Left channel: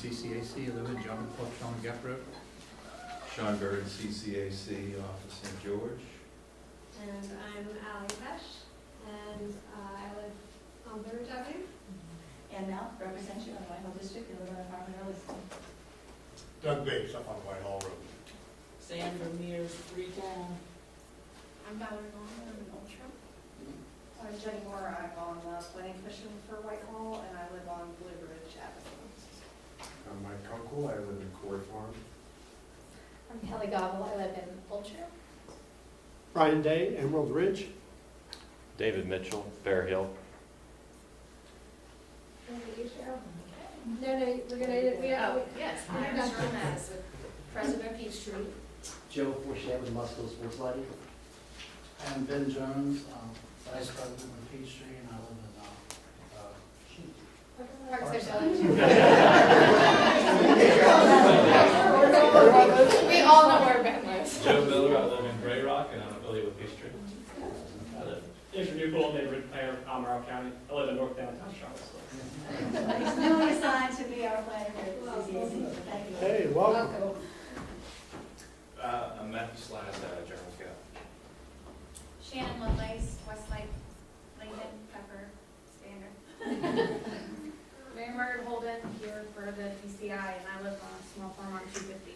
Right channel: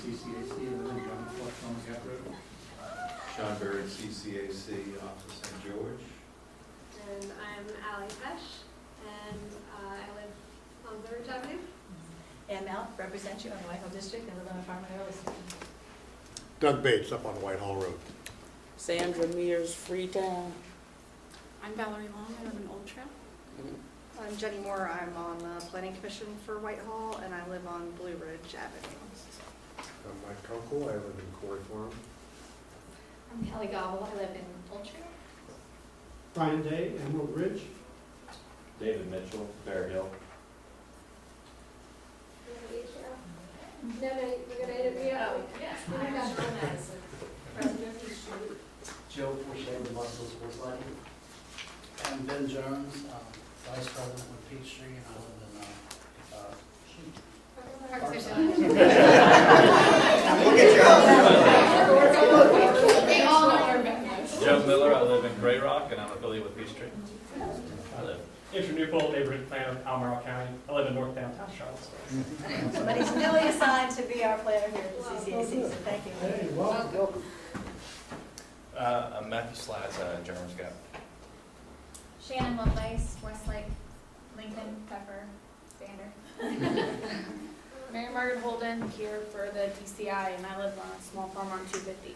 CCAC, I live in John Forche on Gap Road. Sean Berry, CCAC, off of St. George. And I'm Allie Pesh, and I live on Blue Ridge Avenue. And Mel, represent you in the Whitehall District and live on the farm in Earlston. Doug Bates, up on Whitehall Road. Sandra Mears, Freetown. I'm Valerie Long, I live in Old Trail. I'm Jenny Moore, I'm on the Planning Commission for Whitehall, and I live on Blue Ridge Avenue. I'm Mike Kunkel, I live in Corey Farm. I'm Kelly Gobble, I live in Old Trail. Brian Day, Emerald Ridge. David Mitchell, Bear Hill. You want to eat, Cheryl? No, we're gonna, Yes, I'm Cheryl Madison, president of Peachtree. Joe Forche, the Musco Sports Lighting. I'm Ben Jones, Vice President with Peachtree, and I live in, We all know where Ben is. Joe Miller, I live in Gray Rock, and I'm affiliated with Peachtree. Andrew Newbold, neighborhood planner in Albemarle County. I live in North Downtown Charlottesville. Somebody's newly assigned to be our planner here at the CCAC, so thank you. Hey, welcome. I'm Matthew Slides, Jerem's Gap. Shannon Lovelace, Westlake, Lincoln, Pepper, Banner. Mary Margaret Holden, here for the DCI, and I live on a small farm on 250.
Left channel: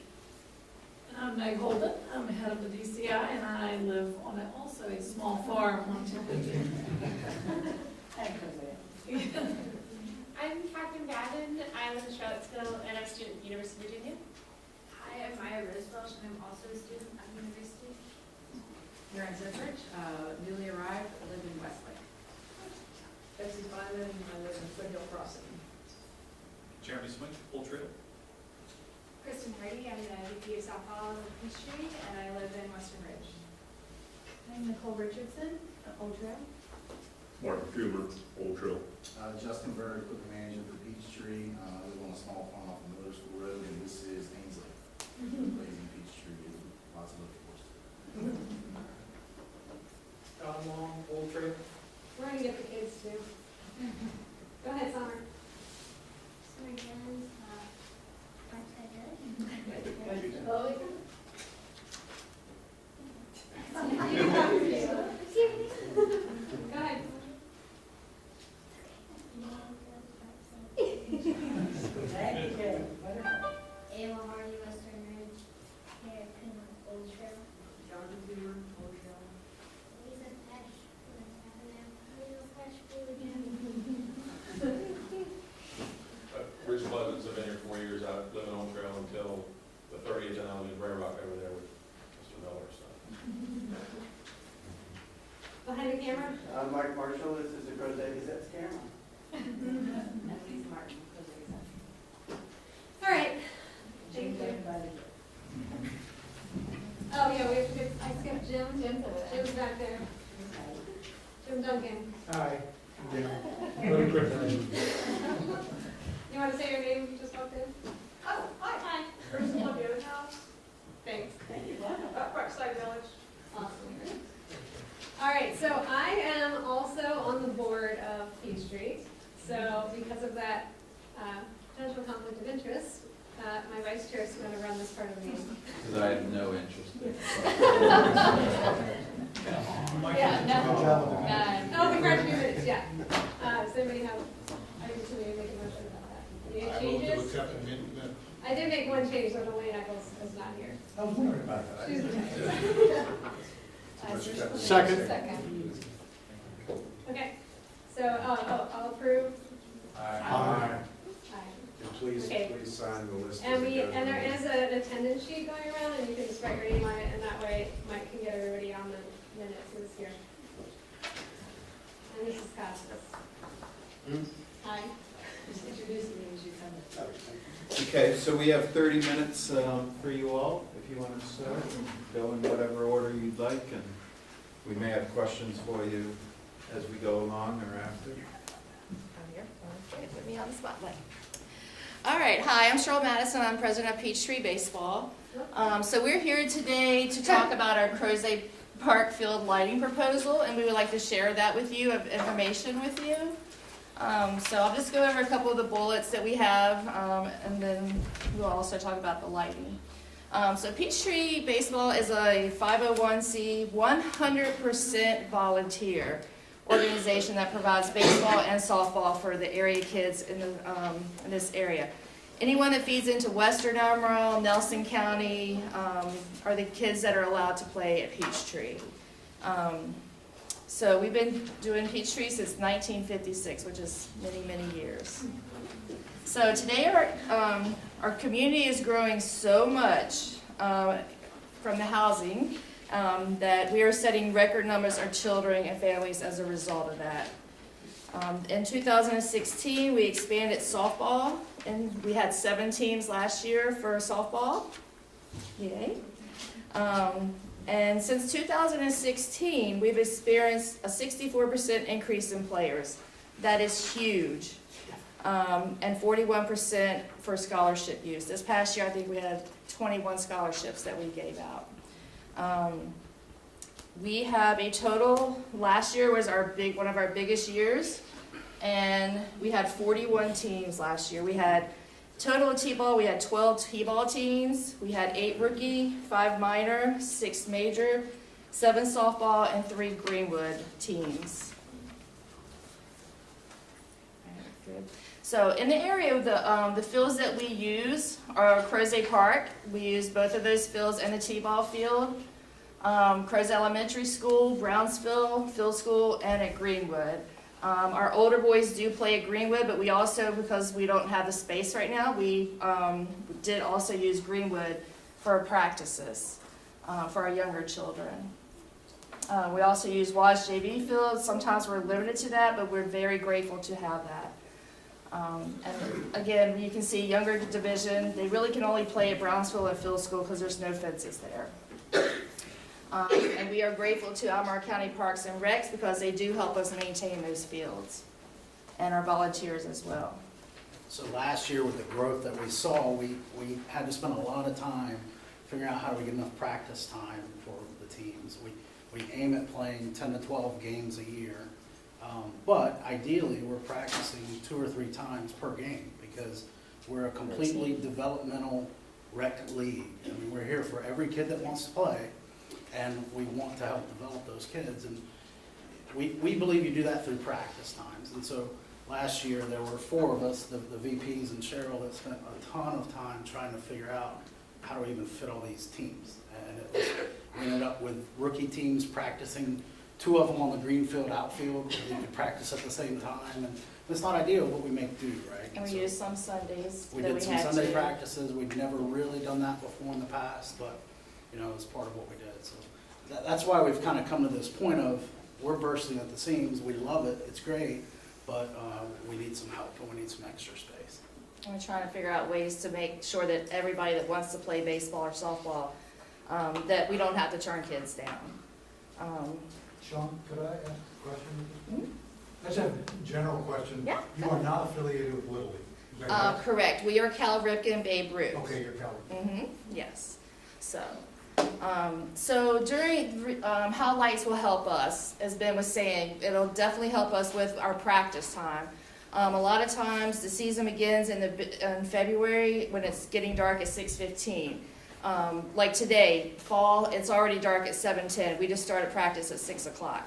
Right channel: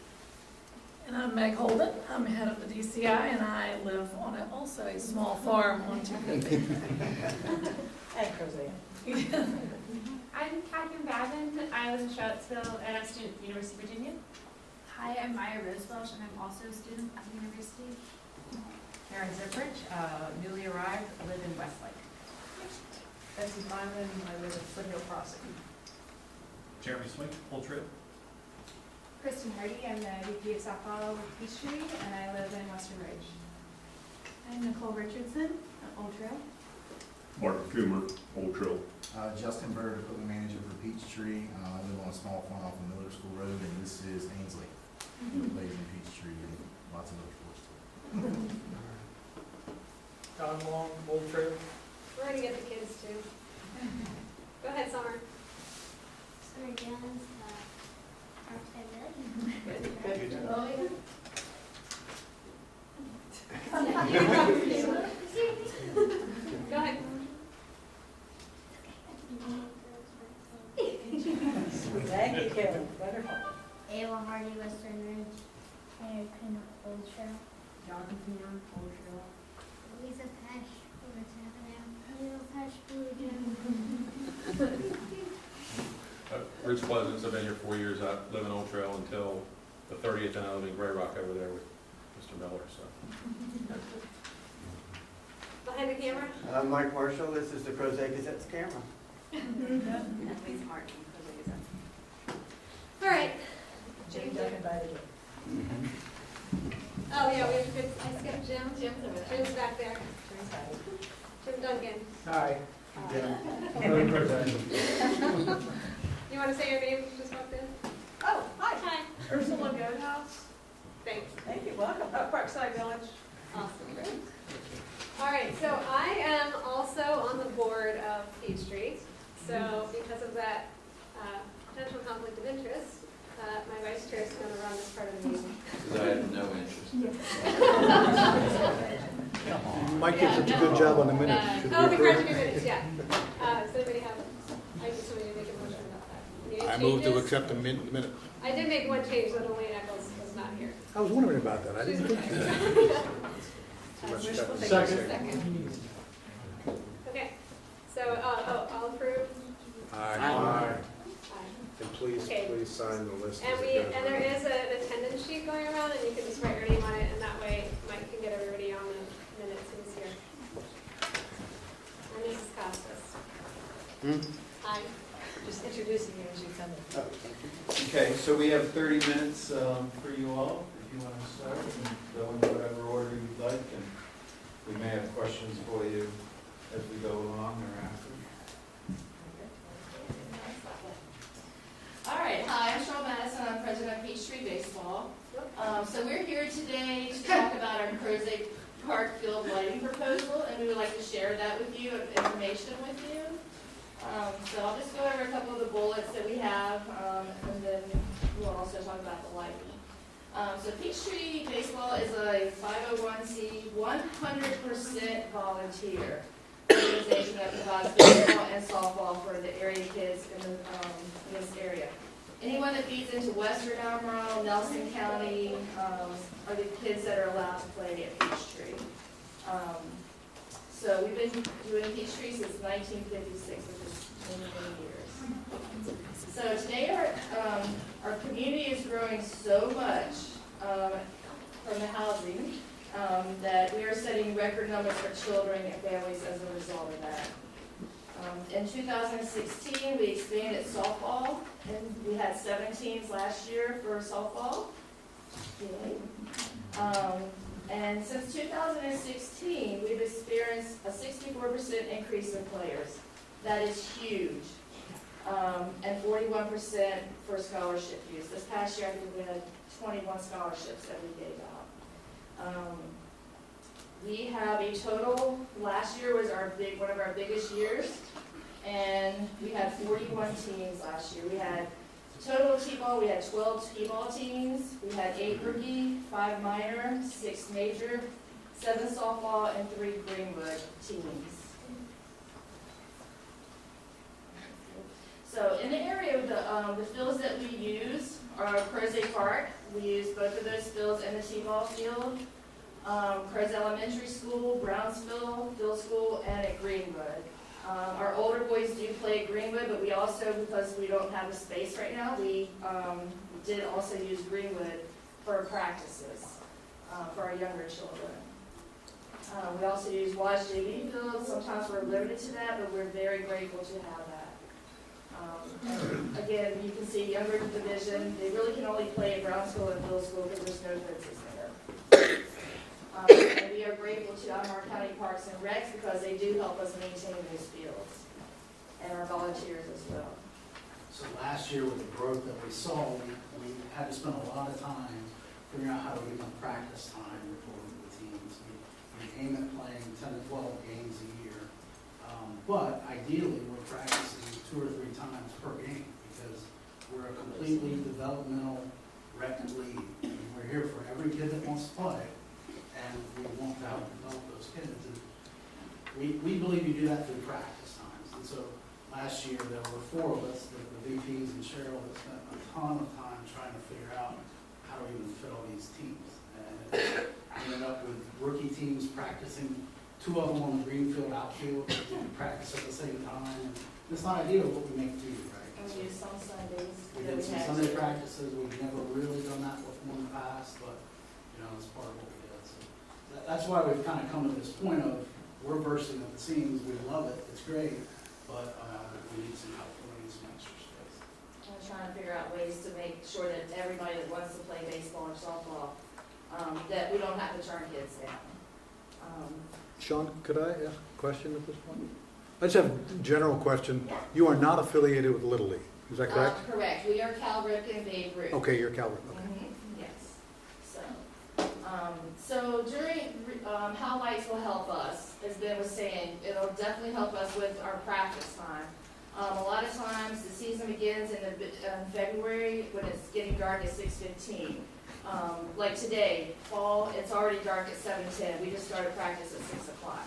And I'm Meg Holden. I'm head of the DCI, and I live on also a small farm on 250. And Crozet. I'm Catherine Babin, I live in Charlottesville, and I'm a student at the University of Virginia. Hi, I'm Maya Rose Welch, and I'm also a student at the university. Karen Zipridge, newly arrived, I live in Westlake. This is Ivan, I live in Foothill Crossing. Jeremy Swink, Old Trail. Kristen Hardy, I'm the VP of softball with Peachtree, and I live in Western Ridge. I'm Nicole Richardson, Old Trail. Mark Fumer, Old Trail. Justin Bird, Equipment Manager for Peachtree. I live on a small farm off of Miller School Road, and this is Ainsley. Lives in Peachtree, and lots of other force. John Long, Old Trail. we're gonna get the kids too. Go ahead, Summer. Sorry, Jones, Go ahead. Thank you, Karen. Wonderful. Ayla Hardy, Western Ridge. Mary Pin, Old Trail. Jonathan Peter, Old Trail. Lisa Pesh, Lisa Pesh, Blue Ridge. Rich Pleasants, I've been here 4 years. I live in Old Trail until the 30th, and I live in Gray Rock over there with Mr. Miller. So. Behind the camera. I'm Mike Marshall, this is the Crozet Gazette's camera. And Lisa Martin, Crozet. All right. Jane Dunn invited you. Oh, yeah, I skipped Jim. Jim's back there. Jim Duncan. Hi. You want to say your name? Just walked in. Oh, hi, Hi. Ursula Goodhouse, Thanks. Thank you, welcome. Parkside Village. Awesome. All right, so I am also on the board of Peachtree. So because of that potential conflict of interest, my vice chair is going to run this part of the meeting. Because I have no interest. Mike did a good job on the minutes. Oh, the correction minutes, yeah. Does anybody have, I just want to make a motion about that. I Any move to changes? accept the minute. I did make one change, but only Eccles was not here. I was wondering about that. I didn't. Second. Okay, so, I'll approve. Aye. Aye. And please, Okay. please sign the list. And there is an attendance sheet going around, and you can just write your name on it, and that way Mike can get everybody on the minutes this year. And this is Costas. Hi. Just introducing you as you come in. Okay, so we have 30 minutes for you all, if you want to start and go in whatever order you'd like, and we may have questions for you as we go along or after. Put me on the spotlight. All right, hi, I'm Cheryl Madison. I'm president of Peachtree Baseball. So we're here today to talk about our Crozet Park field lighting proposal, and we would like to share that with you, information with you. So I'll just go over a couple of the bullets that we have, and then we'll also talk about the lighting. So Peachtree Baseball is a 501c 100% volunteer organization that provides baseball and softball for the area kids in this area. Anyone that feeds into Western Albemarle, Nelson County, are the kids that are allowed to play at Peachtree. So we've been doing Peachtree since 1956, which is many, many years. So today our community is growing so much from the housing that we are setting record numbers of children and families as a result of that. In 2016, we expanded softball, and we had 7 teams last year for softball. Yay. And since 2016, we've experienced a 64% increase in players. That is huge. And 41% for scholarship use. This past year, I think we had 21 scholarships that we gave out. We have a total, last year was one of our biggest years, and we had 41 teams last year. We had total T-ball, we had 12 T-ball teams, we had 8 rookie, 5 minor, 6 major, 7 softball, and 3 Greenwood teams. So in the area of the fields that we use are Crozet Park. We use both of those fields and the T-ball field. Crozet Elementary School, Brownsville, Field School, and at Greenwood. Our older boys do play at Greenwood, but we also, because we don't have the space right now, we did also use Greenwood for practices for our younger children. We also use Wise JV field. Sometimes we're limited to that, but we're very grateful to have that. And again, you can see younger division, they really can only play at Brownsville and Field School because there's no fences there. And we are grateful to Albemarle County Parks and Recs because they do help us maintain those fields, and our volunteers as well. So last year with the growth that we saw, we had to spend a lot of time figuring out how do we get enough practice time for the teams. We aim at playing 10 to 12 games a year, but ideally we're practicing 2 or 3 times per game because we're a completely developmental rec league. I mean, we're here for every kid that wants to play, and we want to help develop those kids. And we believe you do that through practice times. And so last year there were 4 of us, the VPs and Cheryl, that spent a ton of time trying to figure out how to even fit all these teams. And it ended up with rookie teams practicing, 2 of them on the green field outfield, so they could practice at the same time. And it's not ideal, but we make do, right? And we used some Sundays. We did some Sunday practices. We've never really done that before in the past, but you know, it's part of what we did. So that's why we've kind of come to this point of we're bursting at the seams. We love it. It's great, but we need some help. We need some extra space. And we're trying to figure out ways to make sure that everybody that wants to play baseball or softball, that we don't have to turn kids down. Sean, could I ask a question at this point? I just have a general question. Yeah. You are not affiliated with Little League, is that correct? Correct. We are Cal Ripken and Babe Ruth. Okay, you're Cal Ripken. Mm-hmm. Yes. So during how lights will help us, as Ben was saying, it'll definitely help us with our practice time. A lot of times the season begins in February when it's getting dark at 6:15. Like today, fall, it's already dark at 7:10. We just started practice at 6 o'clock.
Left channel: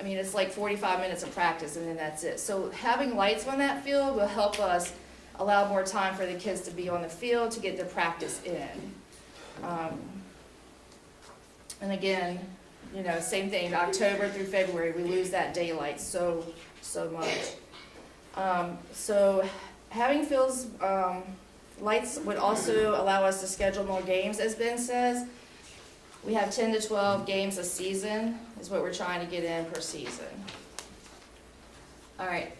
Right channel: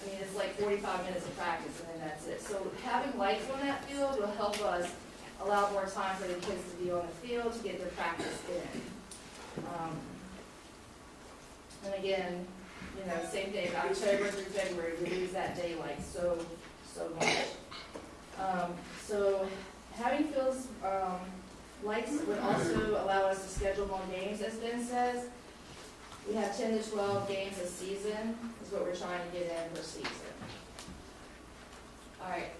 I mean, it's like 45 minutes of practice and then that's it. So having lights on that field will help us allow more time for the kids to be on the field to get their practice in. And again, you know, same thing, October through February, we lose that daylight so much. So having fields, lights would also allow us to schedule more games, as Ben says. We have 10 to 12 games a season is what we're trying to get in per season. All right.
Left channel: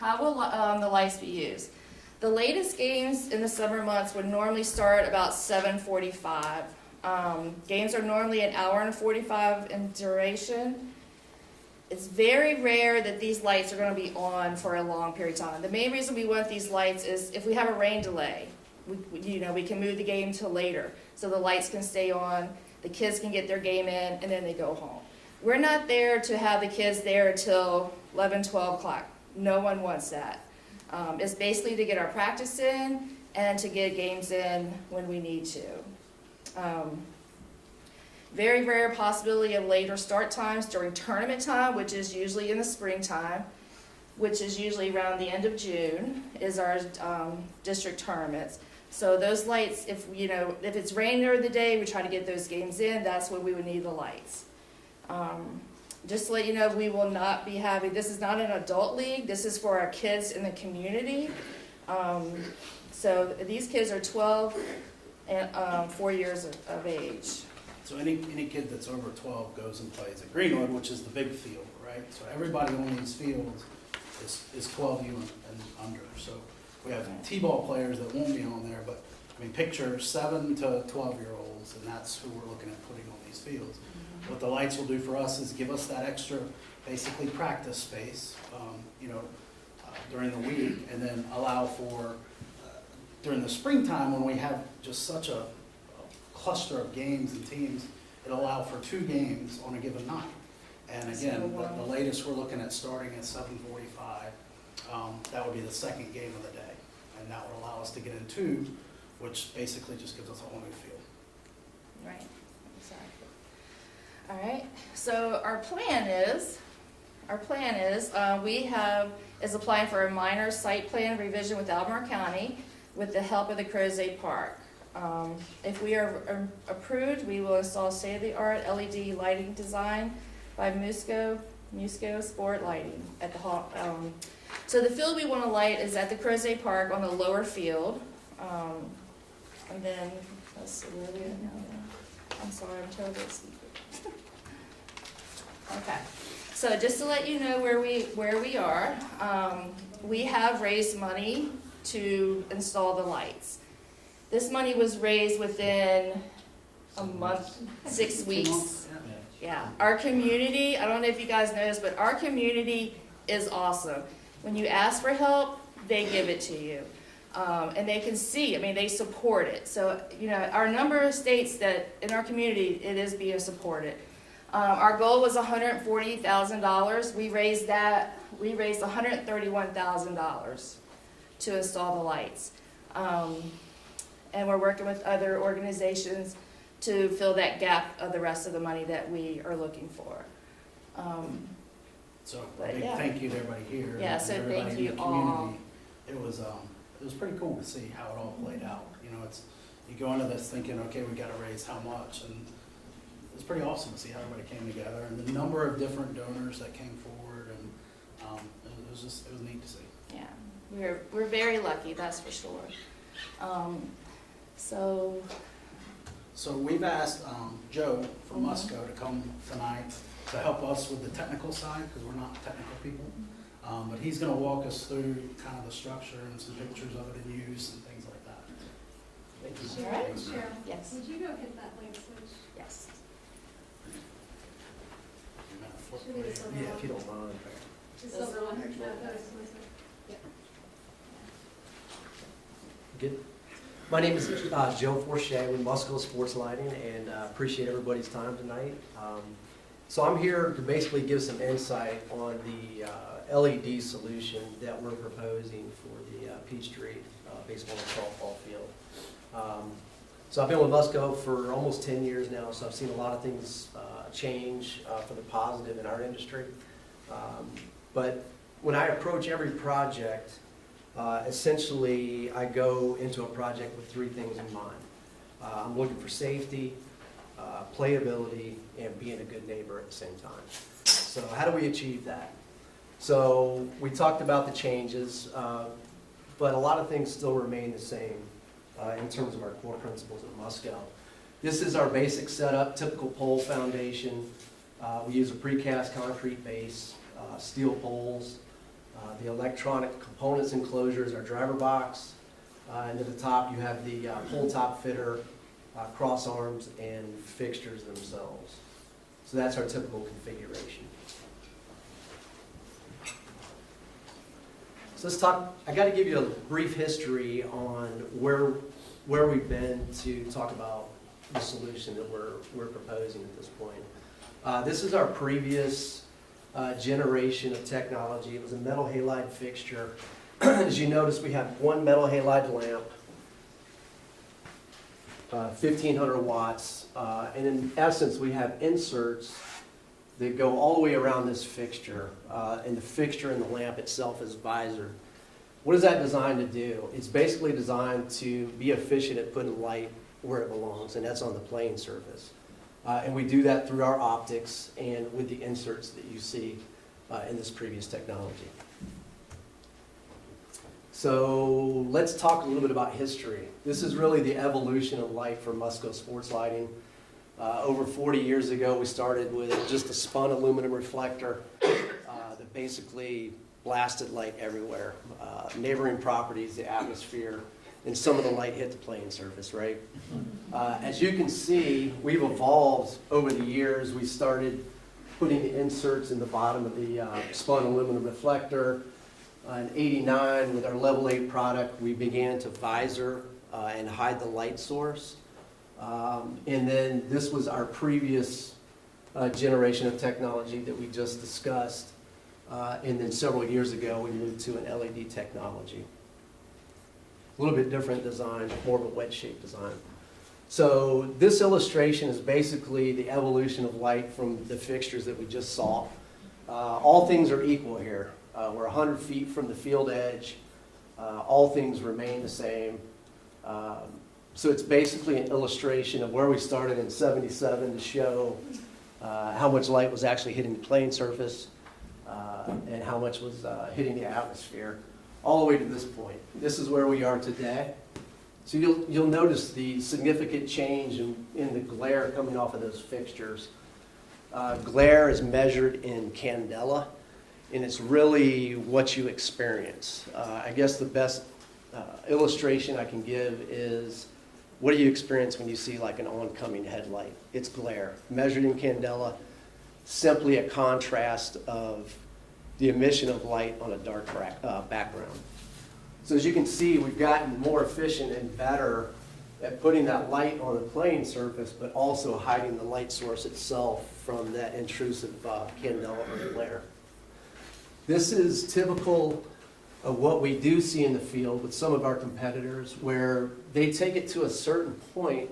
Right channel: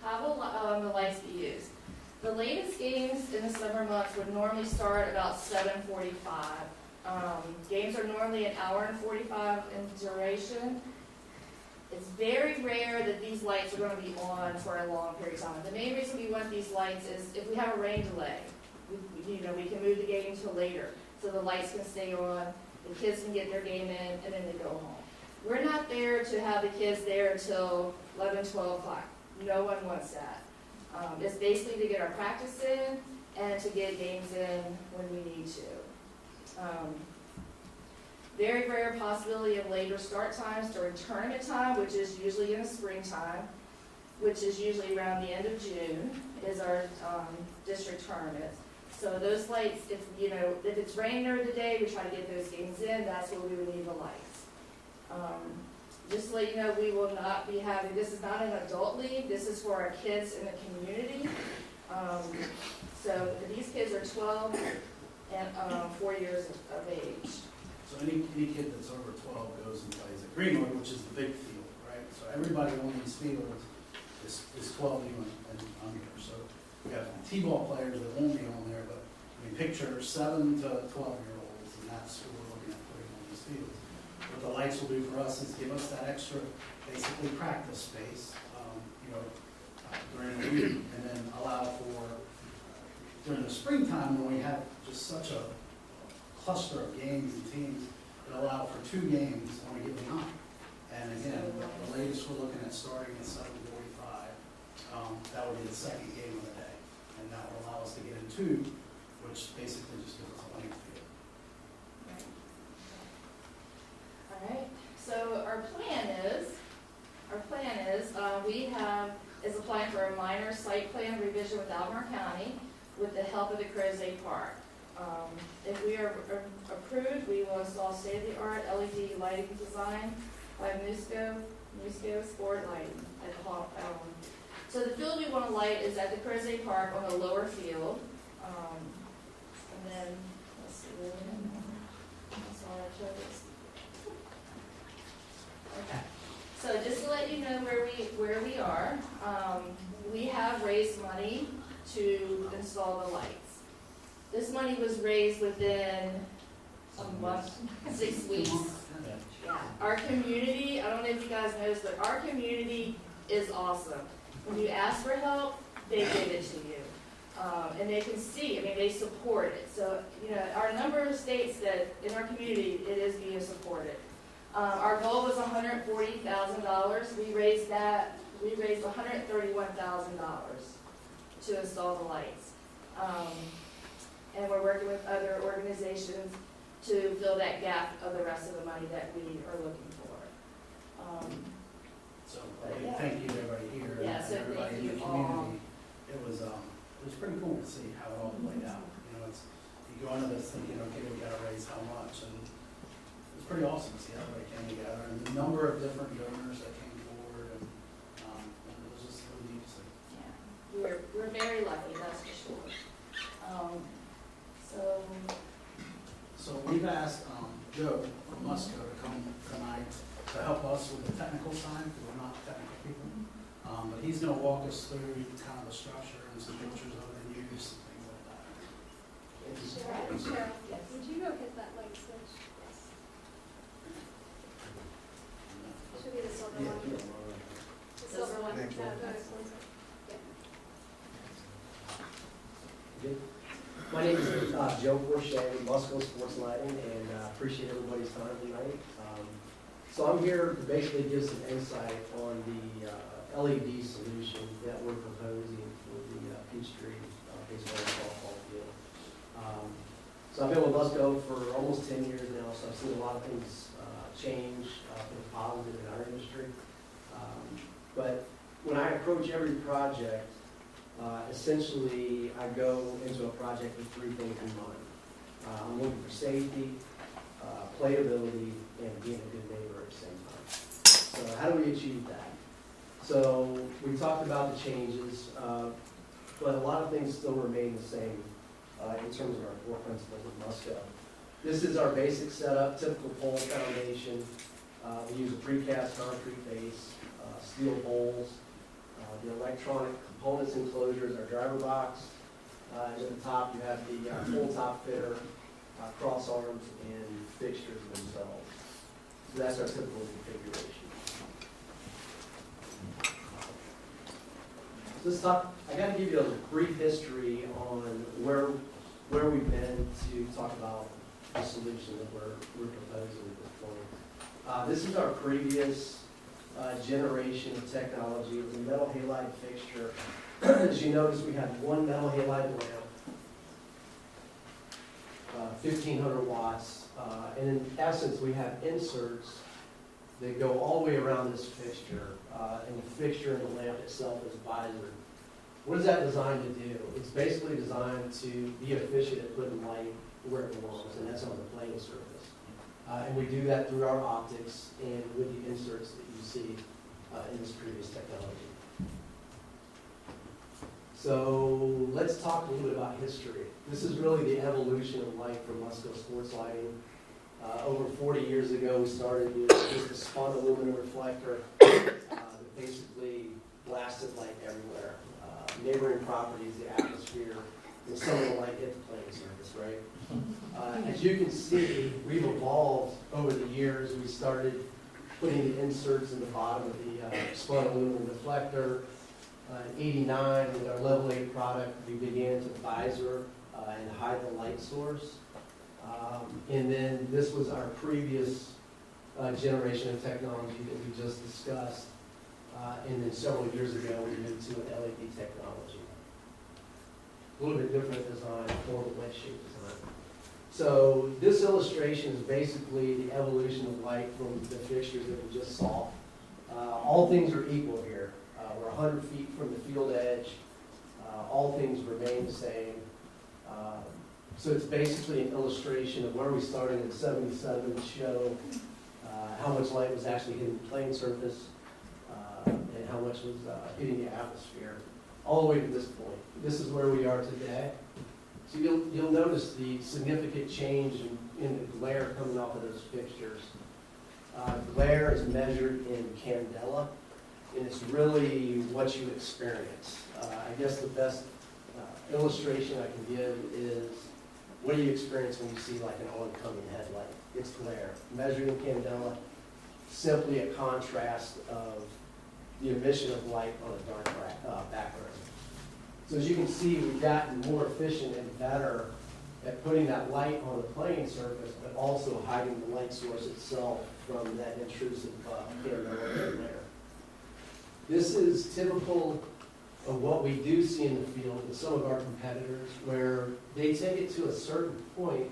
How will the lights be used? The latest games in the summer months would normally start about 7:45. Games are normally an hour and 45 in duration. It's very rare that these lights are going to be on for a long period of time. The main reason we want these lights is if we have a rain delay, we can move the game to later, so the lights can stay on, the kids can get their game in, and then they go home. We're not there to have the kids there till 11, 12 o'clock. No one wants that. It's basically to get our practice in and to get games in when we need to. Very rare possibility of later start times during tournament time, which is usually in the springtime, which is usually around the end of June, is our district tournaments. So those lights, if it's raining during the day, we try to get those games in, that's when we would need the lights. Just to let you know, we will not be having, this is not an adult league, this is for our kids in the community. So these kids are 12 and 4 years of age. So any kid that's over 12 goes and plays at Greenwood, which is the big field, right? So everybody on these fields is 12 even and under. So we have T-ball players that won't be on there, but I mean, picture 7 to 12-year-olds, and that's who we're looking at putting on these fields. What the lights will do for us is give us that extra, basically practice space, during the week, and then allow for, during the springtime when we have just such a cluster of games and teams, it'll allow for 2 games on a given night. And again, the latest we're looking at starting at 7:45, that would be the second game of the day. And that would allow us to get in 2, which basically just gives us a playing field. Right, exactly. All right, so our plan is, is applying for a minor site plan revision with Albemarle County with the help of the Crozet Park. If we are approved, we will install state-of-the-art LED lighting design by Musco Sport Lighting at the hall. So the field we want to light is at the Crozet Park on the lower field. And then, let's see, where we are now. I'm sorry, I'm totally sleepy. Okay, so just to let you know where we are, we have raised money to install the lights. This money was raised within a month, 6 weeks. Yeah, our community, I don't know if you guys know this, but our community is awesome. When you ask for help, they give it to you. And they can see, I mean, they support it. So, our number states that in our community, it is being supported. Our goal was $140,000. We raised $131,000 to install the lights. And we're working with other organizations to fill that gap of the rest of the money that we are looking for. So a big thank you to everybody here. Yeah, and so everybody thank in you the all. community. It was pretty cool to see how it all played out. You go into this thinking, okay, we gotta raise how much, and it's pretty awesome to see how everybody came together and the number of different donors that came forward, and it was neat to see. Yeah, we're very lucky, that's for sure. So we've asked Joe from Musco to come tonight to help us with the technical side, because we're not technical people. But he's going to walk us through kind of the structure and some pictures of it in use and things like that. Cheryl, Yes. would you go hit that light switch? Yes. Should be the silver one. if you don't mind. The silver one. Next one. Yeah. My name is Joe Forche with Musco Sports Lighting, and appreciate everybody's time tonight. So I'm here to basically give some insight on the LED solution that we're proposing for the Peachtree baseball and softball field. So I've been with Musco for almost 10 years now, so I've seen a lot of things change for the positive in our industry. But when I approach every project, essentially, I go into a project with 3 things in mind. I'm looking for safety, playability, and being a good neighbor at the same time. So how do we achieve that? So we talked about the changes, but a lot of things still remain the same in terms of our core principles of Musco. This is our basic setup, typical pole foundation. We use a precast concrete base, steel poles. The electronic components enclosure is our driver box. And at the top, you have the pole top fitter, cross arms, and fixtures themselves. So that's our typical configuration. So let's talk, I got to give you a brief history on where we've been to talk about the solution that we're proposing at this point. This is our previous generation of technology. It was a metal halide fixture. As you notice, we have one metal halide lamp, 1,500 watts, and in essence, we have inserts that go all the way around this fixture, and the fixture and the lamp itself is visored. What is that designed to do? It's basically designed to be efficient at putting light where it belongs, and that's on the playing surface. And we do that through our optics and with the inserts that you see in this previous technology. So let's talk a little bit about history. This is really the evolution of light for Musco sports lighting. Over 40 years ago, we started with just a spun aluminum reflector that basically blasted light everywhere. Neighboring properties, the atmosphere, and some of the light hit the playing surface, right? As you can see, we've evolved over the years. We started putting the inserts in the bottom of the spun aluminum reflector. In '89, with our level 8 product, we began to visor and hide the light source. And then this was our previous generation of technology that we just discussed. And then several years ago, we moved to an LED technology. A little bit different design, more of a wedge-shaped design. So this illustration is basically the evolution of light from the fixtures that we just saw. All things are equal here. We're 100 feet from the field edge. All things remain the same. So it's basically an illustration of where we started in '77 to show how much light was actually hitting the playing surface and how much was hitting the atmosphere, all the way to this point. This is where we are today. So you'll notice the significant change in the glare coming off of those fixtures. Glare is measured in candela, and it's really what you experience. I guess the best illustration I can give is, what do you experience when you see like an oncoming headlight? It's glare, measured in candela, simply a contrast of the emission of light on a dark background. So as you can see, we've gotten more efficient and better at putting that light on the playing surface, but also hiding the light source itself from that intrusive candela glare. This is typical of what we do see in the field with some of our competitors, where they take it to a certain point,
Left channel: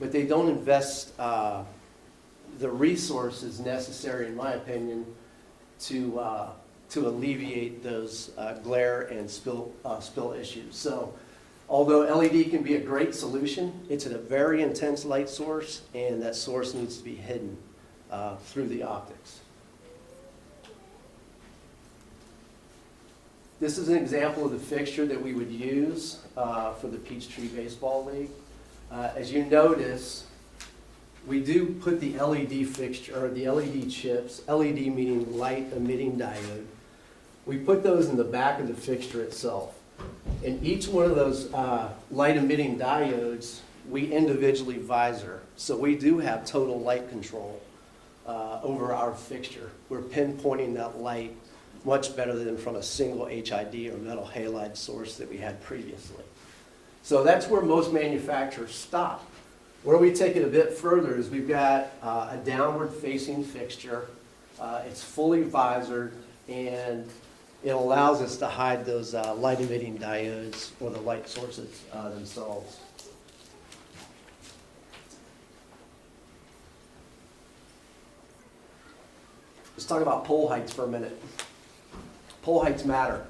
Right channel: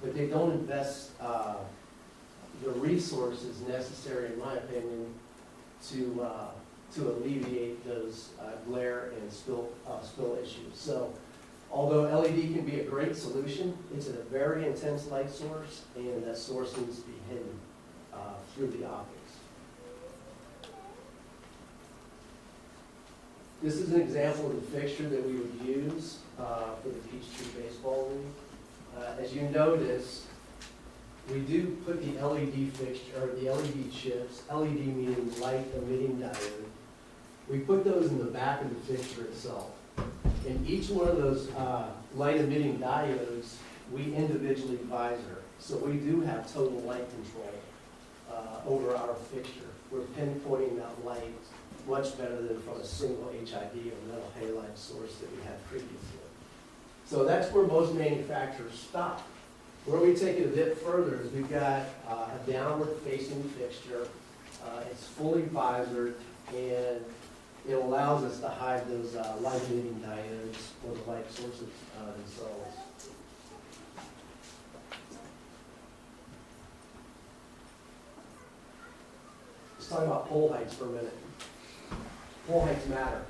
but they don't invest the resources necessary, in my opinion, to alleviate those glare and spill issues. So although LED can be a great solution, it's a very intense light source, and that source needs to be hidden through the optics. This is an example of the fixture that we would use for the Peachtree Baseball League. As you notice, we do put the LED fixture, or the LED chips, LED meaning light emitting diode. We put those in the back of the fixture itself. And each one of those light emitting diodes, we individually visor. So we do have total light control over our fixture. We're pinpointing that light much better than from a single HID or metal halide source that we had previously. So that's where most manufacturers stop. Where we take it a bit further is we've got a downward facing fixture. It's fully visored, and it allows us to hide those light emitting diodes or the light sources themselves. Let's talk about pole heights for a minute. Pole heights matter.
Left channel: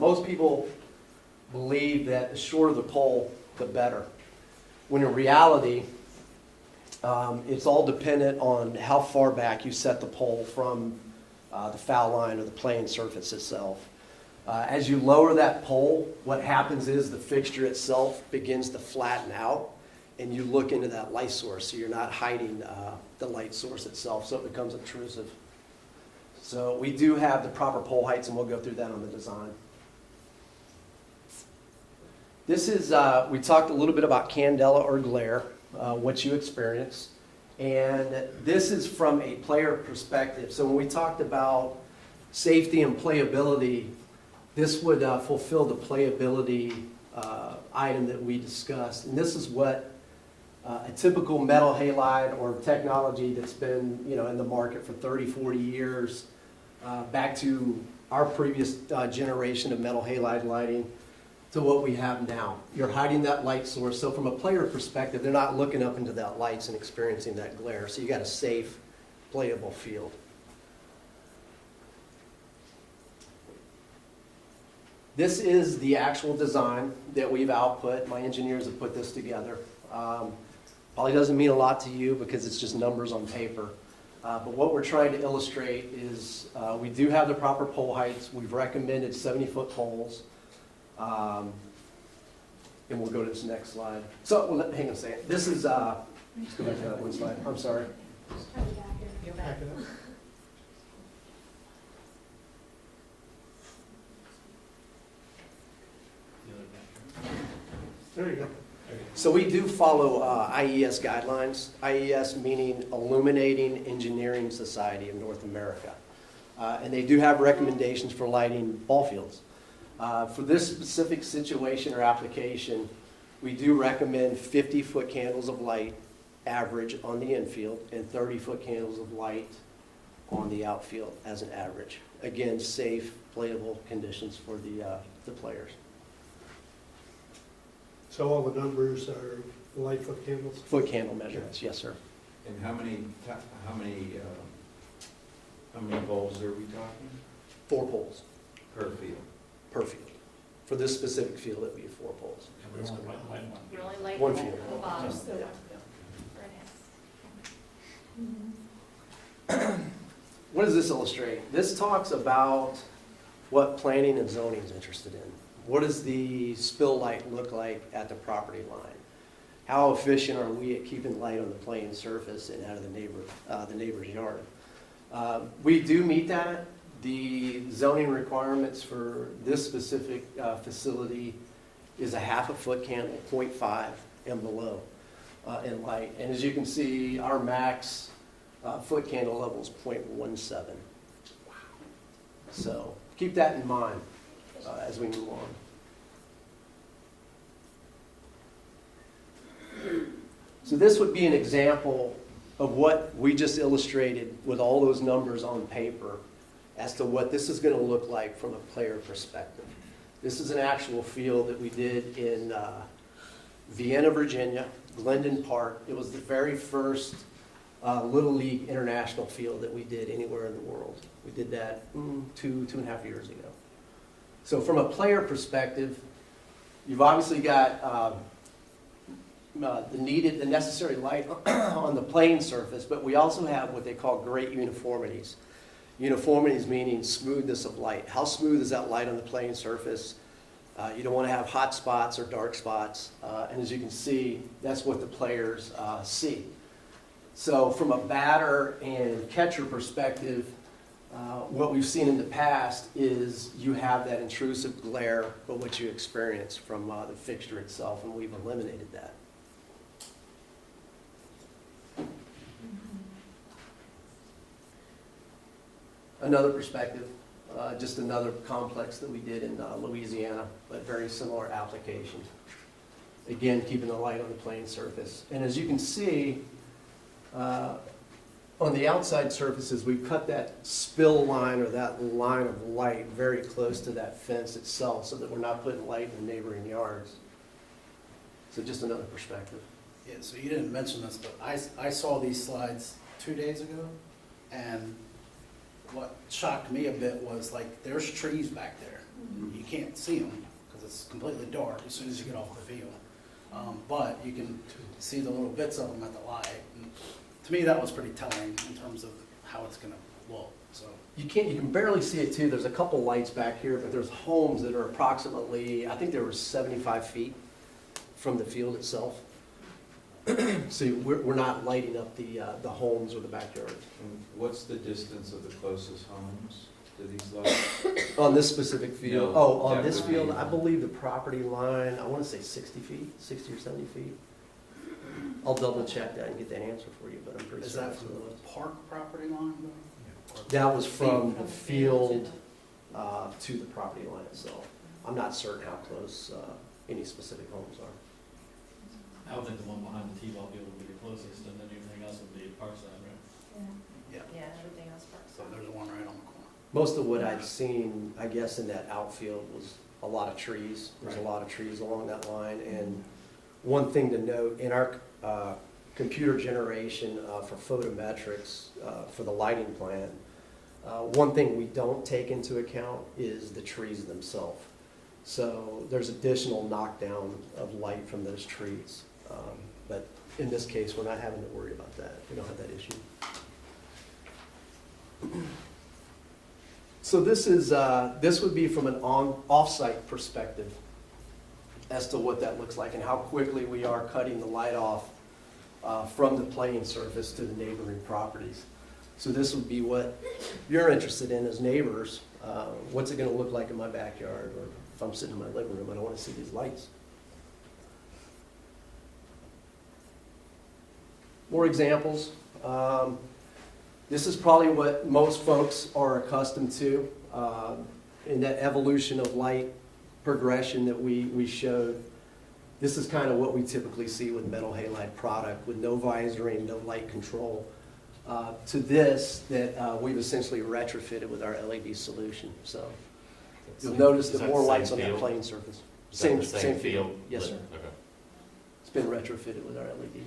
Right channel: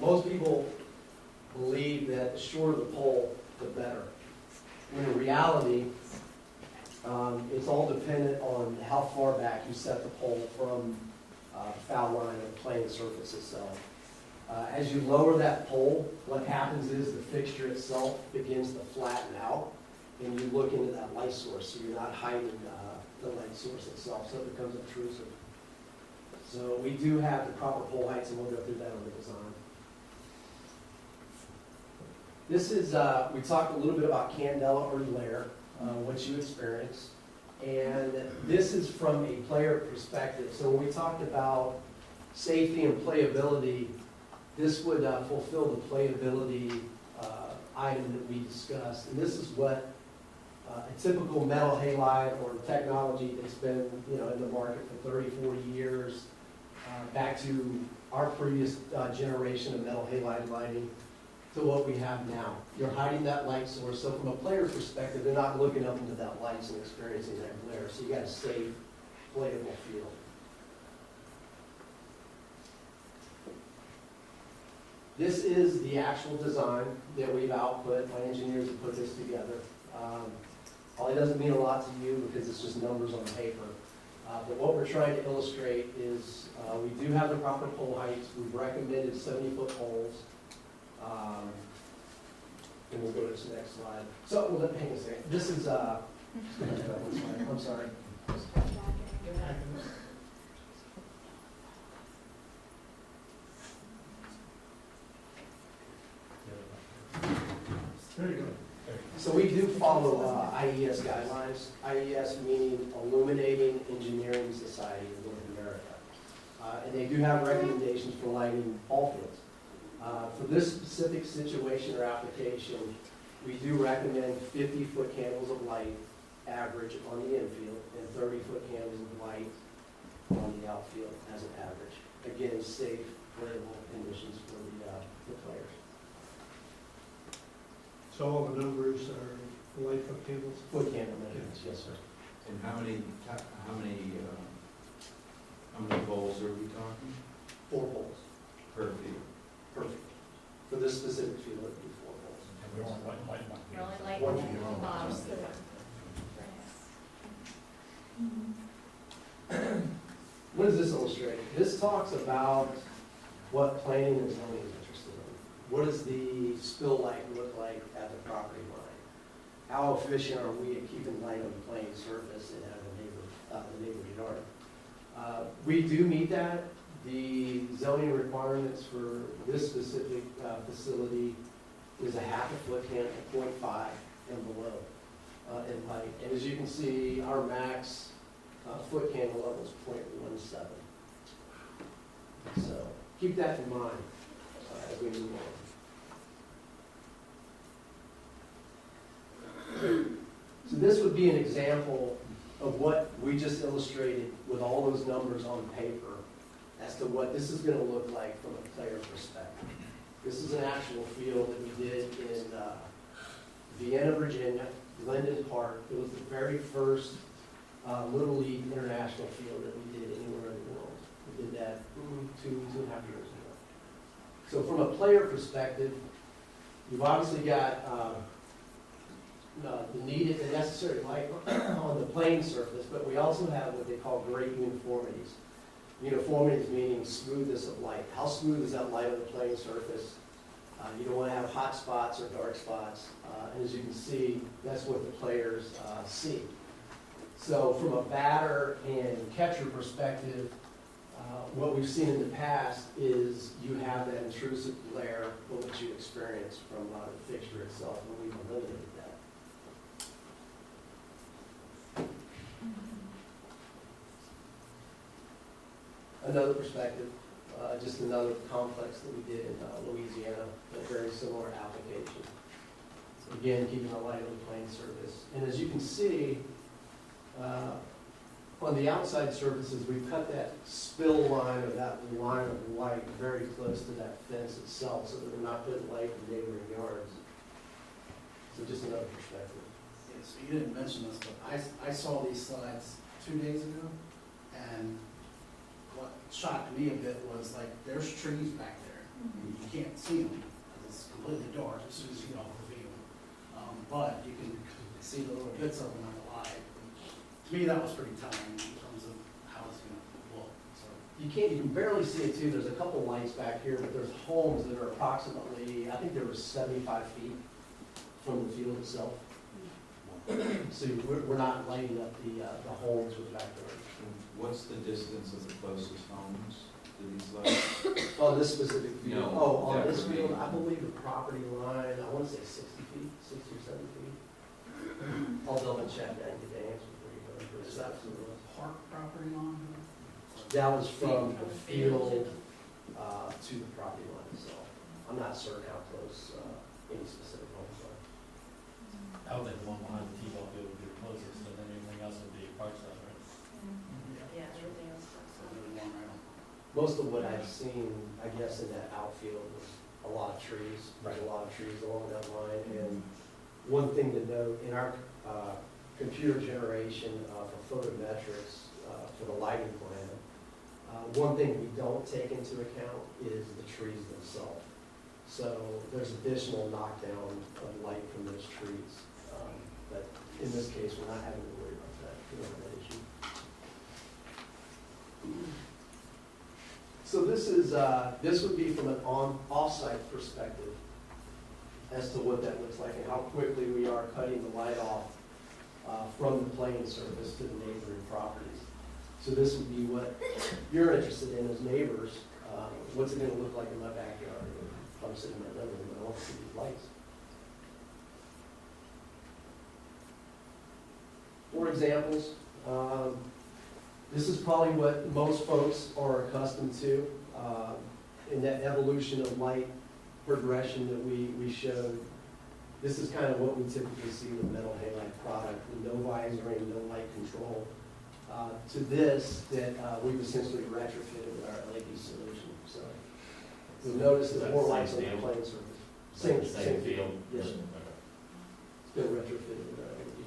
Most people believe that the shorter the pole, the better. When in reality, it's all dependent on how far back you set the pole from the foul line of the playing surface itself. As you lower that pole, what happens is the fixture itself begins to flatten out, and you look into that light source, so you're not hiding the light source itself, so it becomes obtrusive. So we do have the proper pole heights, and we'll go through that on the design. This is, we talked a little bit about candela or glare, what you experience. And this is from a player perspective. So when we talked about safety and playability, this would fulfill the playability item that we discussed. And this is what a typical metal halide or technology that's been, in the market for 30, 40 years, back to our previous generation of metal halide lighting to what we have now. You're hiding that light source, so from a player perspective, they're not looking up into that lights and experiencing that glare, so you got a safe, playable field. This is the actual design that we've output. My engineers have put this together. Probably doesn't mean a lot to you because it's just numbers on paper. But what we're trying to illustrate is we do have the proper pole heights. We've recommended 70-foot poles. And we'll go to this next slide. So, hang on a second. This is, I'm sorry. There you go. So we do follow IES guidelines, IES meaning Illuminating Engineering Society of North America. And they do have recommendations for lighting ball fields. For this specific situation or application, we do recommend 50-foot candles of light average on the infield and 30-foot candles of light on the outfield as an average. Again, safe, playable conditions for the players. So all the numbers are light foot candles? Foot candle measurements, yes, sir. And how many poles are we talking? 4 poles Per field? per field. For this specific field, it would be 4 poles. And we only light one. You're only lighting One the field. bottom. What does this illustrate? This talks about what planning and zoning is interested in. What does the spill light look like at the property line? How efficient are we at keeping light on the playing surface and out of the neighbor's yard? We do meet that. The zoning requirements for this specific facility is a 1/2 foot candle, 0.5 and below in light. And as you can see, our max foot candle level is 0.17. So keep that in mind as we move on. So this would be an example of what we just illustrated with all those numbers on paper as to what this is going to look like from a player perspective. This is an actual field that we did in Vienna, Virginia, Glendon Park. It was the very first Little League international field that we did anywhere in the world. We did that 2.5 years ago. So from a player perspective, you've obviously got the necessary light on the playing surface, but we also have what they call great uniformities. Uniformities meaning smoothness of light. How smooth is that light on the playing surface? You don't want to have hot spots or dark spots. And as you can see, that's what the players see. So from a batter and catcher perspective, what we've seen in the past is you have that intrusive glare of what you experience from the fixture itself, and we've eliminated that. Another perspective, just another complex that we did in Louisiana, but very similar application. Again, keeping the light on the playing surface. And as you can see, on the outside surfaces, we've cut that spill line or that line of light very close to that fence itself so that we're not putting light in neighboring yards. So just another perspective. Yeah, so you didn't mention this, but I saw these slides 2 days ago, and what shocked me a bit was like there's trees back there. You can't see them because it's completely dark as soon as you get off the field. But you can see the little bits of them at the light. And to me, that was pretty telling in terms of how it's going to look. So You can barely see it too. There's a couple lights back here, but there's homes that are approximately, I think they were 75 feet from the field itself. So we're not lighting up the homes or the backyards. And what's the distance of the closest homes to these lights? On this specific field? No, Oh, on that this would field, be- I believe the property line, I want to say 60 feet, 60 or 70 feet. I'll double check that and get the answer for you, but I'm pretty is certain. that from the park property line? That was from the field to the property line itself. I'm not certain how close any specific homes are. I would think the one behind the T-ball field would be the closest, and then everything else would be park side, right? Yeah, everything else. So there's one right on the corner. Most of what I've seen, I guess, in that outfield was a lot of trees. There's a lot of trees along that line. And one thing to note, in our computer generation for photometrics for the lighting plan, one thing we don't take into account is the trees themselves. So there's additional knockdown of light from those trees. But in this case, we're not having to worry about that. We don't have that issue. So this would be from an off-site perspective as to what that looks like and how quickly we are cutting the light off from the playing surface to the neighboring properties. So this would be what you're interested in as neighbors. What's it going to look like in my backyard, or if I'm sitting in my living room, I don't want to see these lights. More examples. This is probably what most folks are accustomed to in that evolution of light progression that we showed. This is kind of what we typically see with metal halide product with no visoring, no light control. To this that we've essentially retrofitted with our LED solution. So you'll notice that more lights on that playing surface. Same field? Yes, sir. Okay. It's been retrofitted with our LED.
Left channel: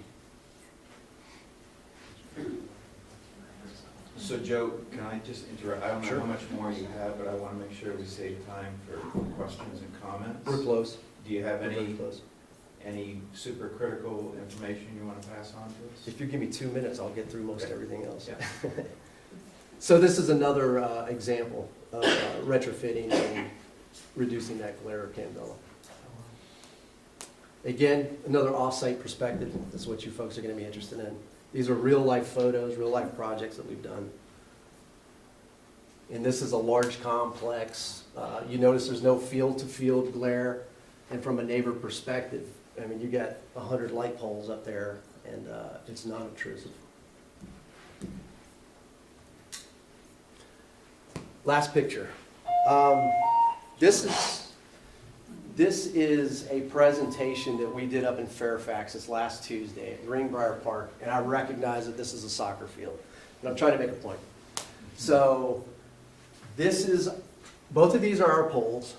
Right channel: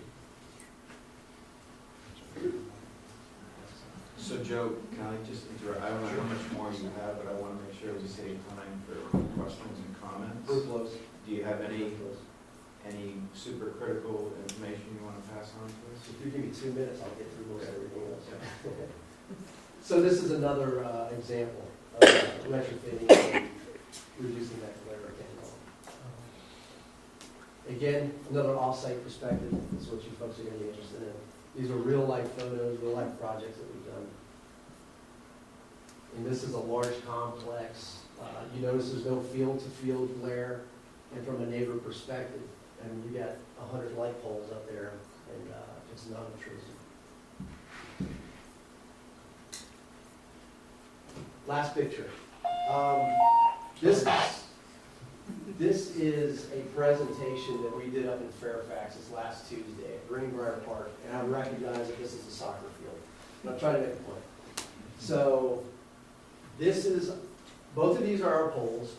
So Joe, can I just interrupt? I don't know how much more you have, but I want to make sure we save time for questions and comments. We're close. Do you have We're any close. super critical information you want to pass on to us? If you give me 2 minutes, I'll get through most everything else. Yeah. So this is another example of retrofitting and reducing that glare of candela. Again, another off-site perspective is what you folks are going to be interested in. These are real-life photos, real-life projects that we've done. And this is a large complex. You notice there's no field-to-field glare. And from a neighbor perspective, I mean, you got 100 light poles up there, and it's not obtrusive. Last picture. This is a presentation that we did up in Fairfax this last Tuesday at Greenbrier Park, and I recognize that this is a soccer field, but I'm trying to make a point. So both of these are our poles,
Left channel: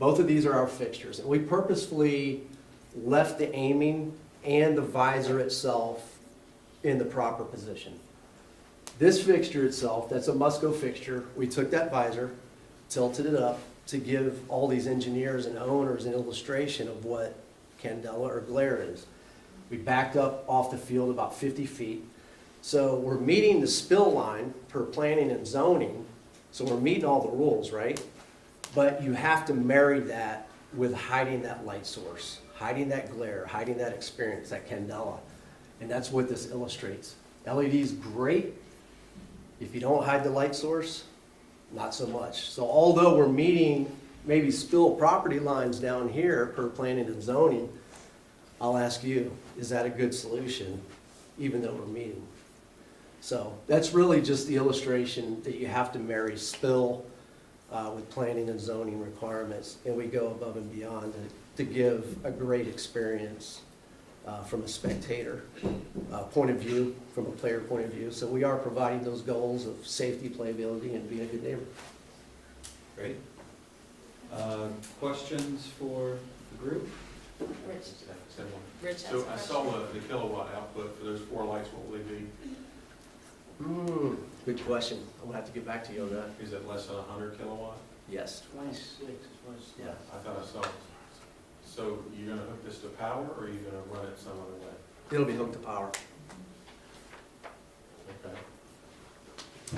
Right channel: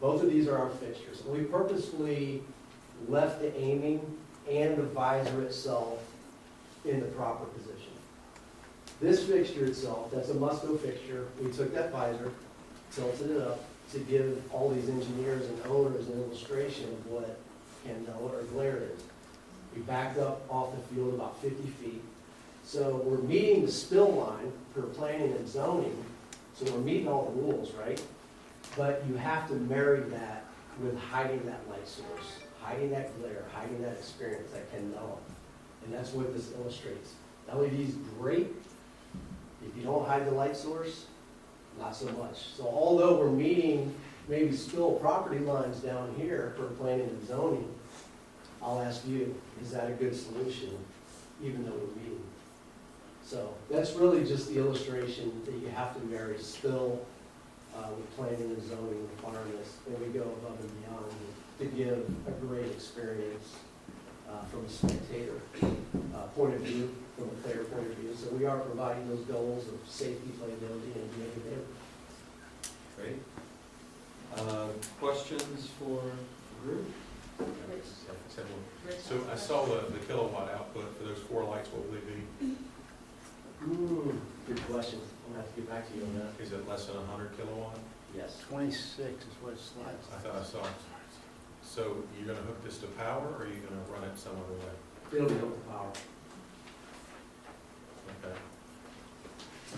both of these are our fixtures, and we purposefully left the aiming and the visor itself in the proper position. This fixture itself, that's a Musco fixture, we took that visor, tilted it up to give all these engineers and owners an illustration of what candela or glare is. We backed up off the field about 50 feet. So we're meeting the spill line per planning and zoning, so we're meeting all the rules, right? But you have to marry that with hiding that light source, hiding that glare, hiding that experience, that candela. And that's what this illustrates. LED is great. If you don't hide the light source, not so much. So although we're meeting maybe spill property lines down here per planning and zoning, I'll ask you, is that a good solution, even though we're meeting? So that's really just the illustration that you have to marry spill with planning and zoning requirements, and we go above and beyond to give a great experience from a spectator point of view, from a player point of view. So we are providing those goals of safety, playability, and being a good neighbor. Great. Questions for the group? Rich So I has a saw question. the kilowatt output for those 4 lights, what will they be? Good question. I'll have to get back to you on that. Is it less than 100 kilowatt? Yes. 26 is what it's like. I thought I saw. So you're gonna hook this to power, or are you gonna run it some other way? It'll be hooked to power. Okay.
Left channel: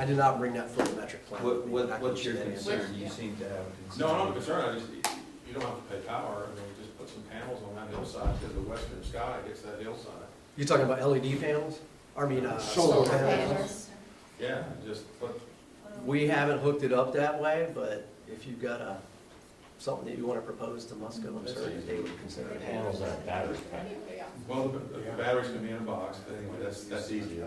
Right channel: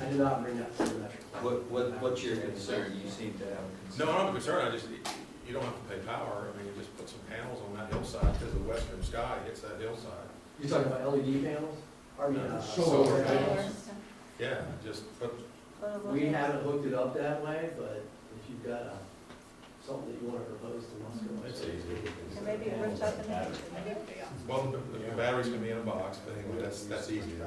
I did not bring that photometric plan. What's your concern? You seem to have a concern. No, I'm not concerned, you don't have to pay power, I mean, you just put some panels on that hillside, because the western sky hits that hillside. You're talking about LED panels? I mean, Solar solar panels? Panels. Yeah, just put, We haven't hooked it up that way, but if you've got something that you want to propose to Musco, I'm certainly they would consider Maybe panels. there's something- well, the batteries can be in a box, but anyway, that's easy.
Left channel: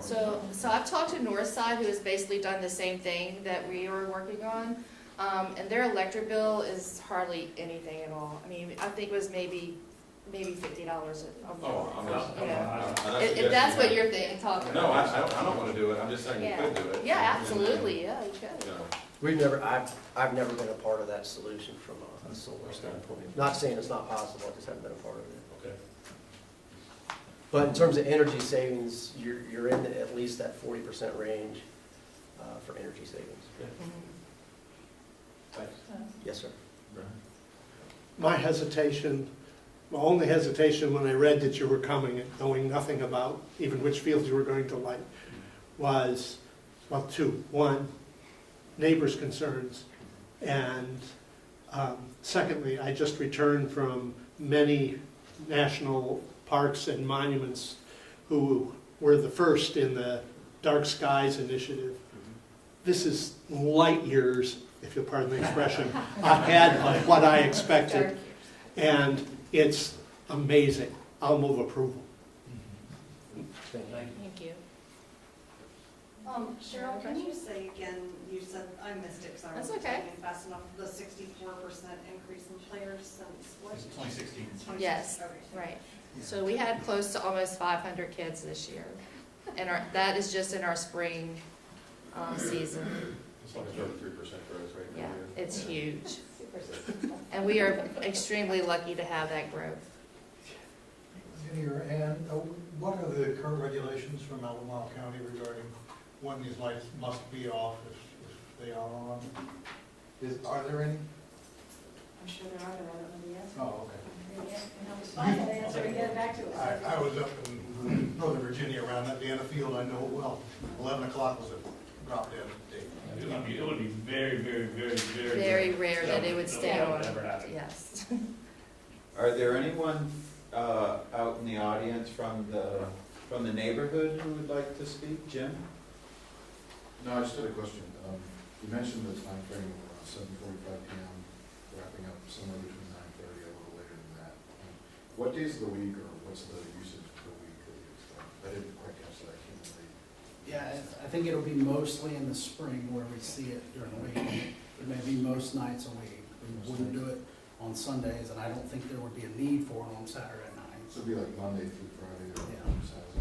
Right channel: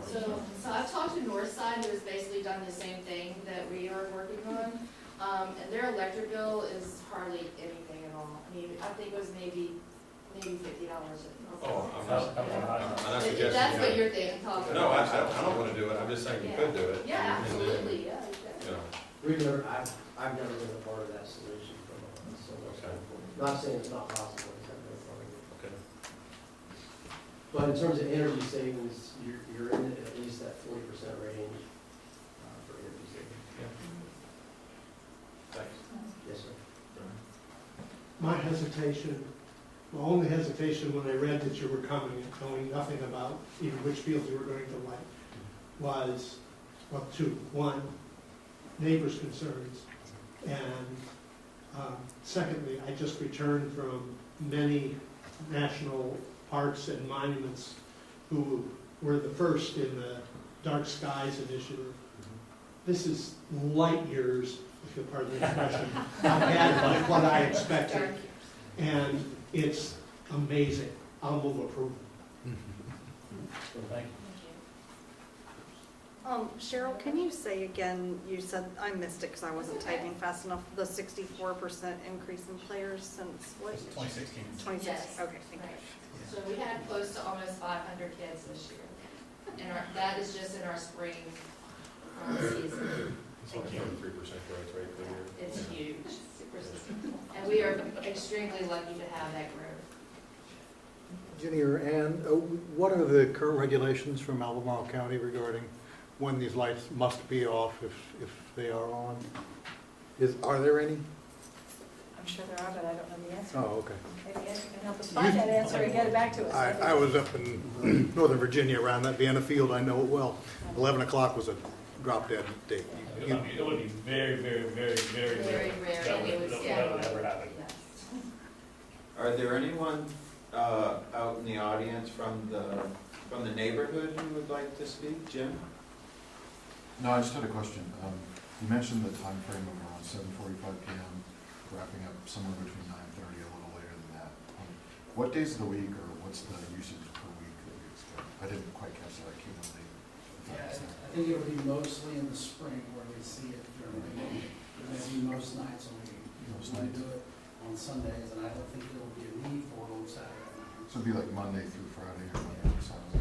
So I've talked to Northside, who has basically done the same thing that we are working on, and their electric bill is hardly anything at all. I mean, I think it was maybe maybe $50 a Oh, month. I'm not, I'm not If that's what you're thinking, talking No, about. I don't wanna do it, I'm just saying you Yeah. could do it. Yeah, absolutely, yeah, you could. You know, I've never been a part of that solution from a solar standpoint. Not saying it's not possible, I just haven't been a part of it. okay. But in terms of energy savings, you're in at least that 40% range for energy savings. Thanks. Yes, sir. My hesitation, my only hesitation when I read that you were coming and knowing nothing about even which fields you were going to light was, well, two. One, neighbors' concerns, and secondly, I just returned from many national parks and monuments who were the first in the Dark Skies initiative. This is light years, if you'll pardon the expression, ahead of what I expected. And it's amazing. I'll move approval. Thank you. Cheryl, can you say again, you said, I missed it because I wasn't That's okay. typing fast enough, the 64% increase in players since what? It's 2016. 2016. Yes, Okay. right. So we had close to almost 500 kids this year. And that is just in our spring season. It's like 33% growth rate. Yeah, it's huge. And we are extremely lucky to have that growth. Jenny or Ann, what are the current regulations from Albemarle County regarding when these lights must be off if they are on? Are there any? I'm sure there are, but I don't know the answer. Oh, okay. Maybe Ed can help us find that answer and get it back to us. I was up in Northern Virginia around that Vienna field, I know it well. 11 o'clock was a drop dead date. It would be very, very, very, very. Very rare that it would stay That on. would ever happen. Yes. Are there anyone out in the audience from the neighborhood who would like to speak? Jim? No, I just had a question. You mentioned the time frame of around 7:45 PM, wrapping up somewhere between 9:30, a little later than that. What days of the week or what's the usage per week that we expect? I didn't quite catch that. I came late. Yeah, I think it'll be mostly in the spring where we see it during the week. Maybe most nights a week. We do it on Sundays, and I don't think there would be a need for it on Saturday night. So it'd be like Monday through Friday or Saturday?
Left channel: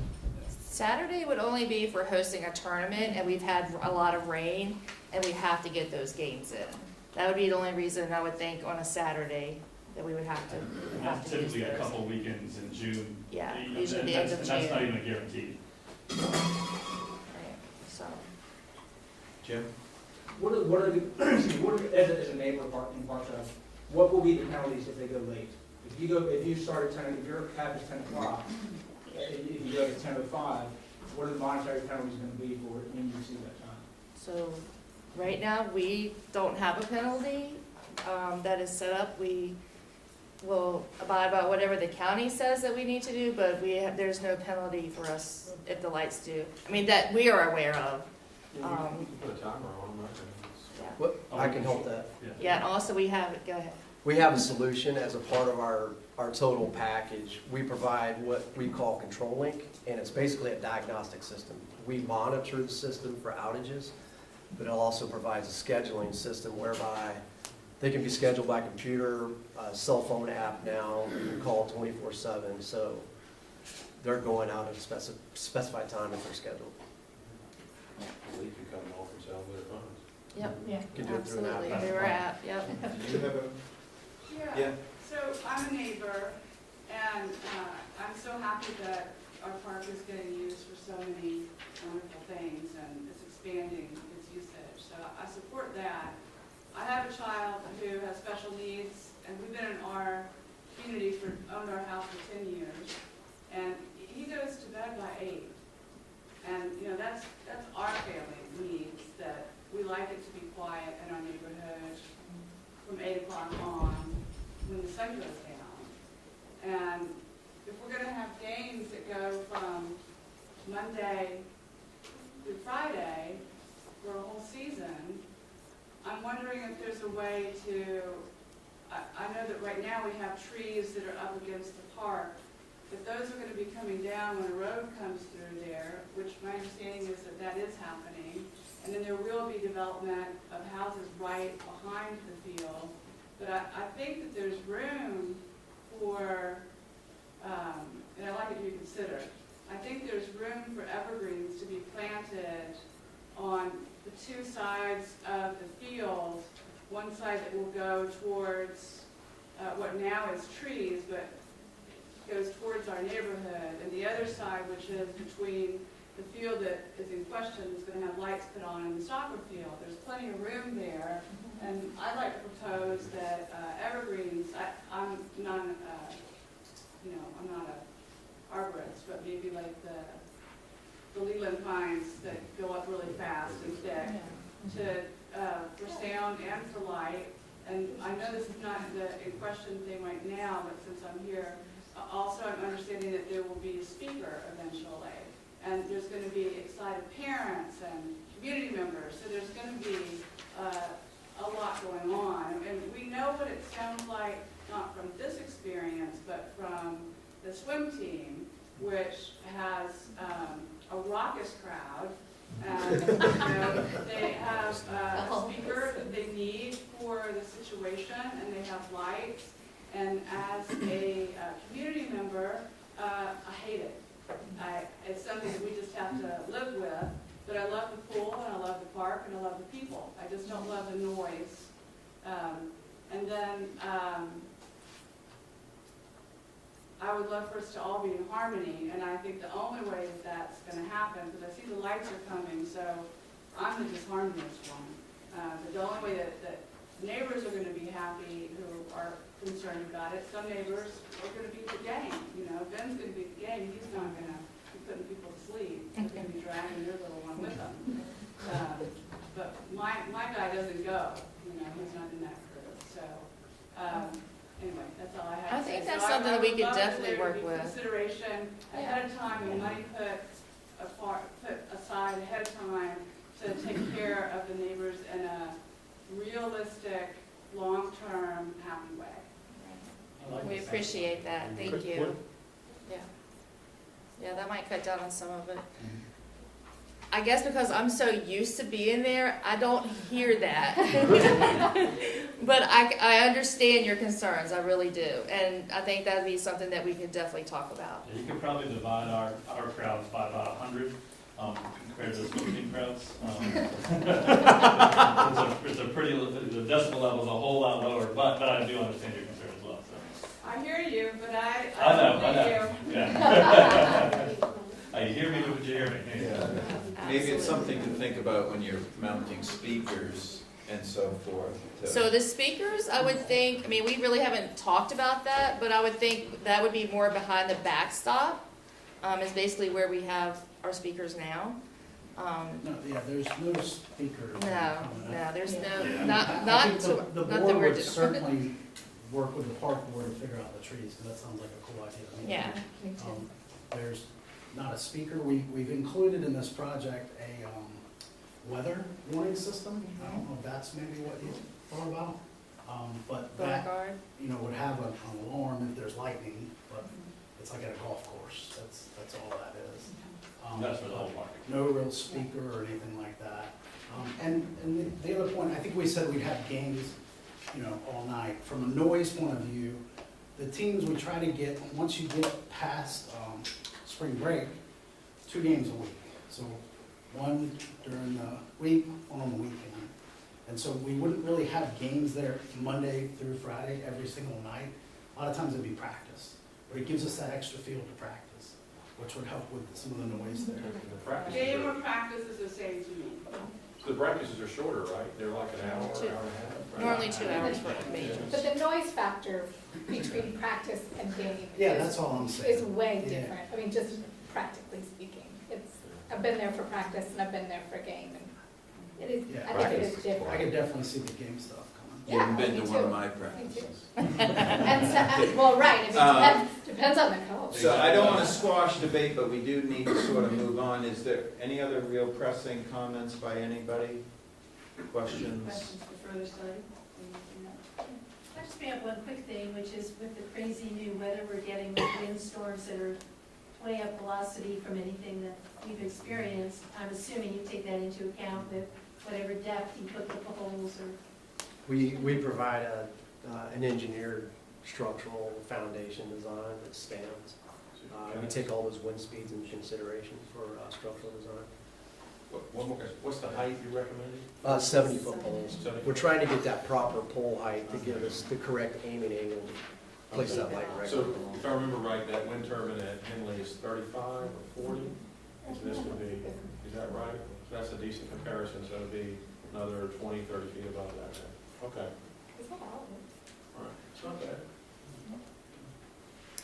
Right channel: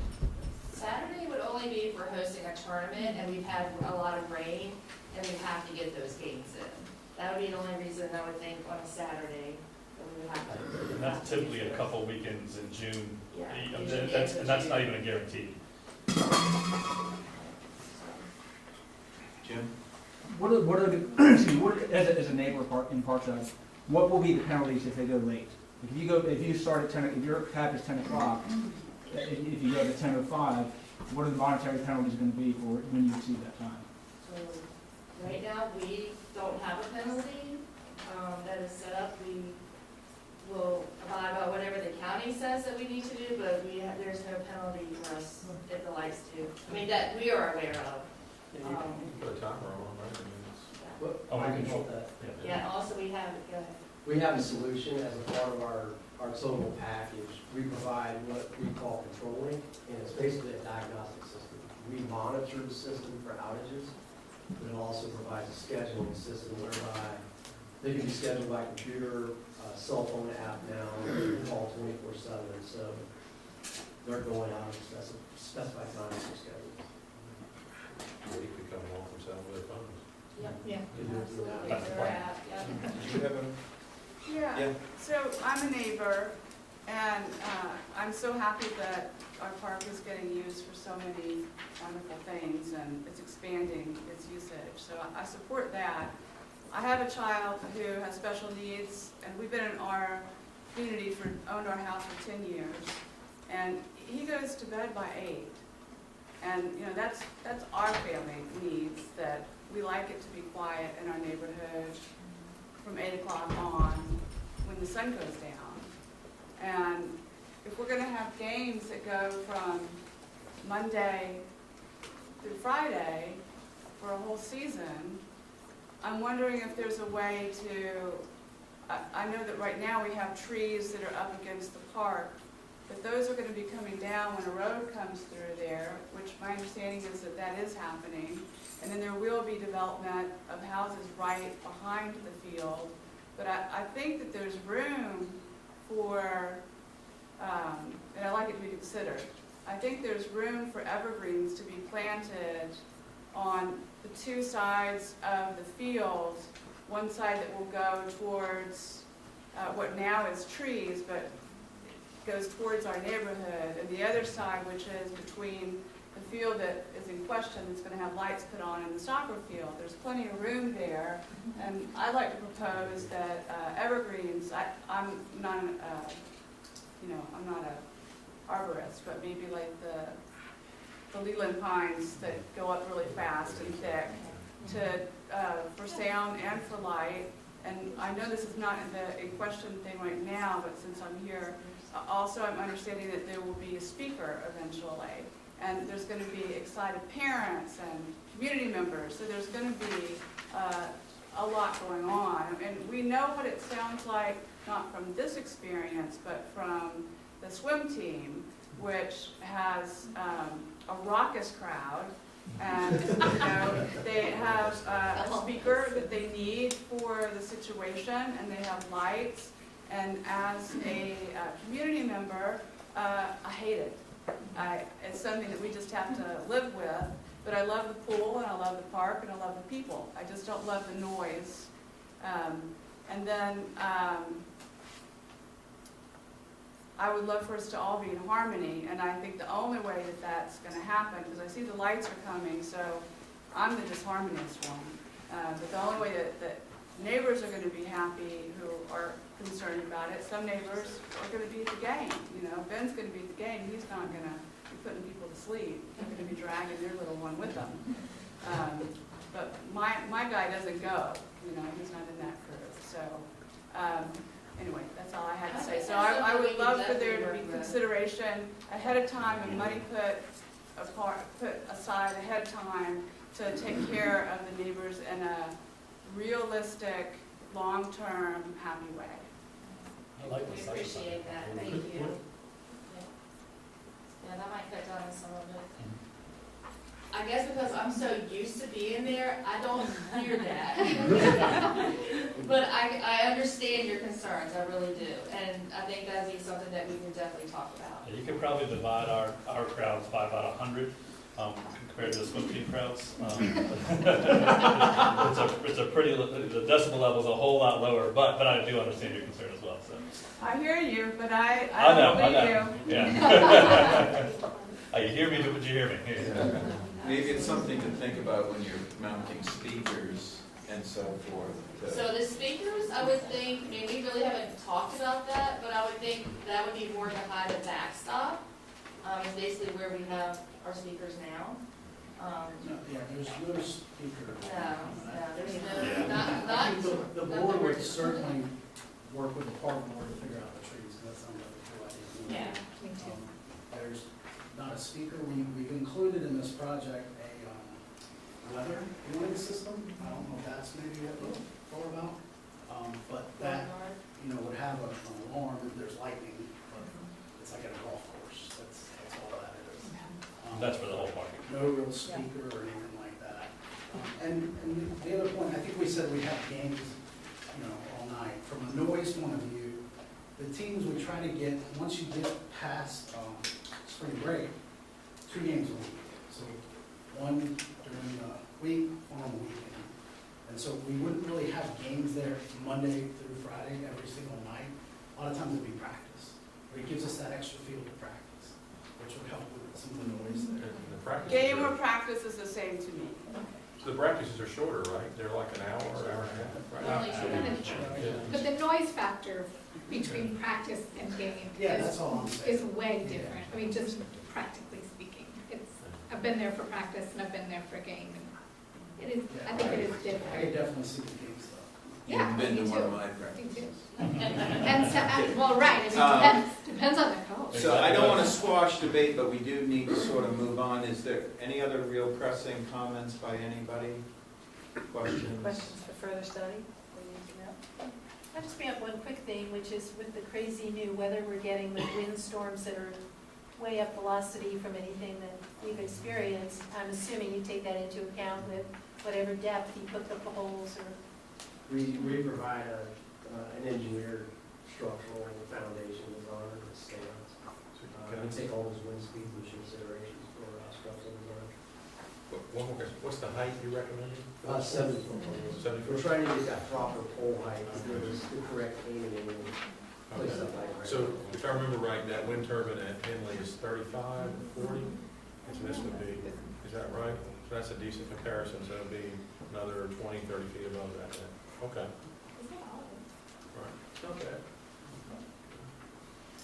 Saturday would only be if we're hosting a tournament and we've had a lot of rain and we have to get those games in. That would be the only reason I would think on a Saturday that we would have to. And that's typically a couple weekends in June. Yeah, And usually the end of and that's not June. even a guarantee. So, Jim? What are the, excuse me, as a neighbor in Parkside, what will be the penalties if they go late? If you start at 10, if your cap is 10 o'clock, if you go to 10 or 5, what are the monetary penalties going to be for when you receive that time? so right now, we don't have a penalty that is set up. We will abide by whatever the county says that we need to do, but there's no penalty for us if the lights do. I mean, that we are aware of. Put a timer on, right? What, I can help that. Yeah, and also we have, go ahead. We have a solution as a part of our total package. We provide what we call Control Link, and it's basically a diagnostic system. We monitor the system for outages, but it also provides a scheduling system whereby they can be scheduled by computer, cell phone app now, you can call 24/7, so they're going out at a specified time as they're scheduled. They could come home and sell their phones. Yep. Yeah. You can do it through an app. Absolutely, through our app, yep. Do you have a? Yeah, so I'm a neighbor, and I'm so happy that our park is getting used for so many wonderful things, and it's expanding its usage, so I support that. I have a child who has special needs, and we've been in our community owned our house for 10 years, and he goes to bed by 8. And, you know, that's our family needs, that we like it to be quiet in our neighborhood from 8 o'clock on when the sun goes down. And if we're gonna have games that go from Monday through Friday for a whole season, I'm wondering if there's a way to, I know that right now we have trees that are up against the park, but those are gonna be coming down when a road comes through there, which my understanding is that that is happening. And then there will be development of houses right behind the field. But I think that there's room for and I'd like it to be considered. I think there's room for evergreens to be planted on the two sides of the field. One side that will go towards what now is trees, but goes towards our neighborhood, and the other side, which is between the field that is in question, is going to have lights put on in the soccer field. There's plenty of room there, and I'd like to propose that evergreens. I'm not, I'm not a arborist, but maybe like the Leland pines that go up really fast and thick, for sound and for light. And I know this is not the in question thing right now, but since I'm here, also I'm understanding that there will be a speaker eventually, and there's going to be excited parents and community members. So there's going to be a lot going on, and we know what it sounds like, not from this experience, but from the swim team, which has a raucous crowd, and they have a speaker that they need for the situation, and they have lights. And as a community member, I hate it. It's something that we just have to live with. But I love the pool, and I love the park, and I love the people. I just don't love the noise. And then I would love for us to all be in harmony, and I think the only way that that's going to happen, because I see the lights are coming, so I'm the disharmonious one. But the only way that neighbors are going to be happy who are concerned about it, some neighbors are going to be at the game. Ben's going to be at the game. He's not going to be putting people to sleep. He's going to be dragging their little one with them. But my guy doesn't go. He's not in that crew. So anyway, that's all I had to say. I think that's something we could definitely work with. Consideration ahead of time and money put aside ahead of time to take care of the neighbors in a realistic, long-term, happy way. We appreciate that, thank you. Yeah, that might cut down on some of it. I guess because I'm so used to being there, I don't hear that. But I understand your concerns, I really do. And I think that'd be something that we can definitely talk about. Yeah, you could probably divide our crowds by about 100 compared to the swim team crowds. It's a pretty, the decibel level is a whole lot lower, but I do understand your concern as well. So. I hear you, but I know. you. Yeah. You hear me, but you hear me. Yeah. Maybe it's something to think about when you're mounting speakers and so forth. So the speakers, I would think, we really haven't talked about that, but I would think that would be more behind the backstop. Is basically where we have our speakers now. There's no speaker. No, there's no, not I think the not that board we're would doing. certainly work with the park board to figure out the trees, because that sounds like a cool idea. Yeah, me too. There's not a speaker. We've included in this project a weather warning system. I don't know if that's maybe what you thought about. But that, would have an alarm if there's lightning, but it's like at a golf course. That's all that is. That's for the whole market. No real speaker or anything like that. And the other point, I think we said we have games, all night. From a noise point of view, the teams would try to get, once you get past spring break, 2 games a week. So one during the week, one on the weekend. And so we wouldn't really have games there Monday through Friday every single night. A lot of times it'd be practice. But it gives us that extra field to practice, which would help with some of the noise there. Game or practice is the same to me. So the practices are shorter, right? They're like an hour and a half. Right? Normally 2 hours for me. But the noise factor between practice and game That's all I'm saying. is way different. Just practically speaking. I've been there for practice and I've been there for game. And it is, I think it is different. I can definitely see the game stuff. Yeah, You've been me to one too. of my Me practices. too. And so, well, right, depends on the coach. So I don't want to squash debate, but we do need to sort of move on. Is there any other real pressing comments by anybody? Questions? Questions for further study? I just bring up one quick thing, which is with the crazy new weather we're getting with windstorms that are way up velocity from anything that we've experienced, I'm assuming you take that into account with whatever depth you put the holes or. We provide an engineered structural foundation design, scans. We take all those wind speeds into considerations for structural design. One more question, what's the height you recommended? 70-foot poles. 70 We're trying to get that proper pole height to give us the correct aiming angle to place that light right. So if I remember right, that wind turbine at Henley is 35 or 40? So this would be, is that right? So that's a decent comparison, so it'd be another 20, 30 feet above that. Okay. Is that all of it? Right. Okay.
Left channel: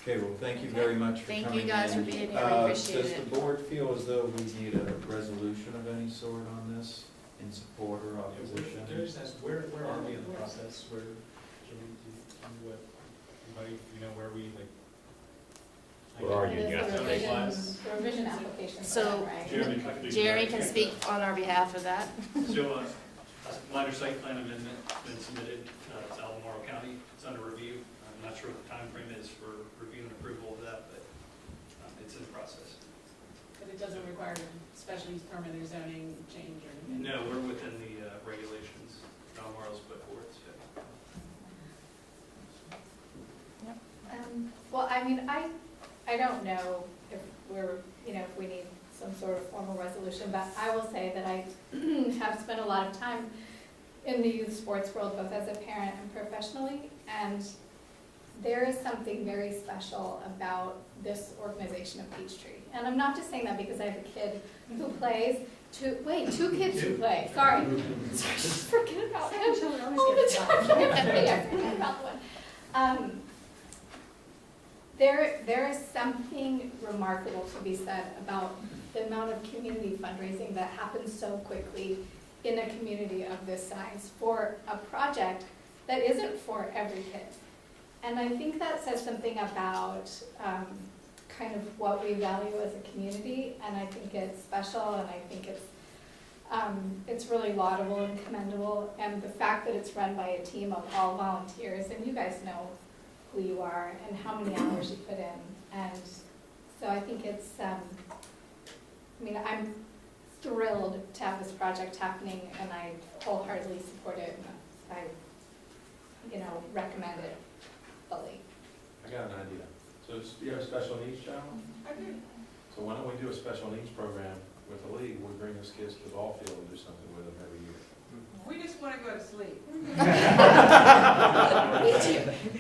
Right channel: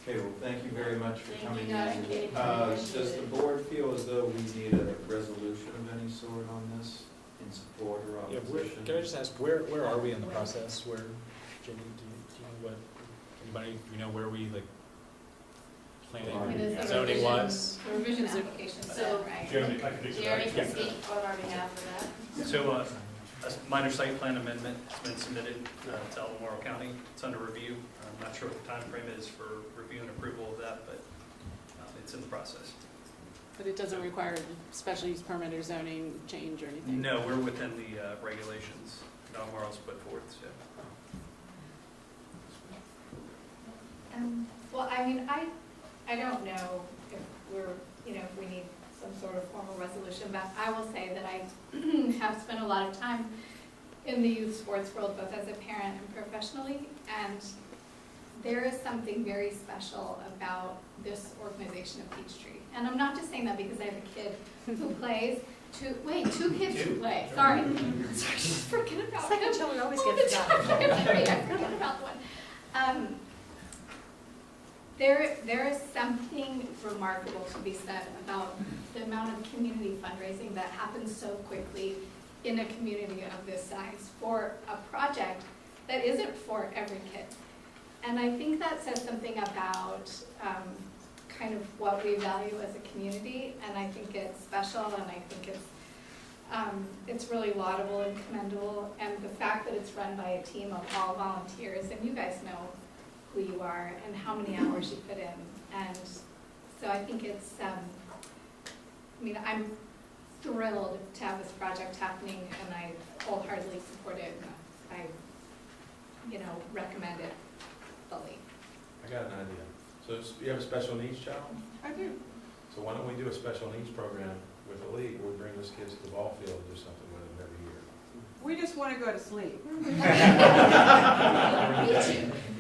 Okay, well, thank you very much for Thank coming you guys in. for being here, I appreciate Does it. the board feel as though we need a resolution of any sort on this, in support or opposition? Can I just ask, where are we in the process? Where, Jimmy, anybody, where we like? Where are you? Yeah, zoning wise? The revisions application, So, right? Jeremy can speak on our behalf of that. So, a minor site plan amendment has been submitted to Albemarle County. It's under review. I'm not sure what the timeframe is for review and approval of that, but it's in the process. But it doesn't require a special use permit or zoning change or anything? No, we're within the regulations that Albemarle's put forth, so. Well, I mean, I don't know if we're, if we need some sort of formal resolution, but I will say that I have spent a lot of time in the youth sports world, both as a parent and professionally, and there is something very special about this organization of Peachtree. And I'm not just saying that because I have a kid who plays, two kids who play, sorry, just forget about him. Children always Oh, get the forgotten. I forget about the one. There is something remarkable to be said about the amount of community fundraising that happens so quickly in a community of this size for a project that isn't for every kid. And I think that says something about kind of what we value as a community, and I think it's special, and I think it's really laudable and commendable, and the fact that it's run by a team of all volunteers, and you guys know who you are and how many hours you put in, and so I think it's, I'm thrilled to have this project happening, and I wholeheartedly support it, and I, recommend it fully. I got an idea. So you have a special needs child? I do. So why don't we do a special needs program with the league, where we bring those kids to the ball field and do something with them every year? We just want to go to sleep.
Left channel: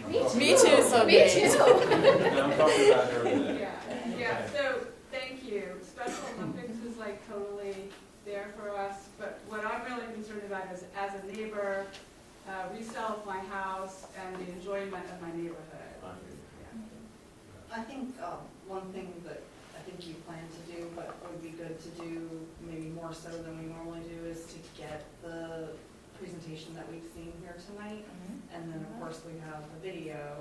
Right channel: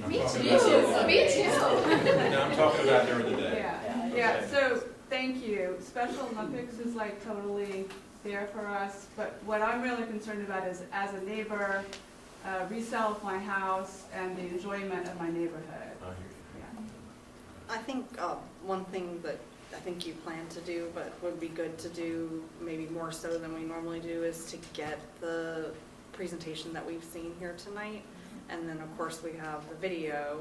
Me too, so Me big. too. No, I'm talking about during the day. Yeah, so, thank you. Special Olympics is like totally there for us, but what I'm really concerned about is, as a neighbor, resale of my house and the enjoyment of my neighborhood. I think one thing that I think you plan to do, but would be good to do maybe more so than we normally do, is to get the presentation that we've seen here tonight. And then, of course, we have the video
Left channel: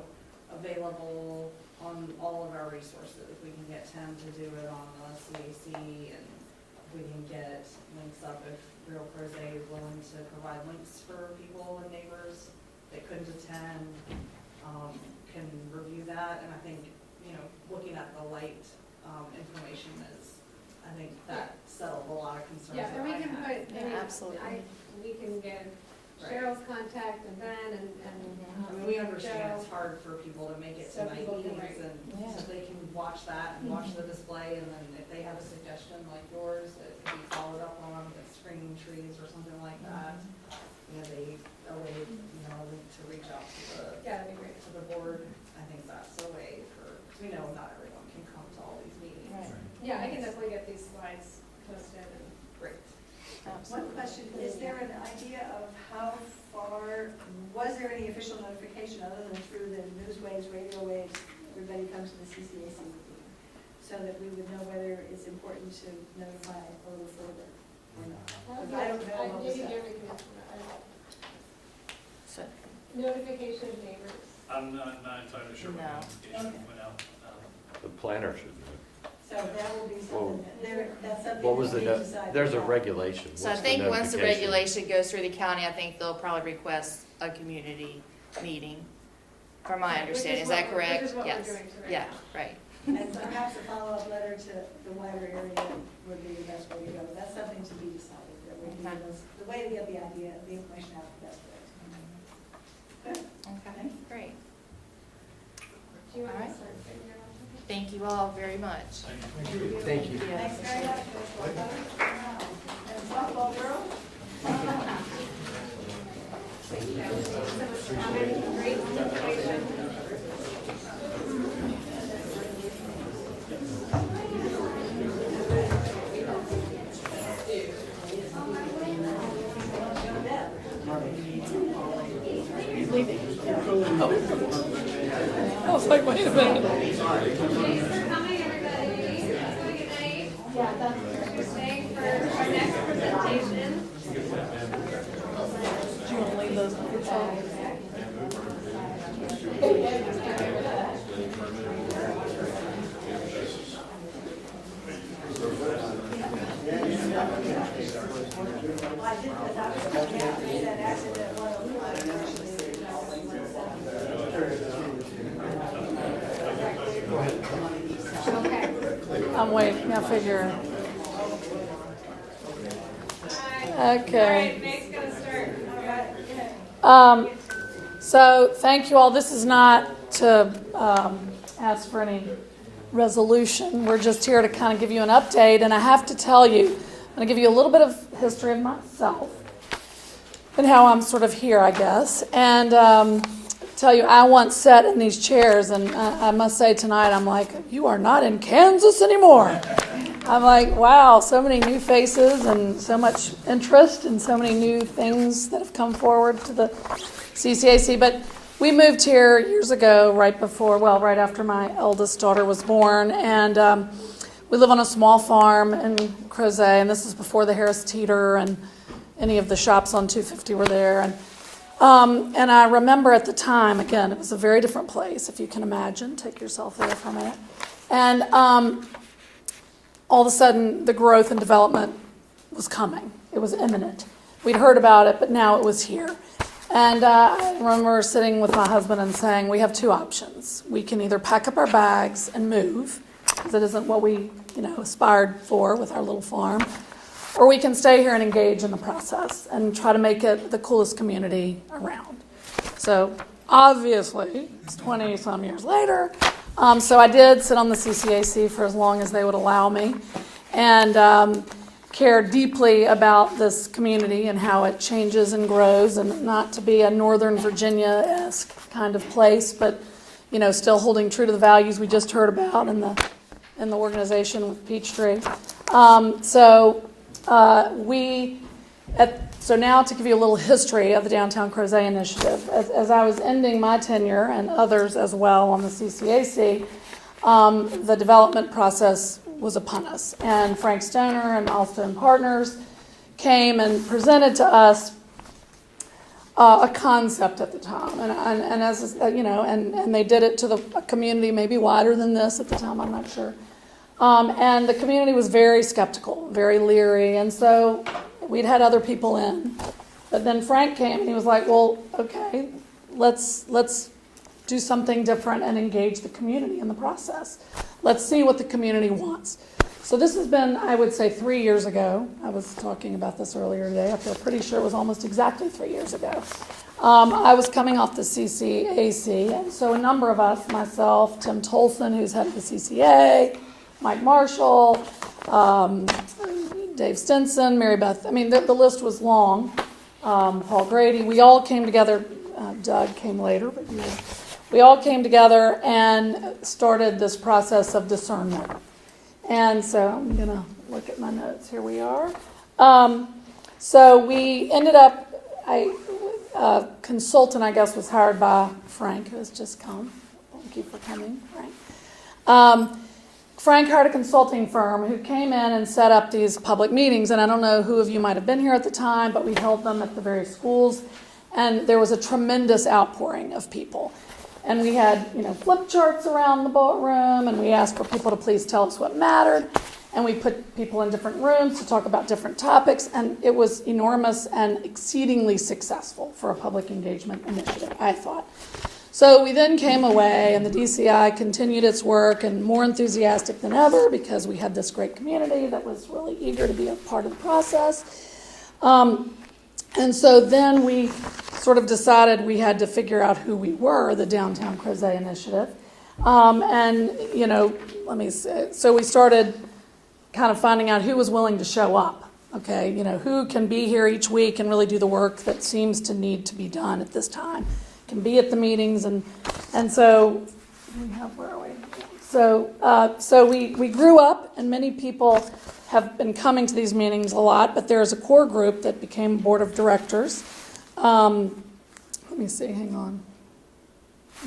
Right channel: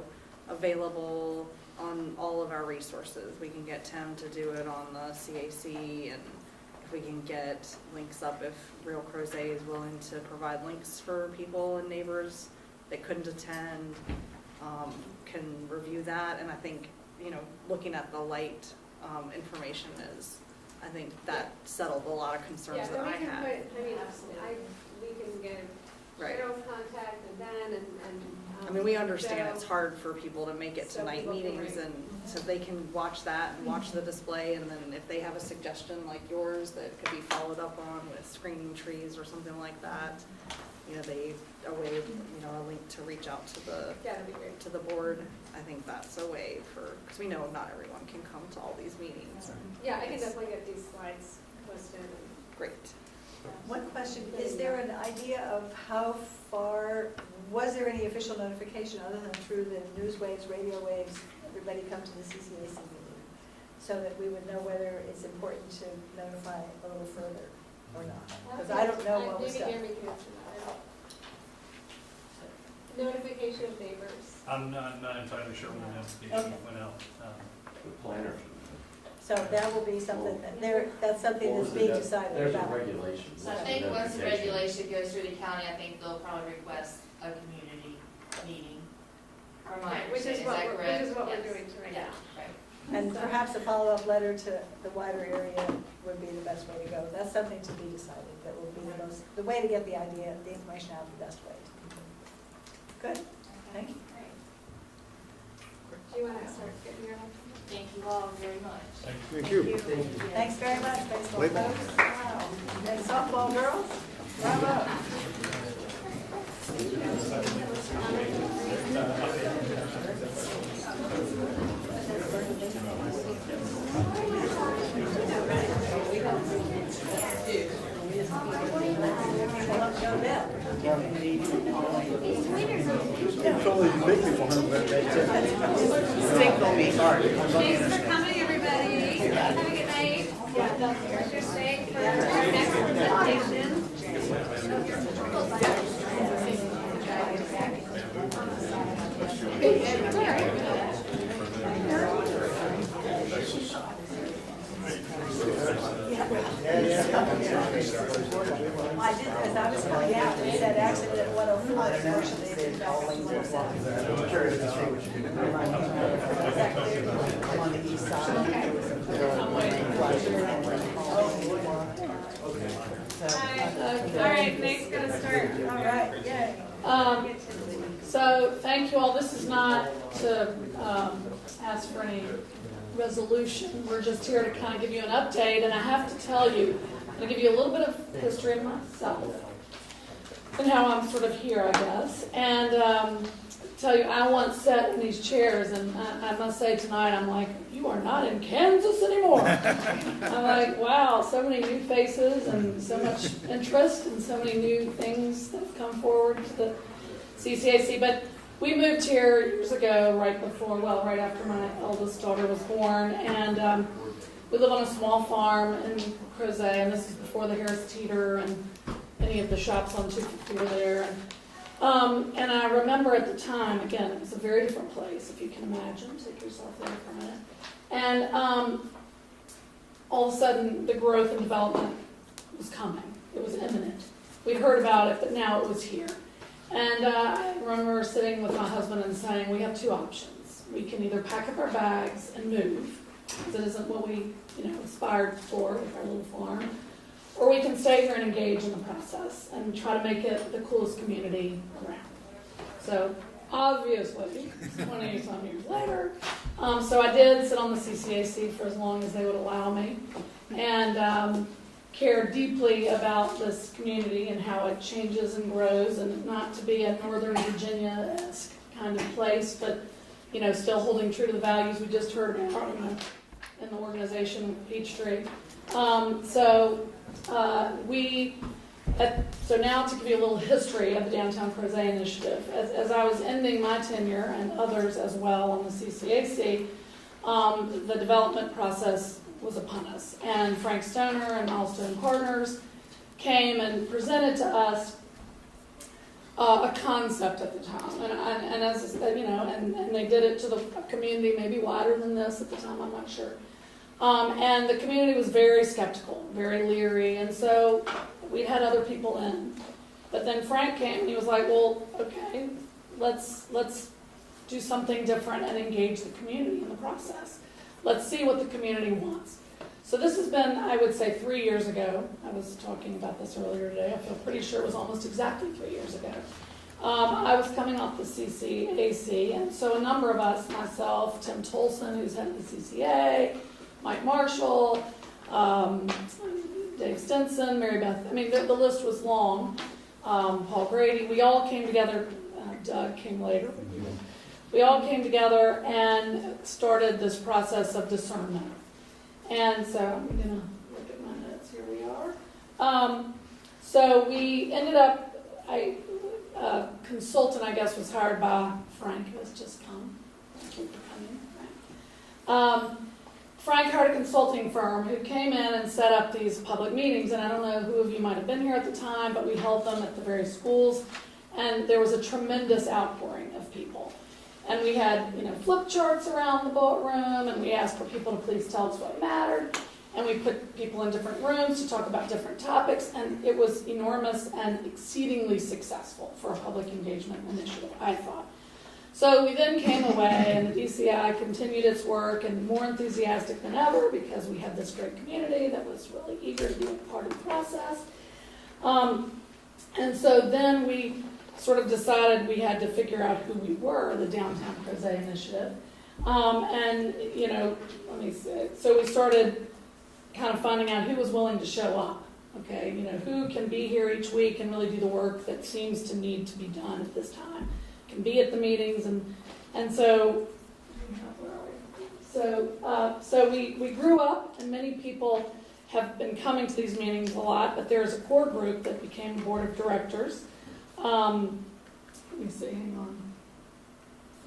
available on all of our resources. We can get Tim to do it on the CAC, and if we can get links up, if Real Crozet is willing to provide links for people and neighbors that couldn't attend, can review that. And I think, looking at the light information I think that settled a lot of concerns Yeah, that and we I can had. put, Absolutely. we can get Right. Cheryl's contact and Ben and. I mean, we understand Joe. it's hard for people to make it to So night people can meetings, write. and so they can watch that, and watch the display, and then if they have a suggestion like yours that could be followed up on with screening trees or something like that, a link to reach out to Yeah, that'd be great. the board. I think that's a way because we know not everyone can come to all these meetings. Yeah, I can definitely get these slides posted and. Great. One question, is there an idea of how far, was there any official notification other than through the newswaves, radio waves, everybody come to the CCAC meeting? So that we would know whether it's important to notify a little further or not? Because I don't know what was Maybe done. Jeremy can answer that. Notification of neighbors. I'm not entirely sure when the notification went out. The planner should know. So that will be something, that's something What was that's being decided. There's a about. regulation. So I What's the think once the notification? regulation goes through the county, I think they'll probably request a community meeting, from my understanding. Is that correct? Which is what we're Yes. doing tonight. Yeah, right. And perhaps a follow-up letter to the wider area would be the best way to go. That's something to be decided, that will be the way to get the idea, the information out the best way. Good? Okay, Thank you. great. Do you want to start getting your Thank you all very much. Thank you. Thank you. Thanks very much, baseball folks. Wow. And softball girls, bravo. Thanks for coming, everybody. Have a good night. You're staying for our next presentation. I did, because I was coming out, and said actually that 105, unfortunately, is developing 107. I'm waiting, I'll figure it out. Okay. All right, Nate's gonna start. All right, yay. So, thank you all. This is not to ask for any resolution. We're just here to kind of give you an update. And I have to tell you, I'm going to give you a little bit of history of myself and how I'm sort of here, I guess. And tell you, I once sat in these chairs, and I must say tonight, I'm like, you are not in Kansas anymore. I'm like, wow, so many new faces and so much interest and so many new things that have come forward to the CCAC. But we moved here years ago, right after my eldest daughter was born. And we live on a small farm in Crozet, and this is before the Harris Teeter and any of the shops on 250 were there. And I remember at the time, again, it was a very different place, if you can imagine. Take yourself there for a minute. And all of a sudden, the growth and development was coming. It was imminent. We'd heard about it, but now it was here. And I remember sitting with my husband and saying, we have two options. We can either pack up our bags and move, because it isn't what we aspired for with our little farm, or we can stay here and engage in the process and try to make it the coolest community around. So obviously, it's 20-some years later. So I did sit on the CCAC for as long as they would allow me, and care deeply about this community and how it changes and grows, and not to be a Northern Virginia-esque kind of place, but still holding true to the values we just heard about in the organization Peachtree. So now to give you a little history of the Downtown Crozet Initiative. As I was ending my tenure, and others as well on the CCAC, the development process was upon us. And Frank Stoner and Allstone Partners came and presented to us a concept at the time. And as and they did it to the community maybe wider than this at the time, I'm not sure. And the community was very skeptical, very leery, and so we'd had other people in. But then Frank came and he was like, well, okay, let's do something different and engage the community in the process. Let's see what the community wants. So this has been, I would say, 3 years ago. I was talking about this earlier today. I feel pretty sure it was almost exactly 3 years ago. I was coming off the CCAC, and so a number of us, myself, Tim Tolson, who's head of the CCA, Mike Marshall, Dave Stinson, Mary Beth, the list was long, Paul Grady. We all came together, Doug came later, but we all came together and started this process of discernment. And so I'm going to look at my notes. Here we are. So we ended up, a consultant, I guess, was hired by Frank, who has just come. Thank you for coming, Frank. Frank hired a consulting firm who came in and set up these public meetings. And I don't know who of you might have been here at the time, but we held them at the various schools. And there was a tremendous outpouring of people. And we had, flip charts around the room, and we asked for people to please tell us what mattered. And we put people in different rooms to talk about different topics. And it was enormous and exceedingly successful for a public engagement initiative, I thought. So we then came away, and the DCI continued its work, and more enthusiastic than ever, because we had this great community that was really eager to be a part of the process. And so then we sort of decided we had to figure out who we were, the Downtown Crozet Initiative. And, so we started kind of finding out who was willing to show up. Okay, who can be here each week and really do the work that seems to need to be done at this time, can be at the meetings, and so where are we? So we grew up, and many people have been coming to these meetings a lot, but there's a core group that became board of directors. Let me see, hang on.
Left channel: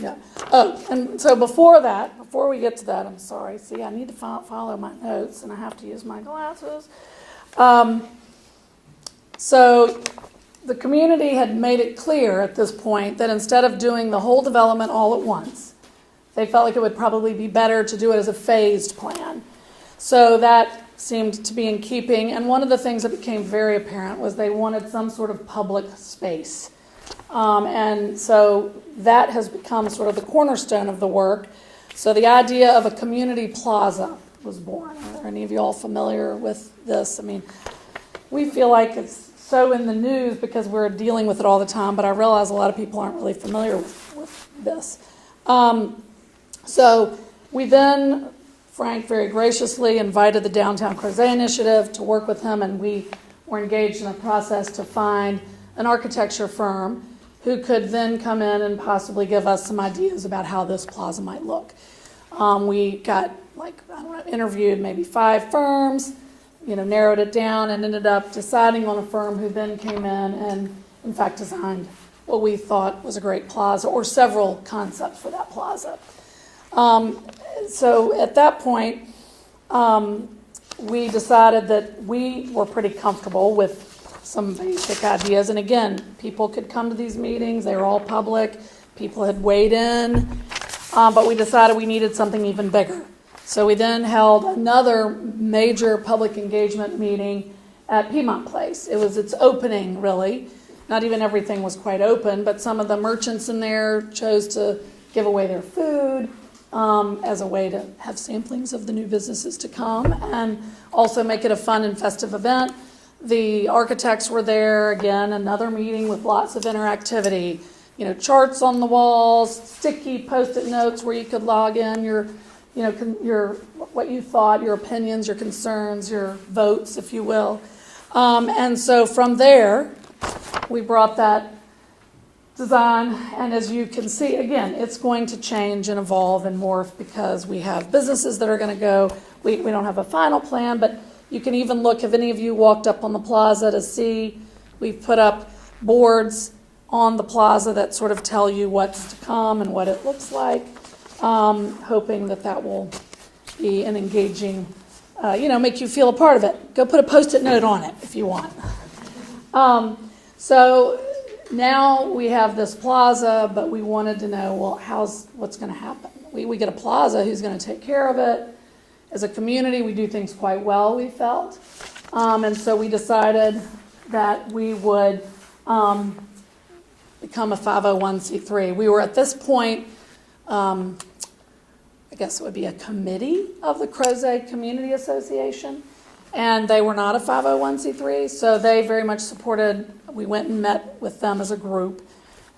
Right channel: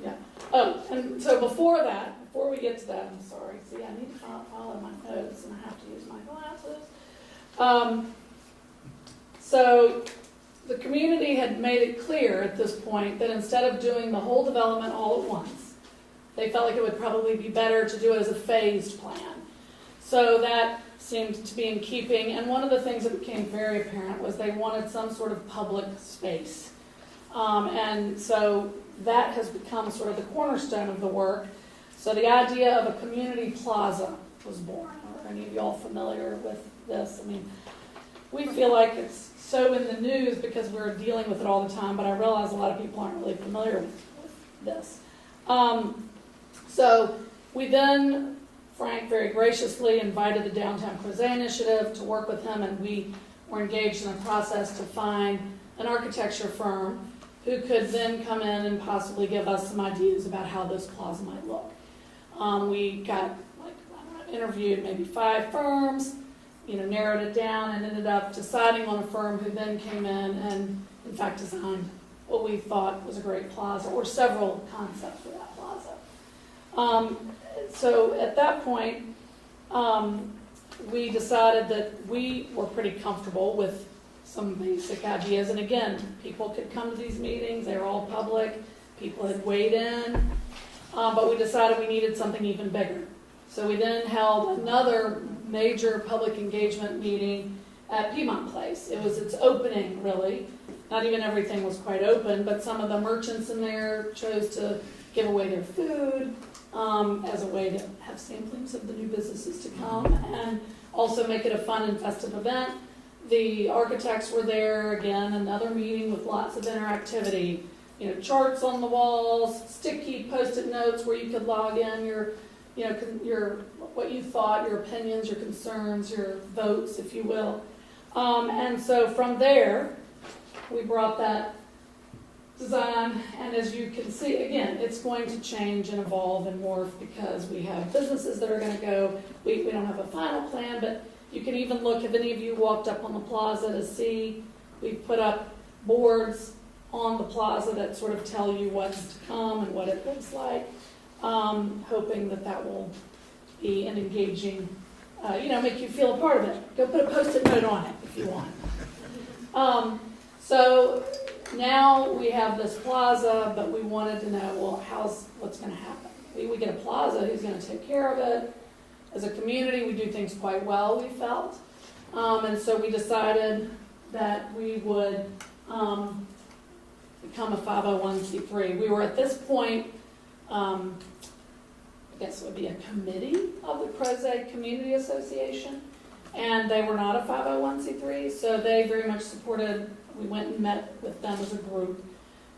Yeah. Oh, and so before we get to that, I'm sorry. See, I need to follow my notes, and I have to use my glasses. So the community had made it clear at this point that instead of doing the whole development all at once, they felt like it would probably be better to do it as a phased plan. So that seemed to be in keeping. And one of the things that became very apparent was they wanted some sort of public space. And so that has become sort of the cornerstone of the work. So the idea of a community plaza was born. Are any of you all familiar with this? I mean, we feel like it's so in the news because we're dealing with it all the time, but I realize a lot of people aren't really familiar with this. So we then, Frank very graciously invited the Downtown Crozet Initiative to work with him, and we were engaged in a process to find an architecture firm who could then come in and possibly give us some ideas about how this plaza might look. We got, interviewed maybe 5 firms, narrowed it down, and ended up deciding on a firm who then came in and, in fact, designed what we thought was a great plaza, or several concepts for that plaza. So at that point, we decided that we were pretty comfortable with some basic ideas. And again, people could come to these meetings. They were all public. People had weighed in. But we decided we needed something even bigger. So we then held another major public engagement meeting at Piedmont Place. It was its opening, really. Not even everything was quite open, but some of the merchants in there chose to give away their food as a way to have samplings of the new businesses to come, and also make it a fun and festive event. The architects were there, again, another meeting with lots of interactivity. Charts on the walls, sticky Post-it notes where you could log in your what you thought, your opinions, your concerns, your votes, if you will. And so from there, we brought that design, and as you can see, again, it's going to change and evolve and morph because we have businesses that are going to go. We don't have a final plan, but you can even look, if any of you walked up on the plaza to see, we've put up boards on the plaza that sort of tell you what's to come and what it looks like, hoping that will be an engaging, make you feel a part of it. Go put a Post-it note on it if you want. So now we have this plaza, but we wanted to know, well, what's going to happen? We get a plaza, who's going to take care of it? As a community, we do things quite well, we felt. And so we decided that we would become a 501c3. We were at this point, I guess it would be a committee of the Crozet Community Association, and they were not a 501c3, so they very much supported. We went and met with them as a group,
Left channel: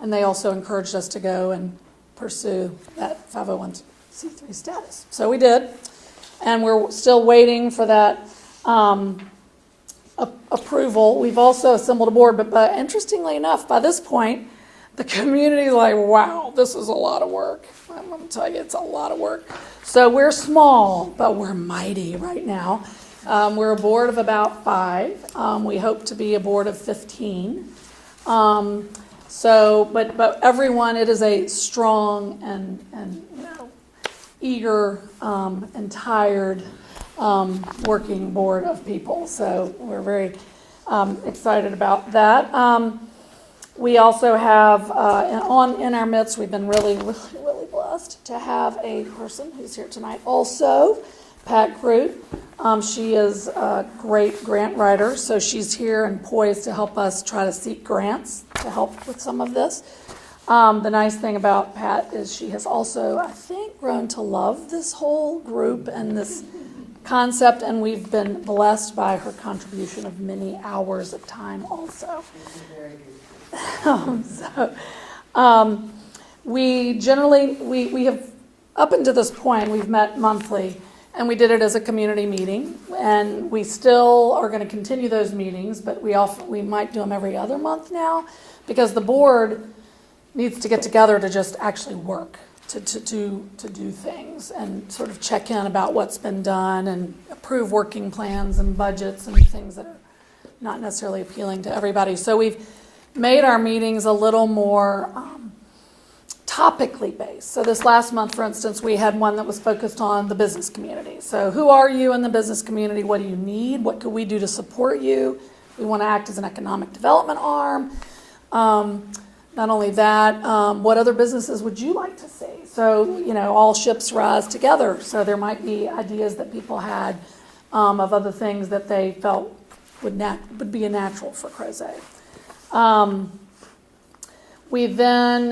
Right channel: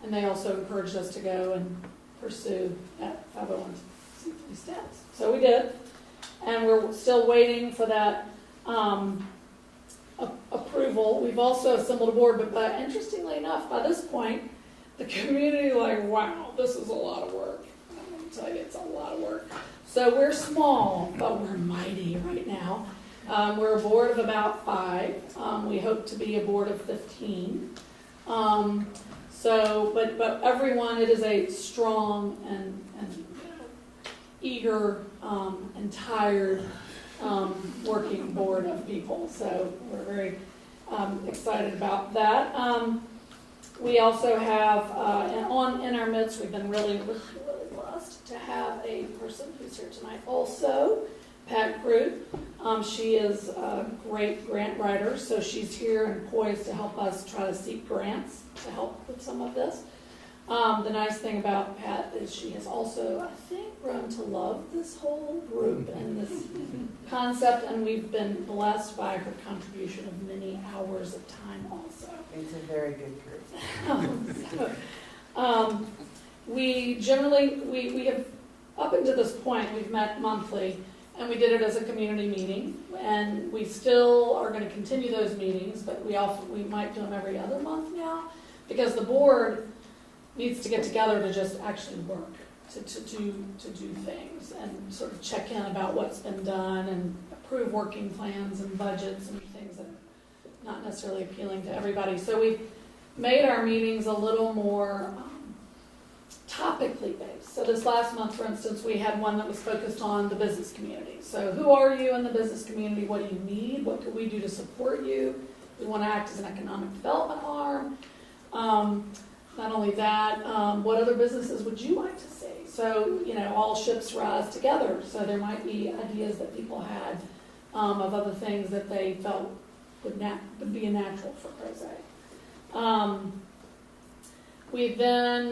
and they also encouraged us to go and pursue that 501c3 status. So we did, and we're still waiting for that approval. We've also assembled a board, but interestingly enough, by this point, the community is like, wow, this is a lot of work. I'm going to tell you, it's a lot of work. So we're small, but we're mighty right now. We're a board of about 5. We hope to be a board of 15. But everyone, it is a strong and eager and tired working board of people. So we're very excited about that. We also have, in our midst, we've been really blessed to have a person who's here tonight also, Pat Groot. She is a great grant writer, so she's here and poised to help us try to seek grants to help with some of this. The nice thing about Pat is she has also, I think, grown to love this whole group and this concept, and we've been blessed by her contribution of many hours of time also. She's a very good group. We generally, we have up until this point, we've met monthly, and we did it as a community meeting, and we still are going to continue those meetings, but we might do them every other month now, because the board needs to get together to just actually work, to do things, and sort of check in about what's been done, and approve working plans and budgets and things that are not necessarily appealing to everybody. So we've made our meetings a little more topically based. So this last month, for instance, we had one that was focused on the business community. So who are you in the business community? What do you need? What could we do to support you? We want to act as an economic development arm. Not only that, what other businesses would you like to see? So, all ships rise together. So there might be ideas that people had of other things that they felt would be a natural for Crozet. We then,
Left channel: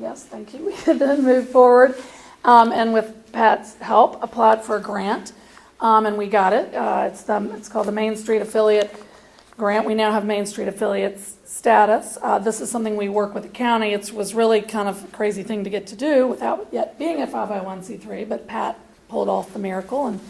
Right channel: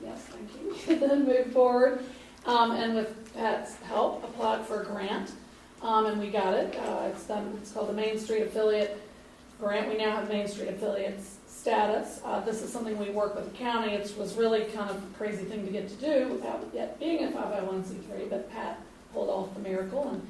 yes, thank you. We then moved forward, and with Pat's help, applied for a grant, and we got it. It's called the Main Street Affiliate Grant. We now have Main Street Affiliates status. This is something we work with the county. It was really kind of a crazy thing to get to do without yet being a 501c3, but Pat pulled off the miracle and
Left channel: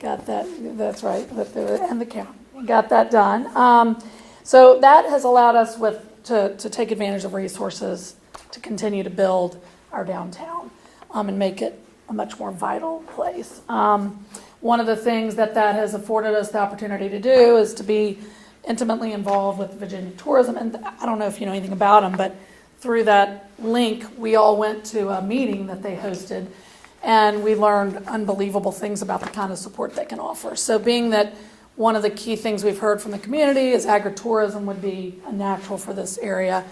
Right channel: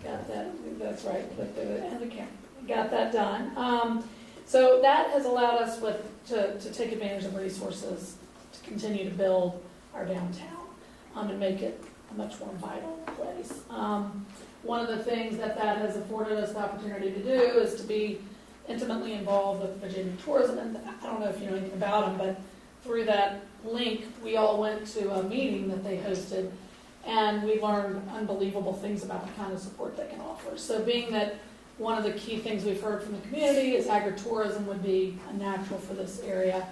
got that. That's right, and the county got that done. So that has allowed us to take advantage of resources to continue to build our downtown and make it a much more vital place. One of the things that has afforded us the opportunity to do is to be intimately involved with the Virginia Tourism. And I don't know if you know anything about them, but through that link, we all went to a meeting that they hosted, and we learned unbelievable things about the kind of support they can offer. So being that one of the key things we've heard from the community is agritourism would be a natural for this area.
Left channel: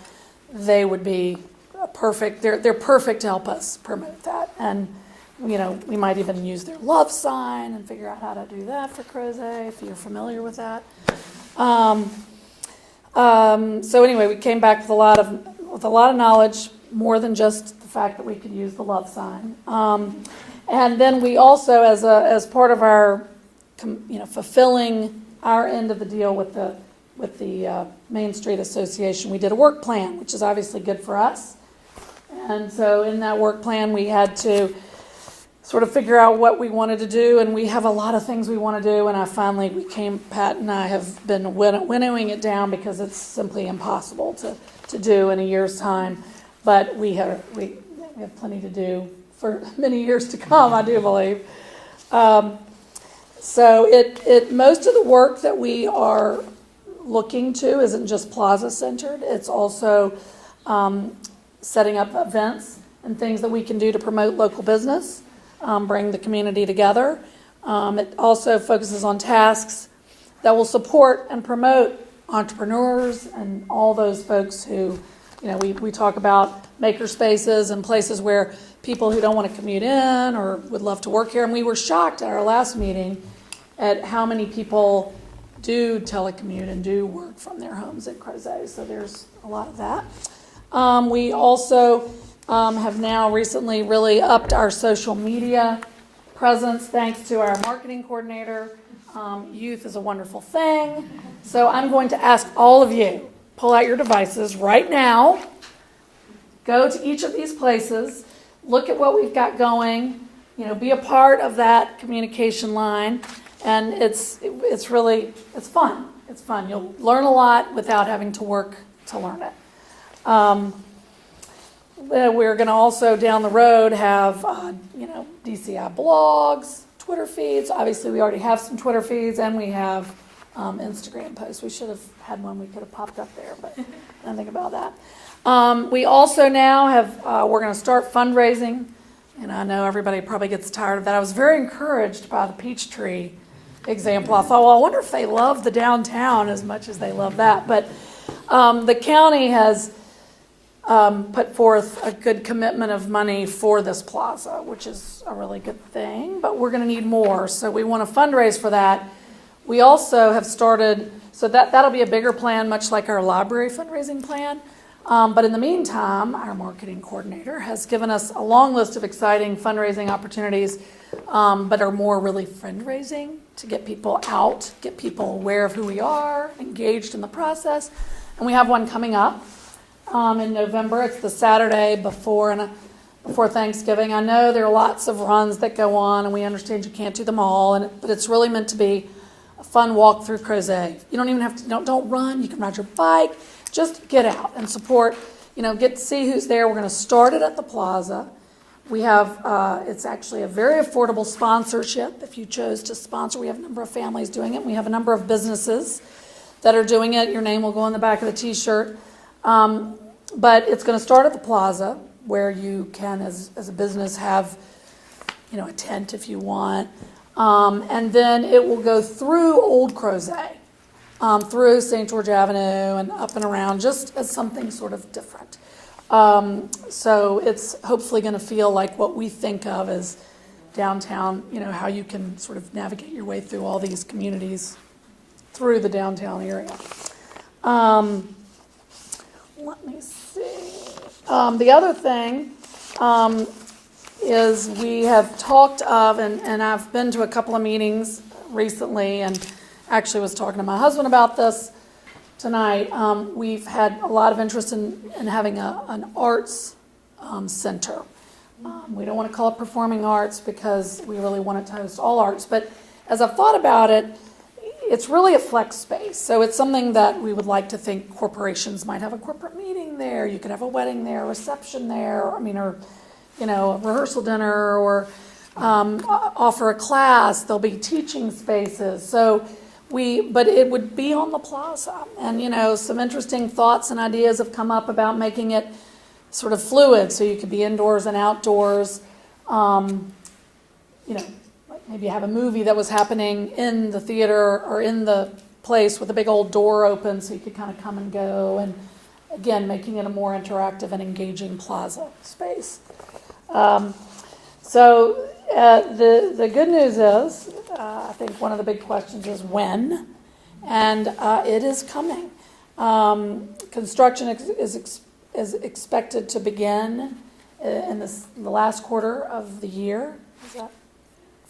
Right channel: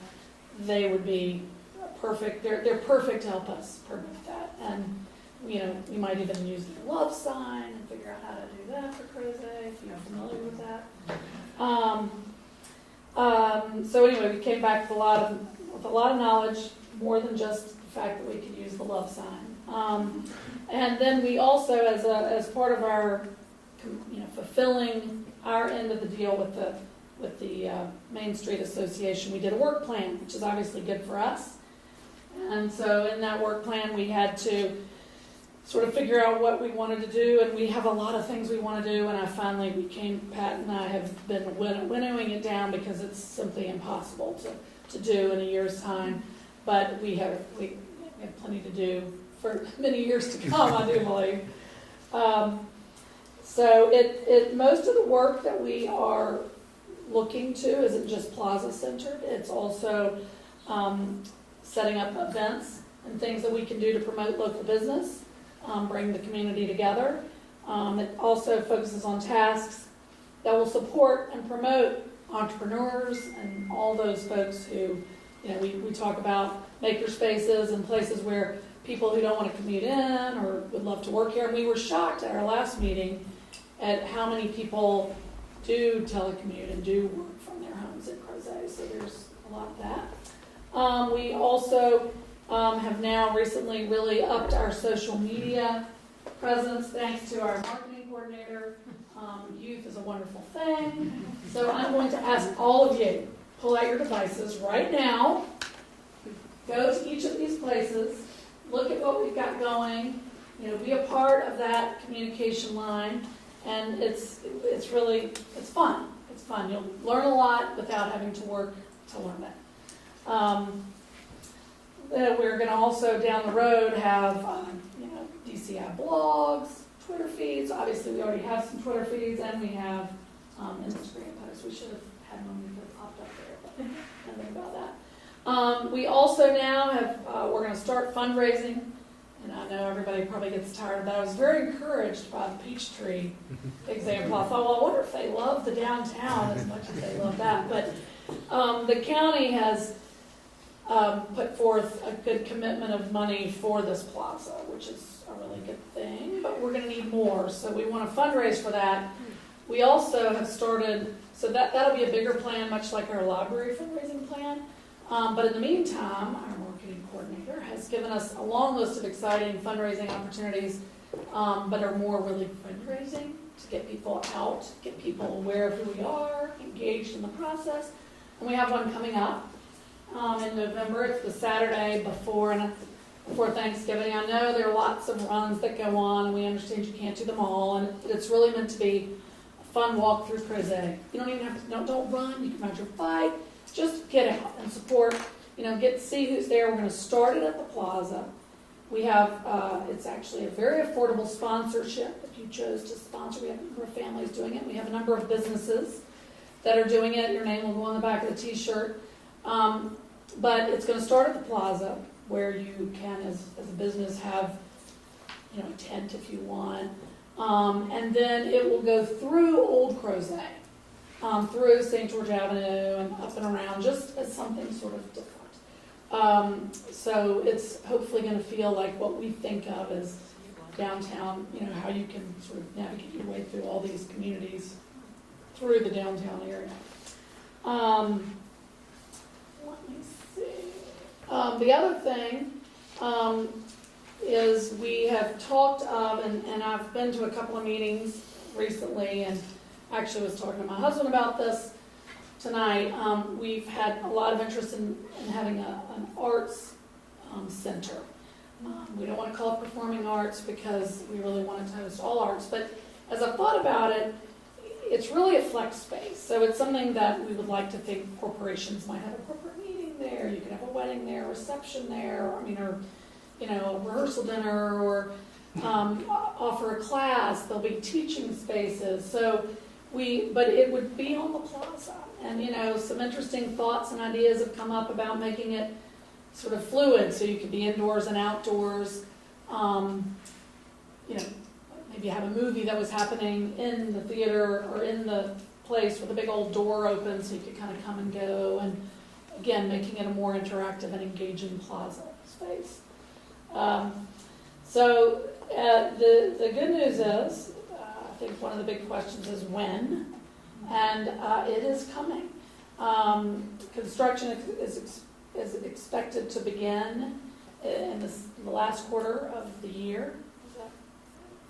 They would be perfect. They're perfect to help us promote that. And, we might even use their love sign and figure out how to do that for Crozet, if you're familiar with that. So anyway, we came back with a lot of knowledge, more than just the fact that we could use the love sign. And then we also, as part of our fulfilling our end of the deal with the Main Street Association, we did a work plan, which is obviously good for us. And so in that work plan, we had to sort of figure out what we wanted to do, and we have a lot of things we want to do, and Pat and I have been winnowing it down because it's simply impossible to do in a year's time. But we have plenty to do for many years to come, I do believe. So most of the work that we are looking to isn't just plaza centered. It's also setting up events and things that we can do to promote local business, bring the community together. It also focuses on tasks that will support and promote entrepreneurs and all those folks who, we talk about maker spaces and places where people who don't want to commute in or would love to work here. And we were shocked at our last meeting at how many people do telecommute and do work from their homes at Crozet. So there's a lot of that. We also have now recently really upped our social media presence thanks to our marketing coordinator. Youth is a wonderful thing. So I'm going to ask all of you, pull out your devices right now, go to each of these places, look at what we've got going, be a part of that communication line. And it's fun. It's fun. You'll learn a lot without having to work to learn it. We're going to also down the road have, DCI blogs, Twitter feeds. Obviously, we already have some Twitter feeds, and we have Instagram posts. We should have had one we could have popped up there, but I don't think about that. We also now we're going to start fundraising, and I know everybody probably gets tired of that. I was very encouraged by the Peachtree example. I thought, well, I wonder if they love the downtown as much as they love that. But the county has put forth a good commitment of money for this plaza, which is a really good thing, but we're going to need more. So we want to fundraise for that. We also have started, so that'll be a bigger plan, much like our library fundraising plan. But in the meantime, our marketing coordinator has given us a long list of exciting fundraising opportunities, but are more really fundraising to get people out, get people aware of who we are, engaged in the process. And we have one coming up in November. It's the Saturday before Thanksgiving. I know there are lots of runs that go on, and we understand you can't do them all, but it's really meant to be a fun walk through Crozet. You don't even have to, don't run. You can ride your bike. Just get out and support, get to see who's there. We're going to start it at the plaza. We have, it's actually a very affordable sponsorship. If you chose to sponsor, we have a number of families doing it. We have a number of businesses that are doing it. Your name will go on the back of the t-shirt. But it's going to start at the plaza, where you can, as a business, have, a tent if you want. And then it will go through Old Crozet, through St. George Avenue and up and around, just as something sort of different. So it's hopefully going to feel like what we think of as downtown, how you can sort of navigate your way through all these communities through the downtown area. Let me see. The other thing is we have talked of, and I've been to a couple of meetings recently, and actually was talking to my husband about this tonight. We've had a lot of interest in having an arts center. We don't want to call it performing arts because we really want it to host all arts, but as I've thought about it, it's really a flex space. So it's something that we would like to think corporations might have a corporate meeting there. You could have a wedding there, a reception there, or a rehearsal dinner, or offer a class. There'll be teaching spaces. But it would be on the plaza. And, some interesting thoughts and ideas have come up about making it sort of fluid, so you could be indoors and outdoors. Maybe have a movie that was happening in the theater or in the place with a big old door open, so you could kind of come and go. And again, making it a more interactive and engaging plaza space. The good news is, I think one of the big questions is when, and it is coming. Construction is expected to begin in the last quarter of the year. Is that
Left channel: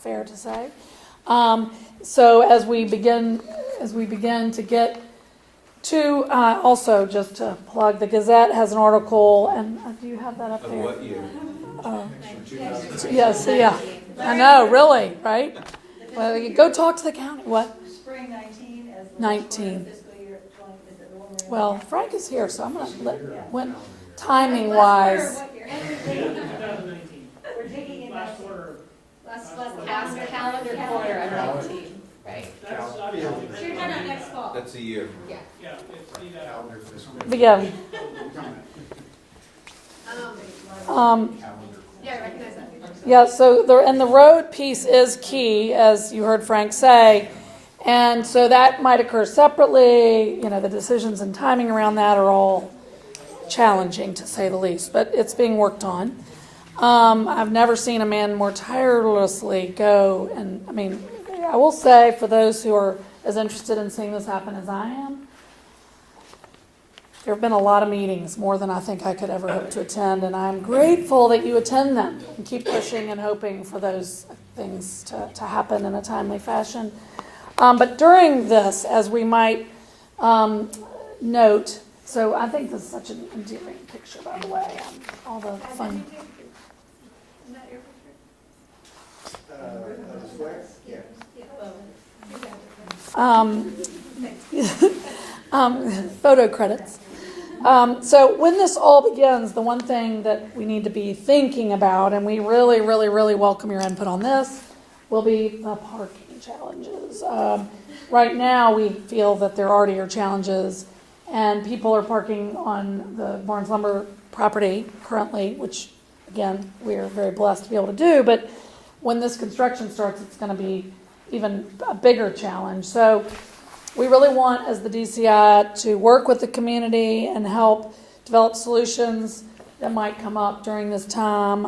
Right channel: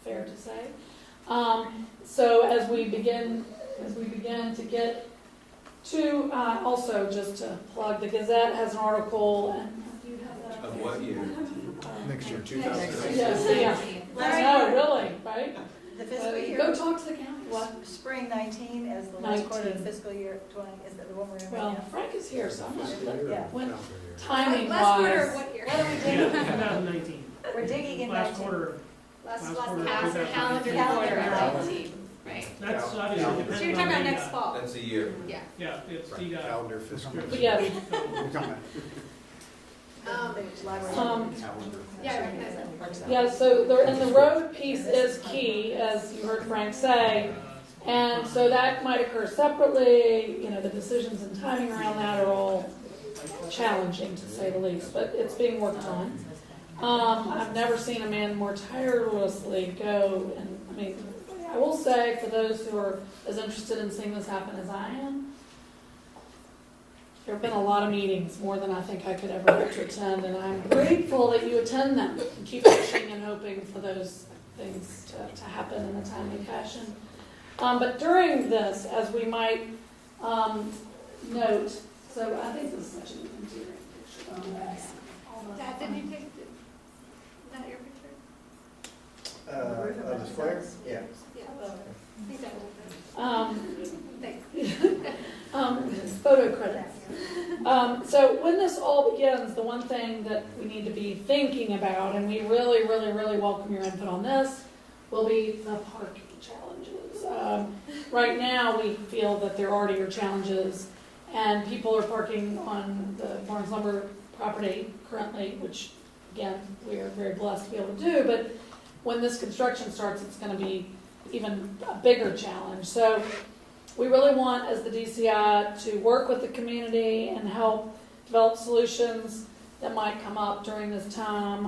fair to say? So as we begin to get to, also just to plug, the Gazette has an article, and do you have that up there? Of what year? Next year, 2000. Yes, yeah. I know, really, right? Well, you go talk to the county. What? Spring 19 as the last 19. quarter of fiscal year 20 is the one we're in. Well, Frank is here, so I'm not, when, Last timing-wise. quarter, what are we digging? 2019. We're digging in Last quarter. last calendar quarter of 19, right? That's So obviously you're depending talking on about the, next fall? That's a year. Yeah. Yeah, it's the, Calendar fiscal. But yeah. Yeah, I recognize that. Yeah, so the road piece is key, as you heard Frank say, and so that might occur separately. The decisions and timing around that are all challenging, to say the least, but it's being worked on. I've never seen a man more tirelessly go, and I will say, for those who are as interested in seeing this happen as I am, there have been a lot of meetings, more than I think I could ever hope to attend, and I'm grateful that you attend them and keep pushing and hoping for those things to happen in a timely fashion. But during this, as we might note, so I think this is such an endearing picture, by the way, all the fun. Is that your picture? Yeah. Photo credits. So when this all begins, the one thing that we need to be thinking about, and we really, really, really welcome your input on this, will be the parking challenges. Right now, we feel that there already are challenges, and people are parking on the Barnes Lumber property currently, which, again, we're very blessed to be able to do, but when this construction starts, it's going to be even a bigger challenge. So we really want, as the DCI, to work with the community and help develop solutions that might come up during this time.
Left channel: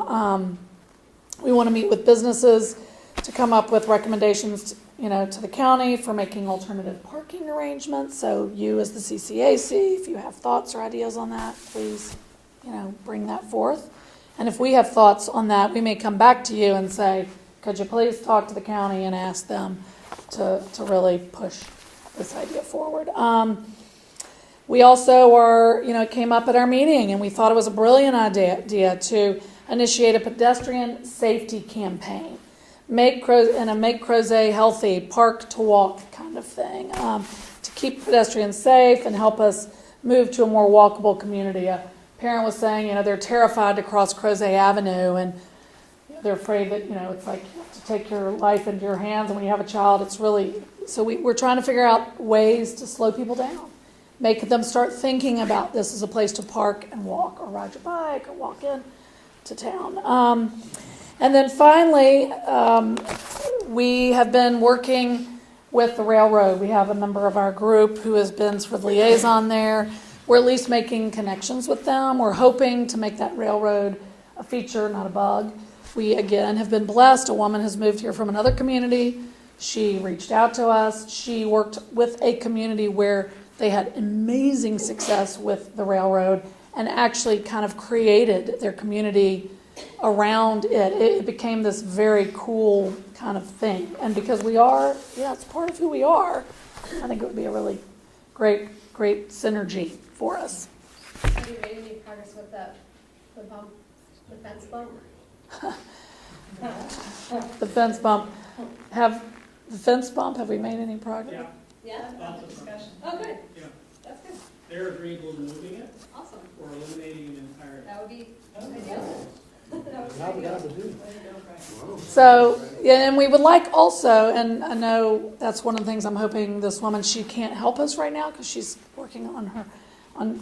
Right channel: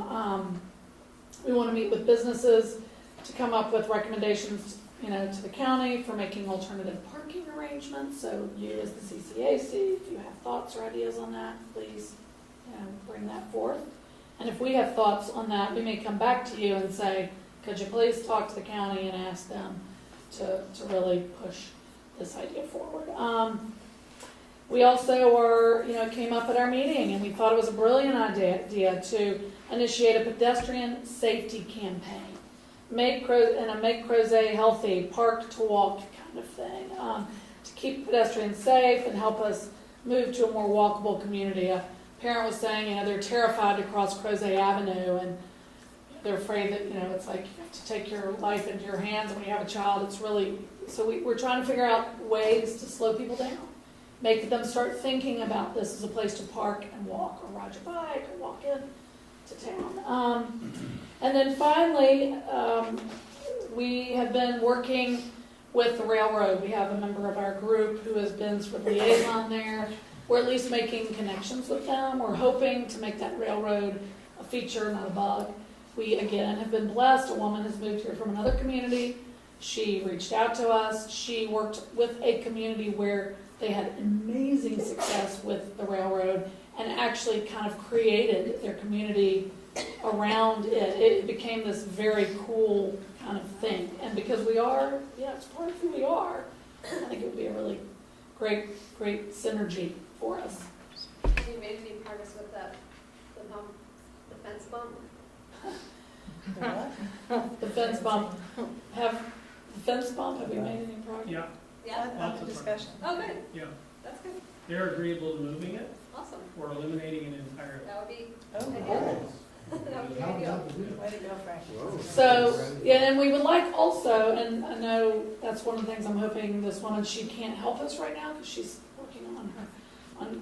We want to meet with businesses to come up with recommendations, to the county for making alternative parking arrangements. So you, as the CCAC, if you have thoughts or ideas on that, please, bring that forth. And if we have thoughts on that, we may come back to you and say, could you please talk to the county and ask them to really push this idea forward. We also are, it came up at our meeting, and we thought it was a brilliant idea to initiate a pedestrian safety campaign. Make Crozet healthy, park to walk kind of thing, to keep pedestrians safe and help us move to a more walkable community. A parent was saying, they're terrified to cross Crozet Avenue, and they're afraid that, it's like to take your life into your hands, and when you have a child, it's really, so we're trying to figure out ways to slow people down, make them start thinking about this as a place to park and walk, or ride your bike, or walk in to town. And then finally, we have been working with the railroad. We have a member of our group who has been sort of liaison there. We're at least making connections with them. We're hoping to make that railroad a feature, not a bug. We, again, have been blessed. A woman has moved here from another community. She reached out to us. She worked with a community where they had amazing success with the railroad and actually kind of created their community around it. It became this very cool kind of thing. And because it's part of who we are, I think it would be a really great synergy for us. Have you made any progress with the fence bump? The fence bump, have we made any progress? Yeah? Lots of discussion. Oh, good. Yeah, That's good. they're agreeable to moving it Awesome. or eliminating it entirely. That would be Oh, that would be ideal. way to go, Frank. So, and we would like also, and I know that's one of the things I'm hoping this woman, she can't help us right now because she's working on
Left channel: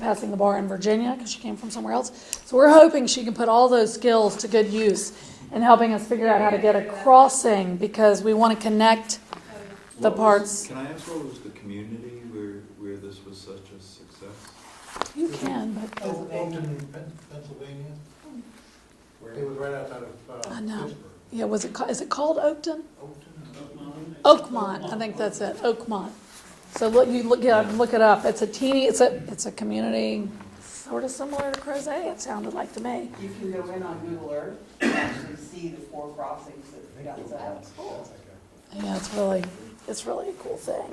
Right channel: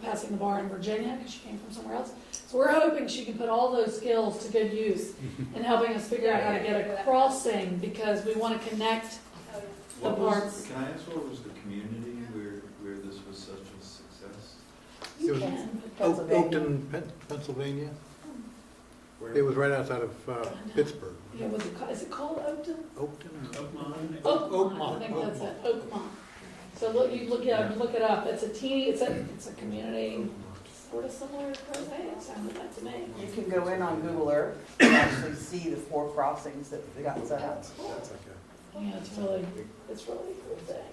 passing the bar in Virginia because she came from somewhere else. So we're hoping she can put all those skills to good use in helping us figure out how to get a crossing, because we want to connect the parts. Can I ask what was the community where this was such a success? You can. Oakton, Pennsylvania. It was right outside of know. Pittsburgh. Yeah, is it called Oakton? Oakton? Oakmont, I think that's it, Oakmont. So look it up. It's a community sort of similar to Crozet, it sounded like to me. You can go in on Google Earth and actually see the 4 crossings that they got set up. Yeah, it's really a cool thing.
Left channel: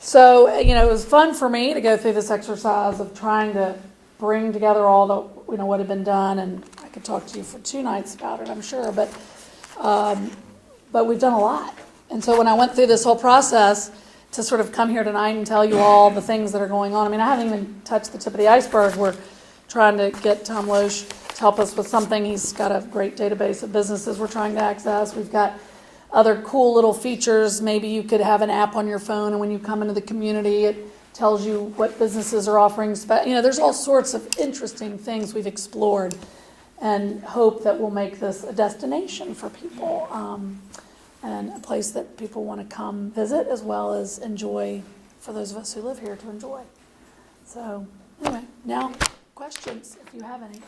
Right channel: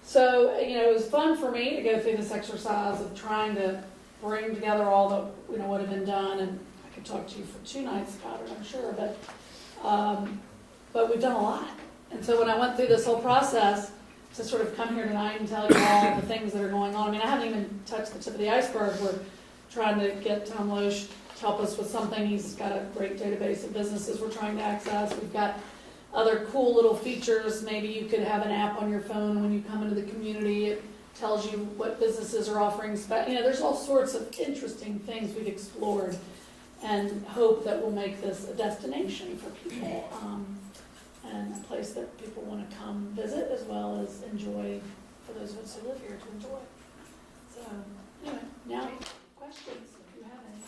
So, it was fun for me to go through this exercise of trying to bring together all the, what had been done, and I could talk to you for 2 nights about it, I'm sure, but we've done a lot. And so when I went through this whole process to sort of come here tonight and tell you all the things that are going on, I haven't even touched the tip of the iceberg. We're trying to get Tom Loesch to help us with something. He's got a great database of businesses we're trying to access. We've got other cool little features. Maybe you could have an app on your phone, and when you come into the community, it tells you what businesses are offering. There's all sorts of interesting things we've explored and hope that will make this a destination for people, and a place that people want to come visit as well as enjoy, for those of us who live here to enjoy. So anyway, now questions, if you have any.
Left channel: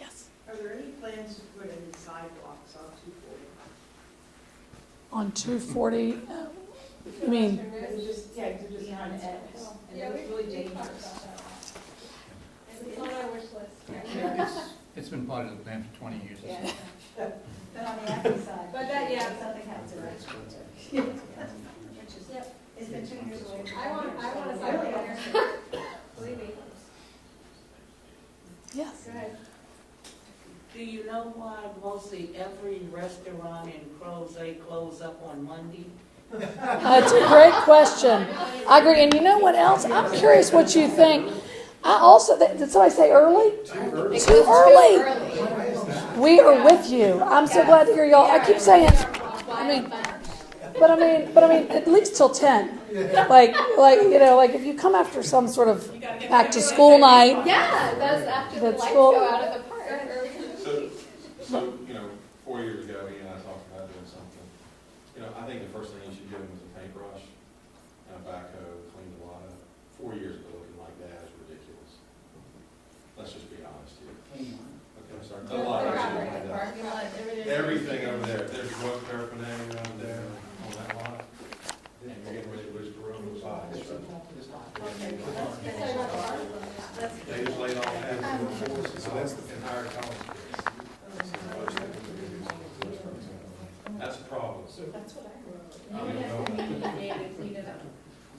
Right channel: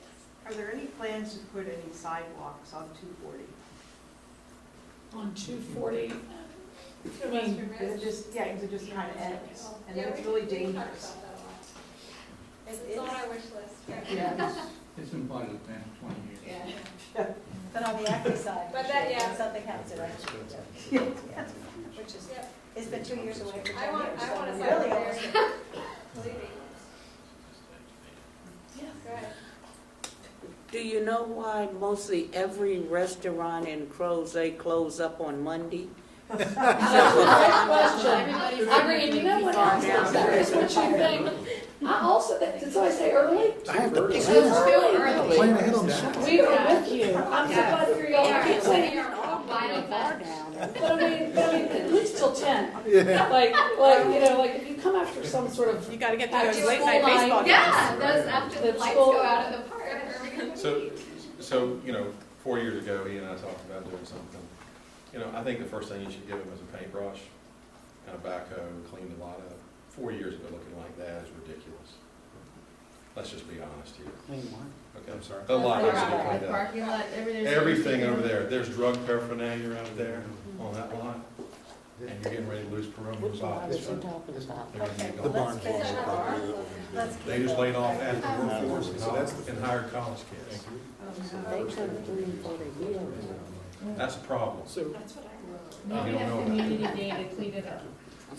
Yes? Are there any plans to put any sidewalks on 240? On 240, you mean? Because it just kind of ends, and then it's really dangerous. It's on our wish list. Yeah. It's been part of the plan for 20 years. Yeah. But on the active side, But that, yeah. something happens to it. Which is, it's been 2 years away. I want to Really? Believe me. Yes. Go ahead. Do you know why mostly every restaurant in Crozet close up on Monday? That's a great question. I agree. And you know what else? I'm curious what you think. I also, did somebody say early? Too early. We are with you. I'm so glad to hear y'all. I keep saying, but at least till 10. Like if you come after some sort of back to school night. Yeah, that's after the lights school. go out of the park. So 4 years ago, he and I talked about doing something. I think the first thing you should give him is a paintbrush and a backhoe, clean the lot up. 4 years ago, looking like that is ridiculous. Let's just be honest here. Okay, I'm sorry. The lot is cleaned up. Everything over there. There's drug paraphernalia out there on that lot. And you're getting ready to lose parental size. They just laid off after and hired college kids. That's a problem. That's what I You don't know. community day to clean it up.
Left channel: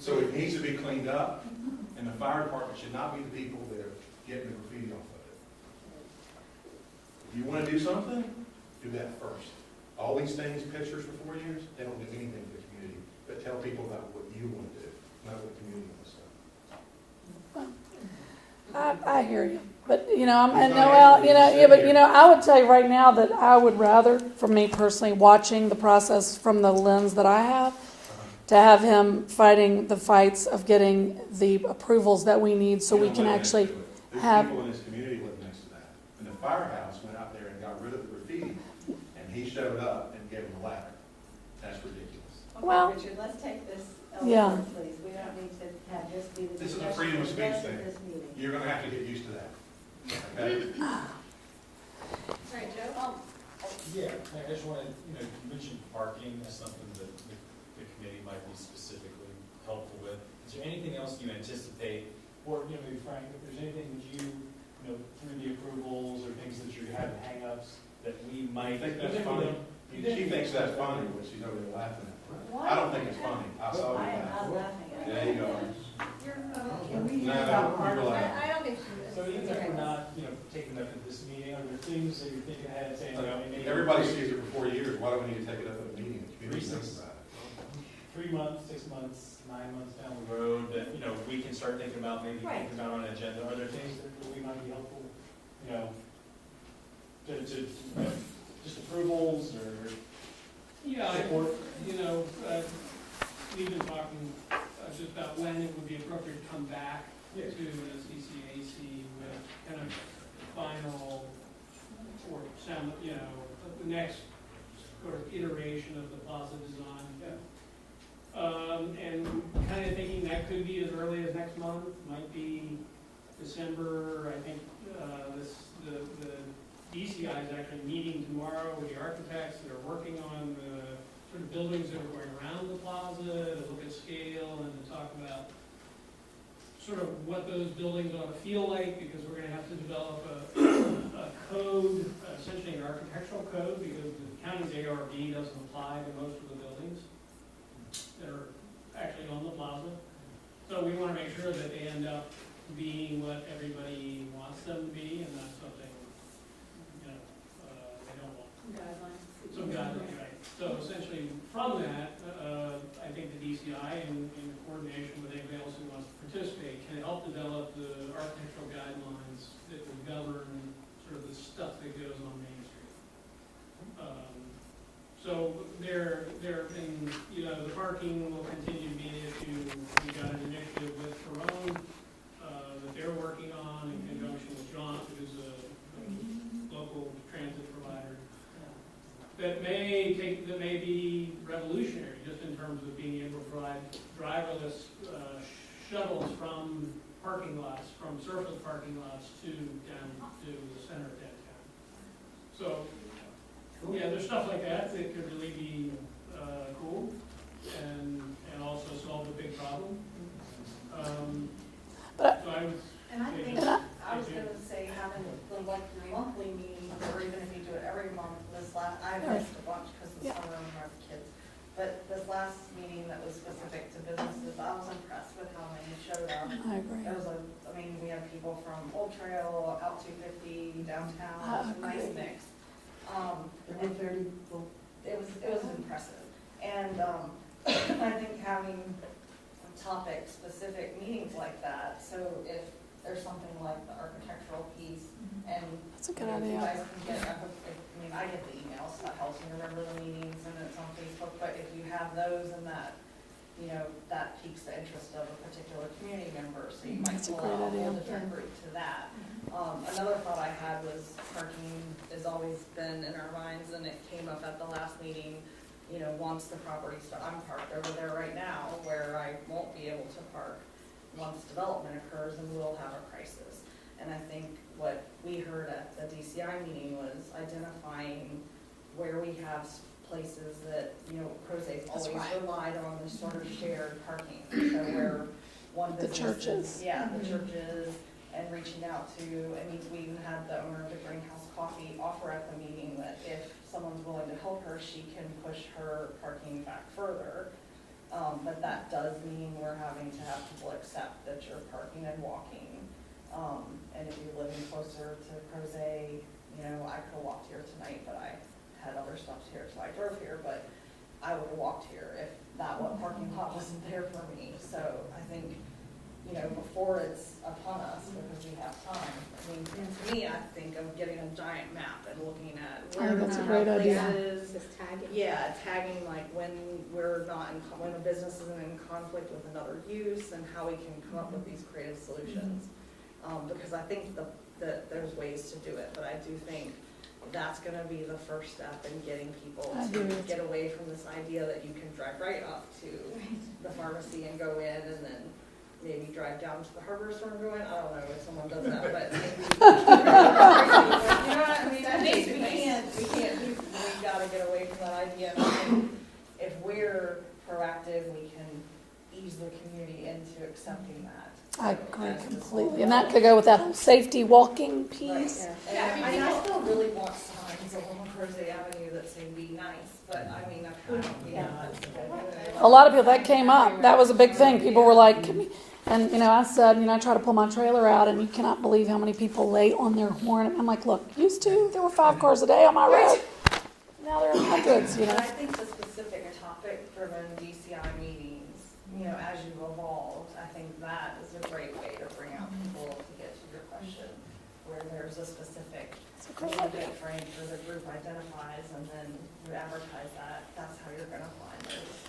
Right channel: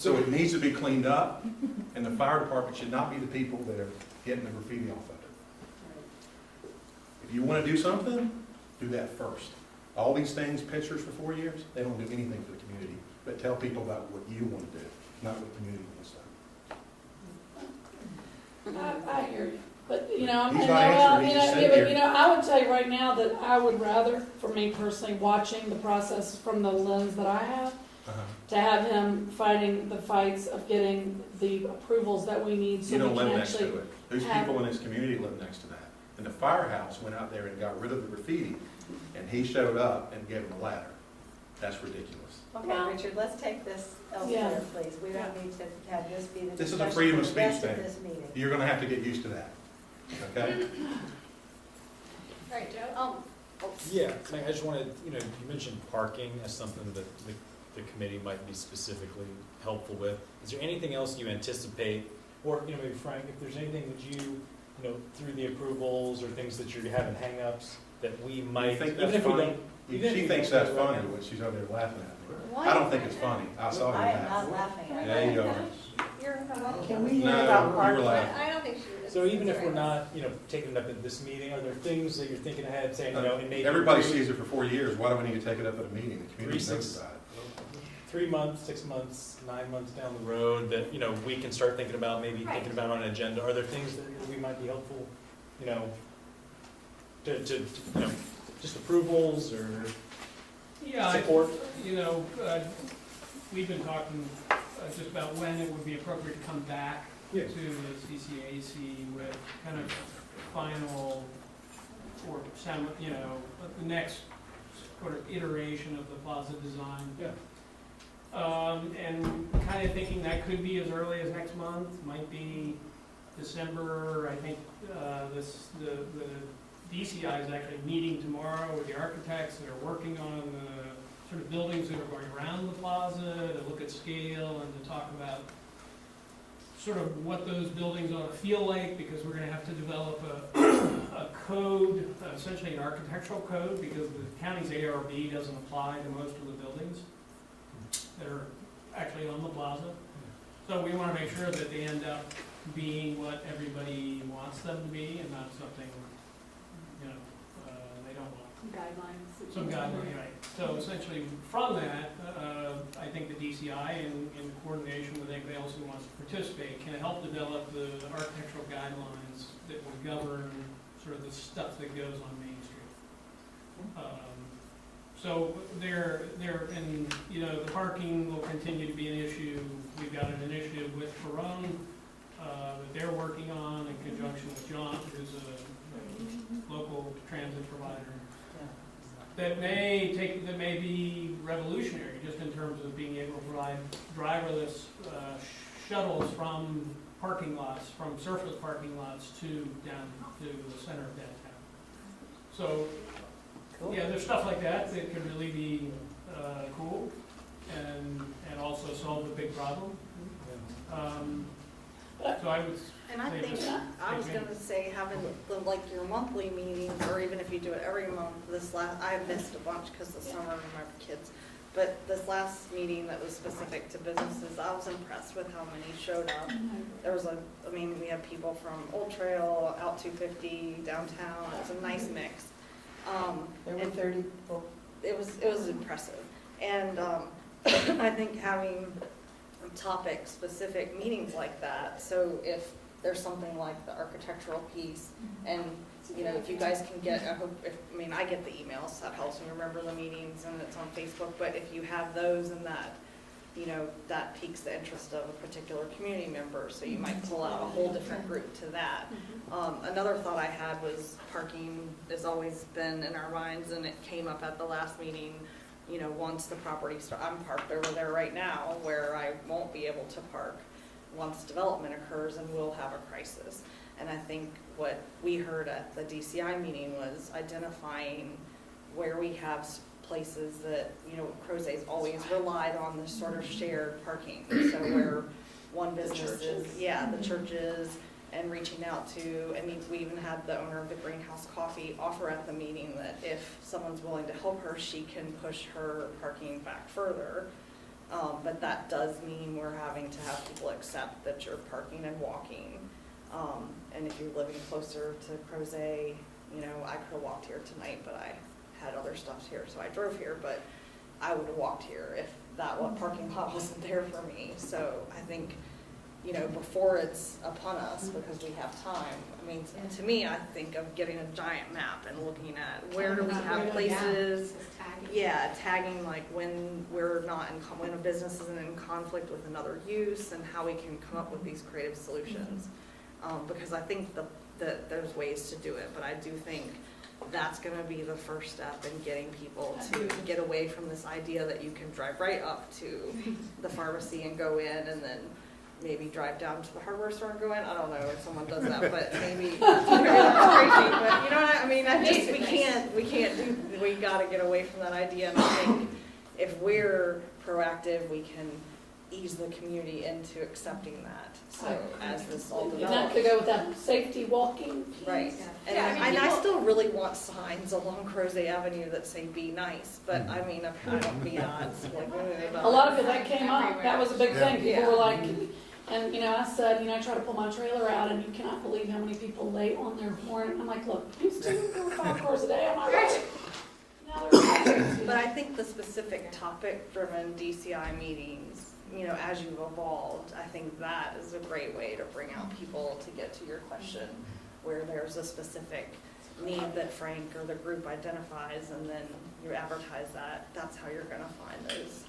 So it needs to be cleaned up, and the fire department should not be the people that are getting the graffiti off of it. If you wanna do something, do that first. All these things, pictures for 4 years, they don't do anything for the community, but tell people about what you wanna do, not what the community wants to. I hear you, but, you know, He's not answering, he just said but, here. you know, I would tell you right now that I would rather, for me personally, watching the process from the lens that I have, to have him fighting the fights of getting the approvals that we need so You we don't can live next actually to it. There's have. people in this community live next to that. And the firehouse went out there and got rid of the graffiti, and he showed up and gave them a ladder. That's ridiculous. Well- Okay, Richard, let's take this Yeah. elsewhere, please. We don't need to have this be the This is a discussion freedom for of the speech rest of thing. this meeting. You're gonna have to get used to that, okay? All right, Joe? Yeah, I just wanted, you mentioned parking as something that the committee might be specifically helpful with. Is there anything else you anticipate, or, maybe Frank, if there's anything that you through the approvals or things that you're having hangups, that we might, think even that's if we funny? don't. even if She we thinks don't that's talk about funny it. when she's over there laughing at me. Why? I don't think it's funny. I saw her I am laugh. not laughing at There you go. Can we hear No, about you're parking? laughing. I don't think she was. So even if we're not, taking it up at this meeting, are there things that you're thinking ahead, saying, it may be Everybody sees it for 4 years. Why do we need to take it up at a meeting? The community knows about it. 3 months, 6 months, 9 months down the road that, we can start thinking about, maybe Right. thinking about on an agenda? Are there things that we might be helpful, to just approvals or Yeah, support? We've been talking just about when it would be appropriate to come back Yeah. to the CCAC with kind of final, or some, the next sort of iteration of the plaza design. Yeah. And kind of thinking that could be as early as next month, might be December. I think the DCI is actually meeting tomorrow with the architects that are working on the sort of buildings that are going around the plaza, to look at scale and to talk about sort of what those buildings ought to feel like, because we're gonna have to develop a code, essentially an architectural code, because the county's ARB doesn't apply to most of the buildings that are actually on the plaza. So we wanna make sure that they end up being what everybody wants them to be, and not something, they don't want. Some guidelines, right. So essentially, from that, I think the DCI, in coordination with anybody else who wants to participate, can help develop the architectural guidelines that will govern sort of the stuff that goes on Main Street. So and, the parking will continue to be an issue. We've got an initiative with Ferone that they're working on in conjunction with John, who's a local transit provider. That may be revolutionary, just in terms of being able to provide driverless shuttles from parking lots, from surface parking lots to the center of downtown. So, yeah, there's stuff like that that could really be cool and also solve the big problem. So I would. And I think, I was gonna say, having your monthly meetings, or even if you do it every month, I missed a bunch because of summer and my kids. But this last meeting that was specific to businesses, I was impressed with how many showed up. I agree. There was we had people from Old Trail, out 250, downtown, it was a nice mix. There were 30 people. It was impressive. And, I think having topic-specific meetings like that, so if there's something like the architectural piece, and if you guys can get, I get the emails, that helps me remember the meetings, and it's on Facebook, but if you have those and that, that piques the interest of a particular community member, so you might pull out a whole different group to that. Another thought I had was parking has always been in our minds, and it came up at the last meeting. Once the property I'm parked over there right now, where I won't be able to park once development occurs, and we'll have a crisis. And I think what we heard at the DCI meeting was identifying where we have places that, Crozet's always relied on this sort of shared parking. So where one business churches. the churches, and reaching out to, we even had the owner of the Greenhouse Coffee offer at the meeting that if someone's willing to help her, she can push her parking back further. But that does mean we're having accept that you're parking and walking. And if you're living closer to Crozet, you know, I could have walked here tonight, but I had other stuff here, so I drove here, but I would have walked here if that one parking lot wasn't there for me. So I think, you know, before it's upon us, because we have time, I mean, to me, I think of getting a giant map and looking at where do we have places. Just tagging. Yeah, tagging like when we're not when a business isn't in conflict with another use, and how we can come up with these creative solutions. Because I think that there's ways to do it, but I do think that's going to be the first step in getting people to get away from this idea that you can drive right up to the pharmacy and go in, and then maybe drive down to the hardware store and go in. I don't know if someone does that, but maybe. But you know what I mean? We got to get away from that idea. And I think if we're proactive, we can ease the community into accepting that. I agree completely. And that could go with that whole safety walking piece. Right. And I still really want signs along Crozet Avenue that say "Be nice," but I mean, I don't be not. A lot of people, that came up. That was a big thing. People were like, and you know, I said, you know, I try to pull my trailer out, and you cannot believe how many people lay on their horn. I'm like, look, used to, there were 5 cars a day on my road. Now there are hundreds, you know. But I think the specific topic-driven DCI meetings, you know, as you've evolved, I think that is a great way to bring out people to get to your question, where there's a specific need that Frank or the group identifies, and then you advertise that. That's how you're going to find those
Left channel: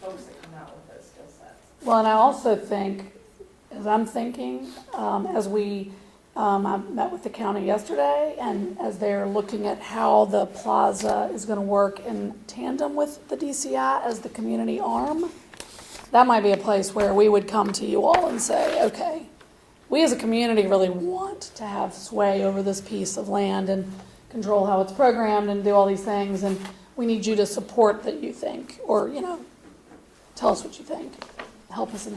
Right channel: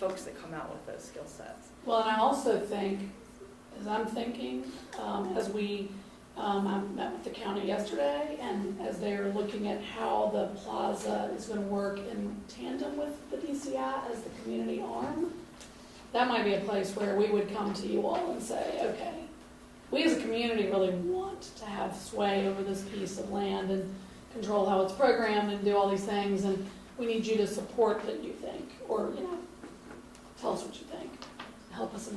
folks that come out with those skill sets. Well, and I also think, as I'm thinking, as we, I met with the county yesterday, and as they're looking at how the plaza is going to work in tandem with the DCI as the community arm, that might be a place where we would come to you all and say, okay, we as a community really want to have sway over this piece of land and control how it's programmed and do all these things, and we need you to support that you think, or, you know, tell us what you think. Help us.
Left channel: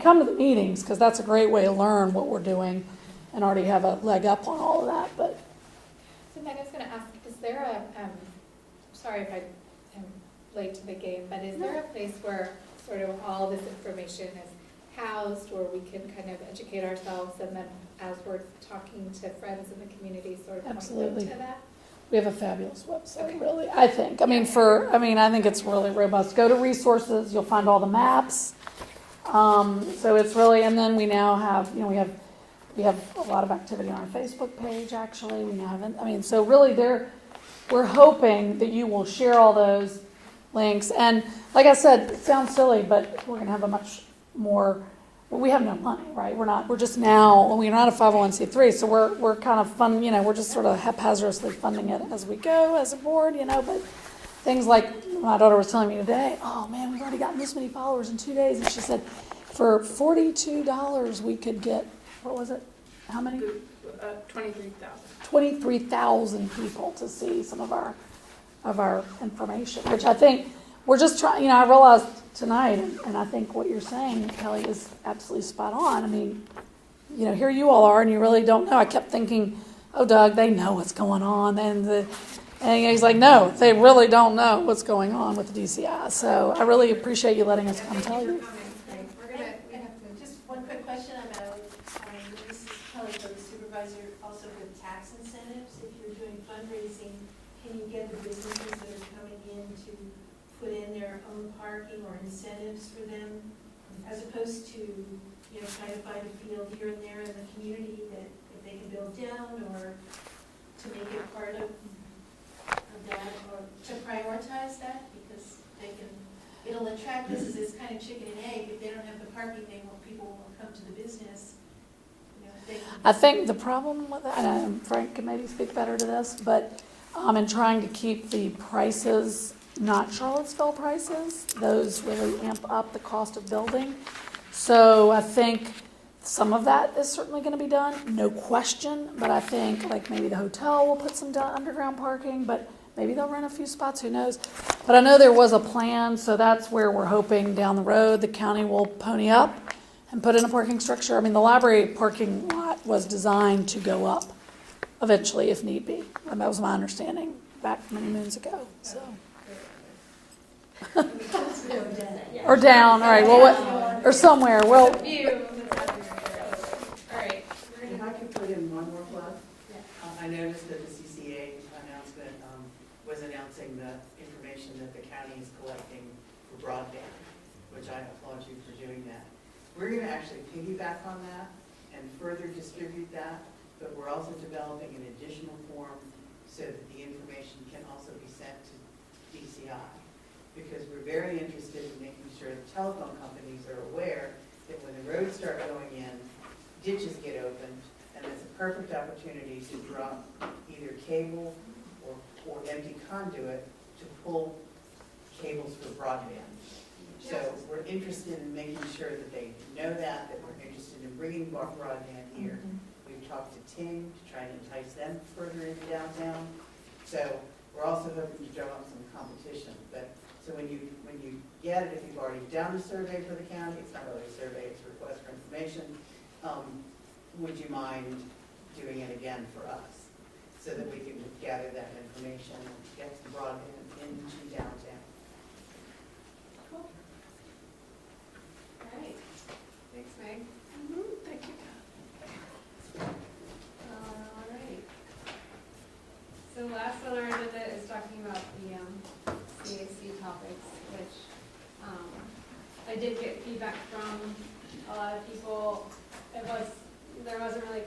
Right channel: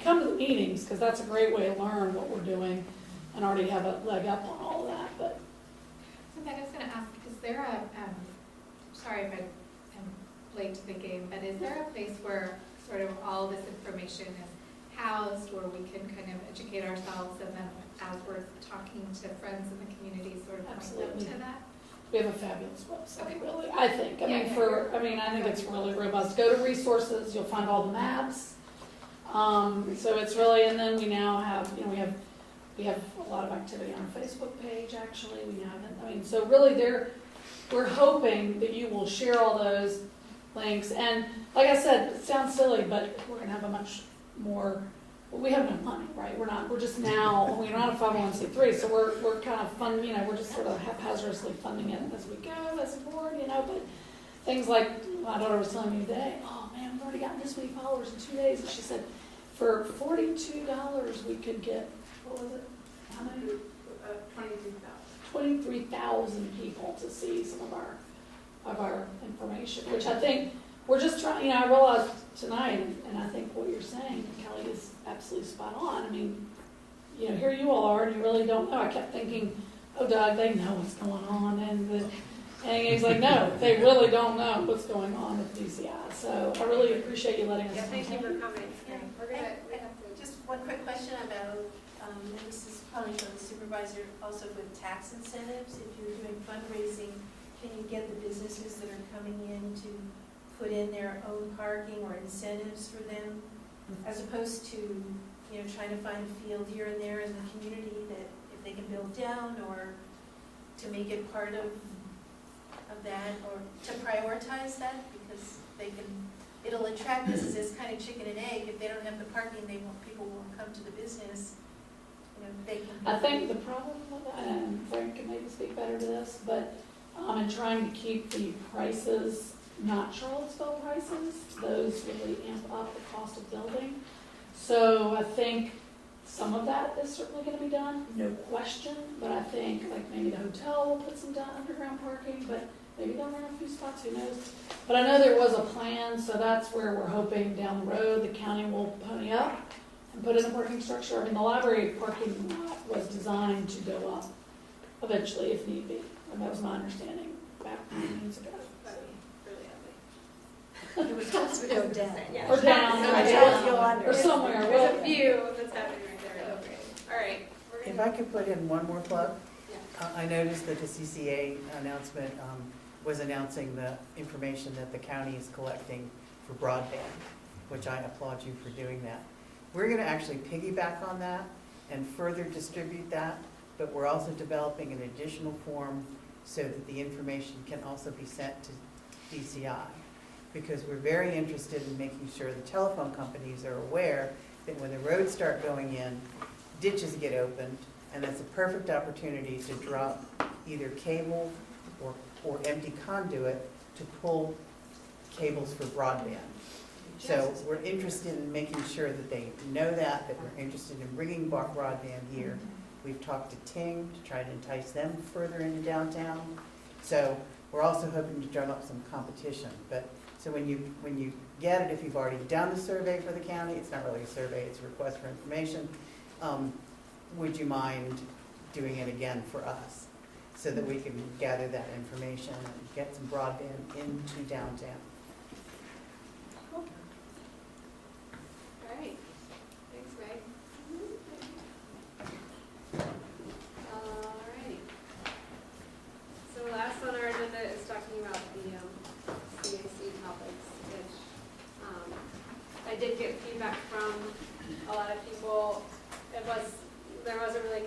Come to the meetings, because that's a great way to learn what we're doing and already have a leg up on all of that. But So Meg, I was going to ask, is there a, sorry if I am late to the game, but is there a place where sort of all this information is housed, where we can kind of educate ourselves, and then as we're talking to friends in the community, sort of absolutely, to that? we have a fabulous website, really. I think. I think it's really robust. Go to resources, you'll find all the maps. So it's really, and then we now have, you know, we have a lot of activity on our Facebook page. Actually, we haven't. So really, we're hoping that you will share all those links. And like I said, it sounds silly, but we're going to have a much more. We have no money, right? We're not a 501c3, so we're kind of fun. You know, we're just sort of haphazardly funding it as we go as a board. You know, but things like my daughter was telling me today, oh man, we've already gotten this many followers in 2 days. And she said, for $42, we could get, what was it? How many? 23,000. 23,000 people to see some of our information, which I think we're just trying, you know, I realized tonight, and I think what you're saying, Kelly, is absolutely spot on. I mean, you know, here you all are, and you really don't know. I kept thinking, oh, Doug, they know what's going on. And he's like, no, they really don't know what's going on with the DCI. So I really appreciate you letting us come tell you. Just one quick question about, this is probably for the supervisor, also with tax incentives. If you're doing fundraising, can you get the businesses that are coming in to put in their own parking or incentives for them, as opposed to, you know, trying to find a field here and there in the community that if they can build down, or to make it part of that, or to prioritize that, because it'll attract businesses, kind of chicken and egg. If they don't have the parking, people won't come to the business. You know, I think the problem with that, and Frank can maybe speak better to this, but in trying to keep the prices not Charlottesville prices, those really amp up the cost of building. So I think some of that is certainly going to be done, no question, but I think like maybe the hotel will put some underground parking, but maybe they'll rent a few spots, who knows. But I know there was a plan, so that's where we're hoping down the road the county will pony up and put in a parking structure. I mean, the library parking lot was designed to go up eventually if need be, and that was my understanding back many moons ago. So. Or down, all right. Well, or somewhere, well, There's a view that's happening right there. All right, we're If gonna, I could put in one more plug, yeah. I noticed that the CCA announcement was announcing the information that the county is collecting for broadband, which I applaud you for doing that. We're gonna actually piggyback on that and further distribute that, but we're also developing an additional form so that the information can also be sent to DCI. Because we're very interested in making sure the telephone companies are aware that when the roads start going in, ditches get opened, and that's a perfect opportunity to drop either cable or empty conduit to pull cables for broadband. So we're interested in making sure that they know that we're interested in bringing broadband here. We've talked to Ting to try and entice them further into downtown. So we're also hoping to drum up some competition. But so when you get it, if you've already done the survey for the county, it's not really a survey, it's a request for information. Would you mind doing it again for us so that we can gather that information and get some broadband into downtown? Cool. All right, thanks, Meg. Thank you. All right. So last on our agenda is talking about the CAC topics, which I did get feedback from a lot of people. There wasn't really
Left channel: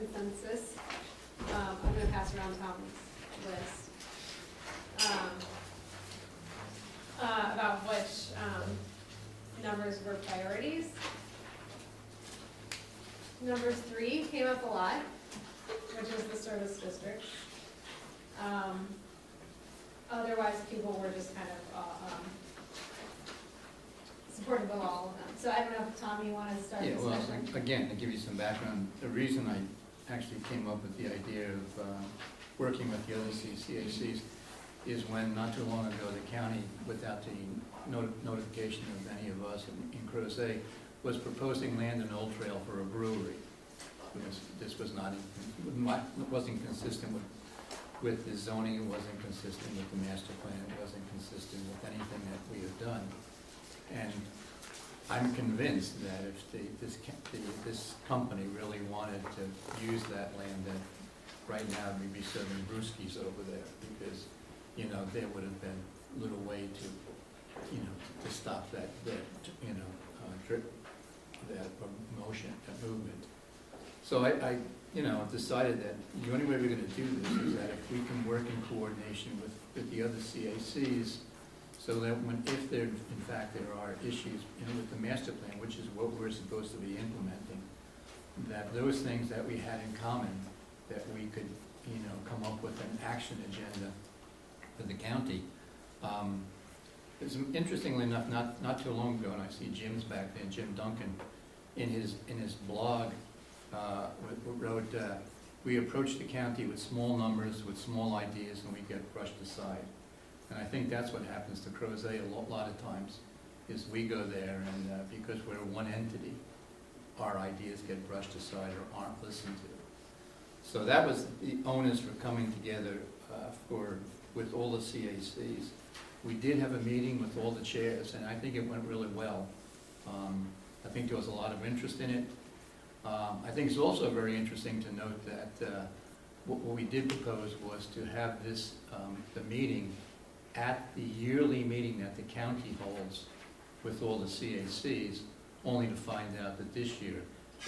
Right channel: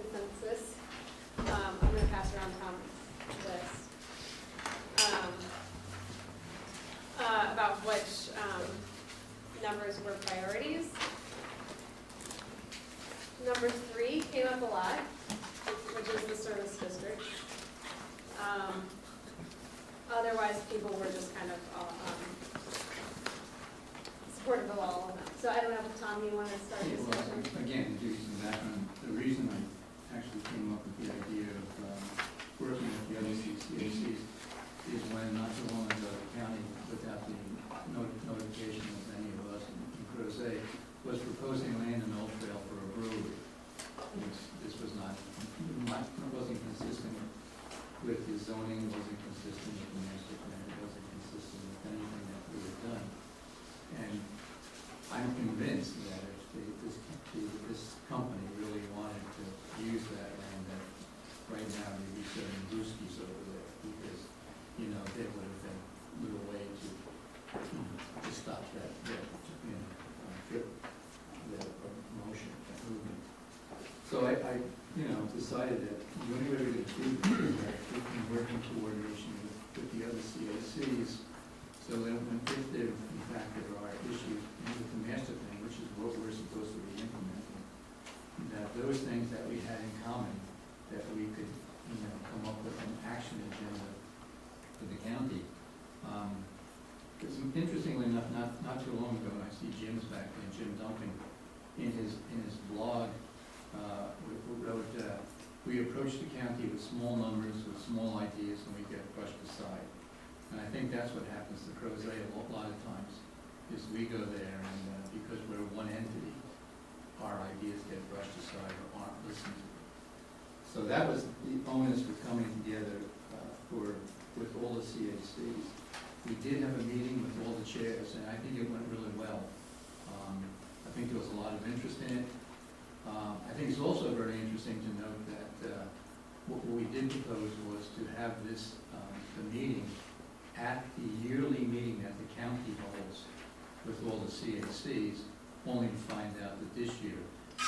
consensus. I'm going to pass around Tom's list about which numbers were priorities. Number 3 came up a lot, which is the service district. Otherwise, people were just kind of supportive of all of them. So I don't know if, Tom, you want to start Yeah, this well, discussion? again, to give you some background, the reason I actually came up with the idea of working with the other CCACs is when not too long ago the county, without the notification of any of us in Crozet, was proposing land in Old Trail for a brewery. This was wasn't consistent with the zoning, it wasn't consistent with the master plan, it wasn't consistent with anything that we had done. And I'm convinced that if this company really wanted to use that land, that right now maybe serving brewskis over there, because, there would have been little way to, to stop that drip, that motion, that movement. So I decided that the only way we're going to do this is that we can work in coordination with the other CACs, so that if there, in fact, there are issues with the master plan, which is what we're supposed to be implementing, that those things that we had in common, that we could, come up with an action agenda for the county. Because interestingly enough, not too long ago, and I see Jim's back there, Jim Duncan, in his blog, wrote, we approach the county with small numbers, with small ideas, and we get brushed aside. And I think that's what happens to Crozet a lot of times, is we go there and because we're one entity, our ideas get brushed aside or aren't listened to. So that was the onus for coming together with all the CACs. We did have a meeting with all the chairs, and I think it went really well. I think there was a lot of interest in it. I think it's also very interesting to note that what we did propose was to have this, the meeting at the yearly meeting that the county holds with all the CACs, only to find out that this year,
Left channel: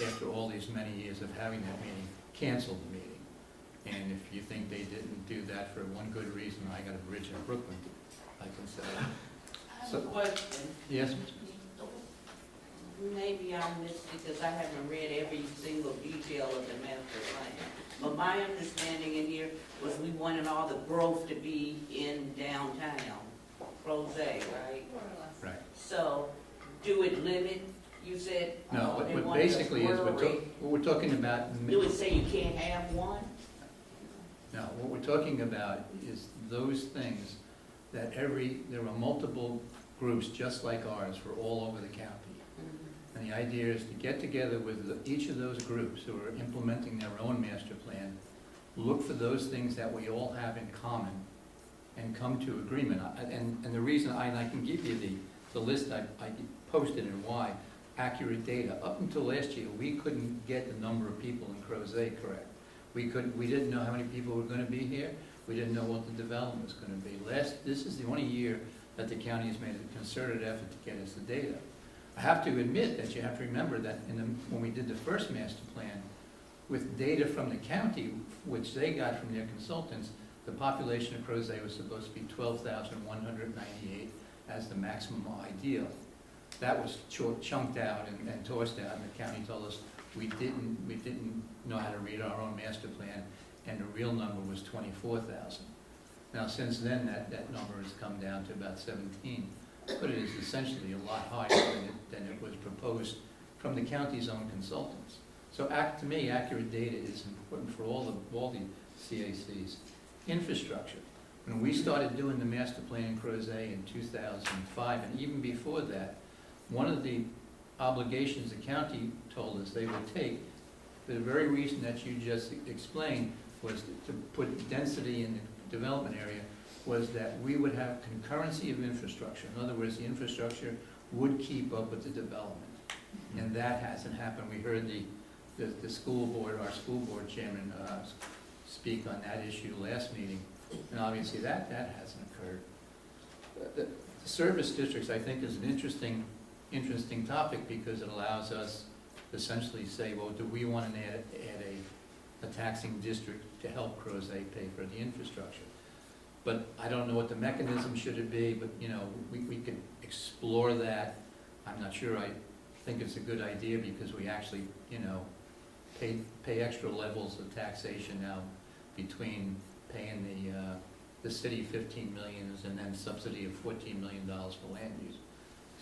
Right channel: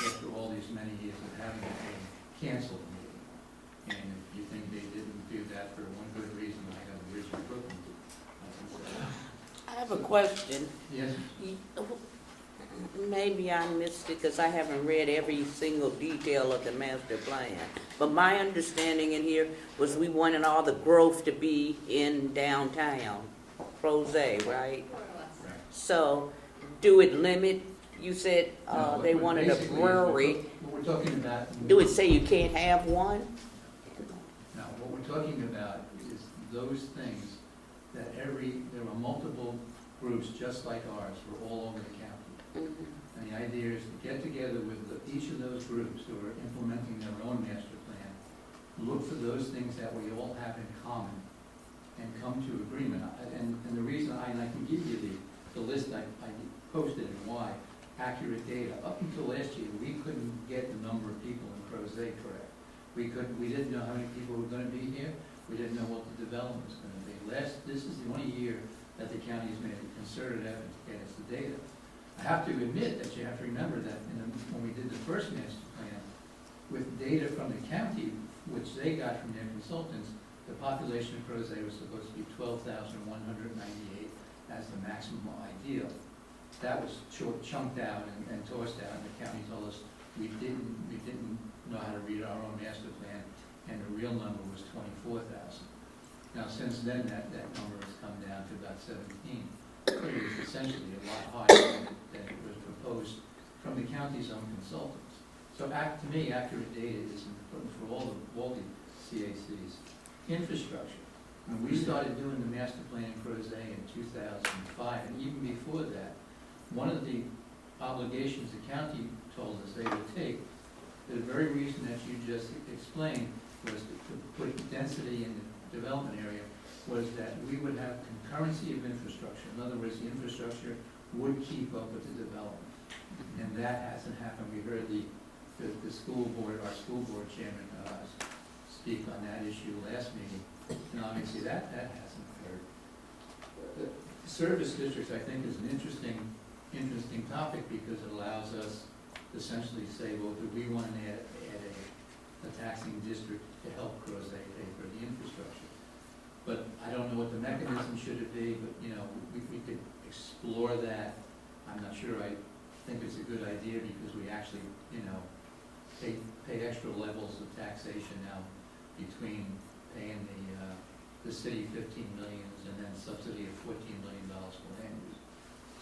after all these many years of having that meeting, canceled the meeting. And if you think they didn't do that for one good reason, I got a bridge in Brooklyn, I can say. I have a question. Yes? Maybe I missed it because I haven't read every single detail of the master plan. But my understanding in here was we wanted all the growth to be in downtown, Crozet, right? Right. So, do it limit, you said No, they what wanted a basically is brewery. what we're talking about. Do it say you can't have one? No, what we're talking about is those things that there are multiple groups just like ours for all over the county. Mhm. And the idea is to get together with each of those groups who are implementing their own master plan, look for those things that we all have in common, and come to agreement. And the reason, and I can give you the list I posted and why, accurate data. Up until last year, we couldn't get the number of people in Crozet correct. We didn't know how many people were gonna be here. We didn't know what the development was gonna be. This is the only year that the county has made a concerted effort to get us the data. I have to admit that you have to remember that when we did the first master plan, with data from the county, which they got from their consultants, the population of Crozet was supposed to be 12,198 as the maximum ideal. That was chunked out and tossed out, and the county told us we didn't know how to read our own master plan, and the real number was 24,000. Now, since then, that number has come down to about 17, but it is essentially a lot higher than it was proposed from the county's own consultants. So to me, accurate data is important for all the CACs. Infrastructure. When we started doing the master plan in Crozet in 2005, and even before that, one of the obligations the county told us they would take, the very reason that you just explained, was to put density in the development area, was that we would have concurrency of infrastructure. In other words, the infrastructure would keep up with the development. And that hasn't happened. We heard the school board, our school board chairman, speak on that issue last meeting, and obviously that hasn't occurred. The service districts, I think, is an interesting topic, because it allows us to essentially say, well, do we want to add a taxing district to help Crozet pay for the infrastructure? But I don't know what the mechanism should it be, but we could explore that. I'm not sure. I think it's a good idea, because we actually pay extra levels of taxation now between paying the city $15 million and then subsidy of $14 million for land use.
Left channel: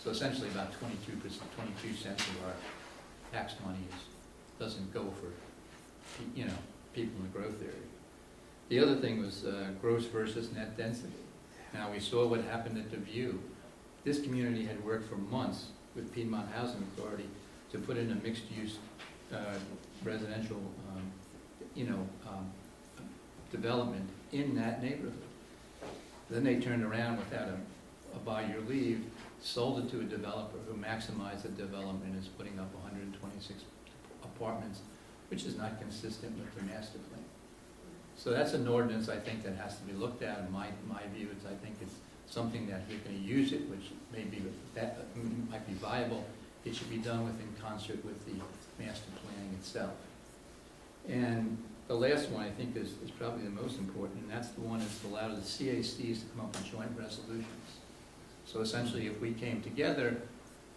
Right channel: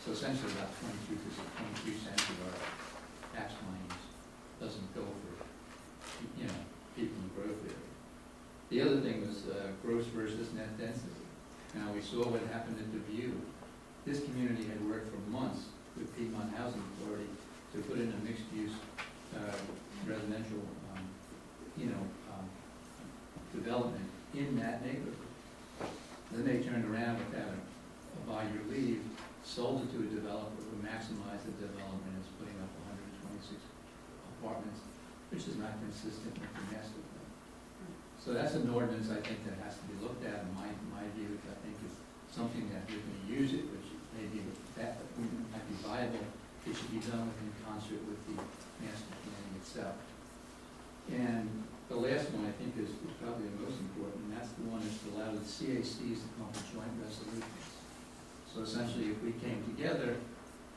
So essentially about 22 cents of our tax money doesn't go for people in the growth area. The other thing was gross versus net density. Now, we saw what happened at Dubuque. This community had worked for months with Piedmont Housing Authority to put in a mixed-use residential development in that neighborhood. Then they turned around without a by your leave, sold it to a developer who maximized the development and is putting up 126 apartments, which is not consistent with the master plan. So that's an ordinance, I think, that has to be looked at. In my view, I think it's something that if you're going to use it, which might be viable, it should be done in concert with the master planning itself. And the last one, I think, is probably the most important, and that's the one that's allowed the CACs to come up with joint resolutions. So essentially, if we came together,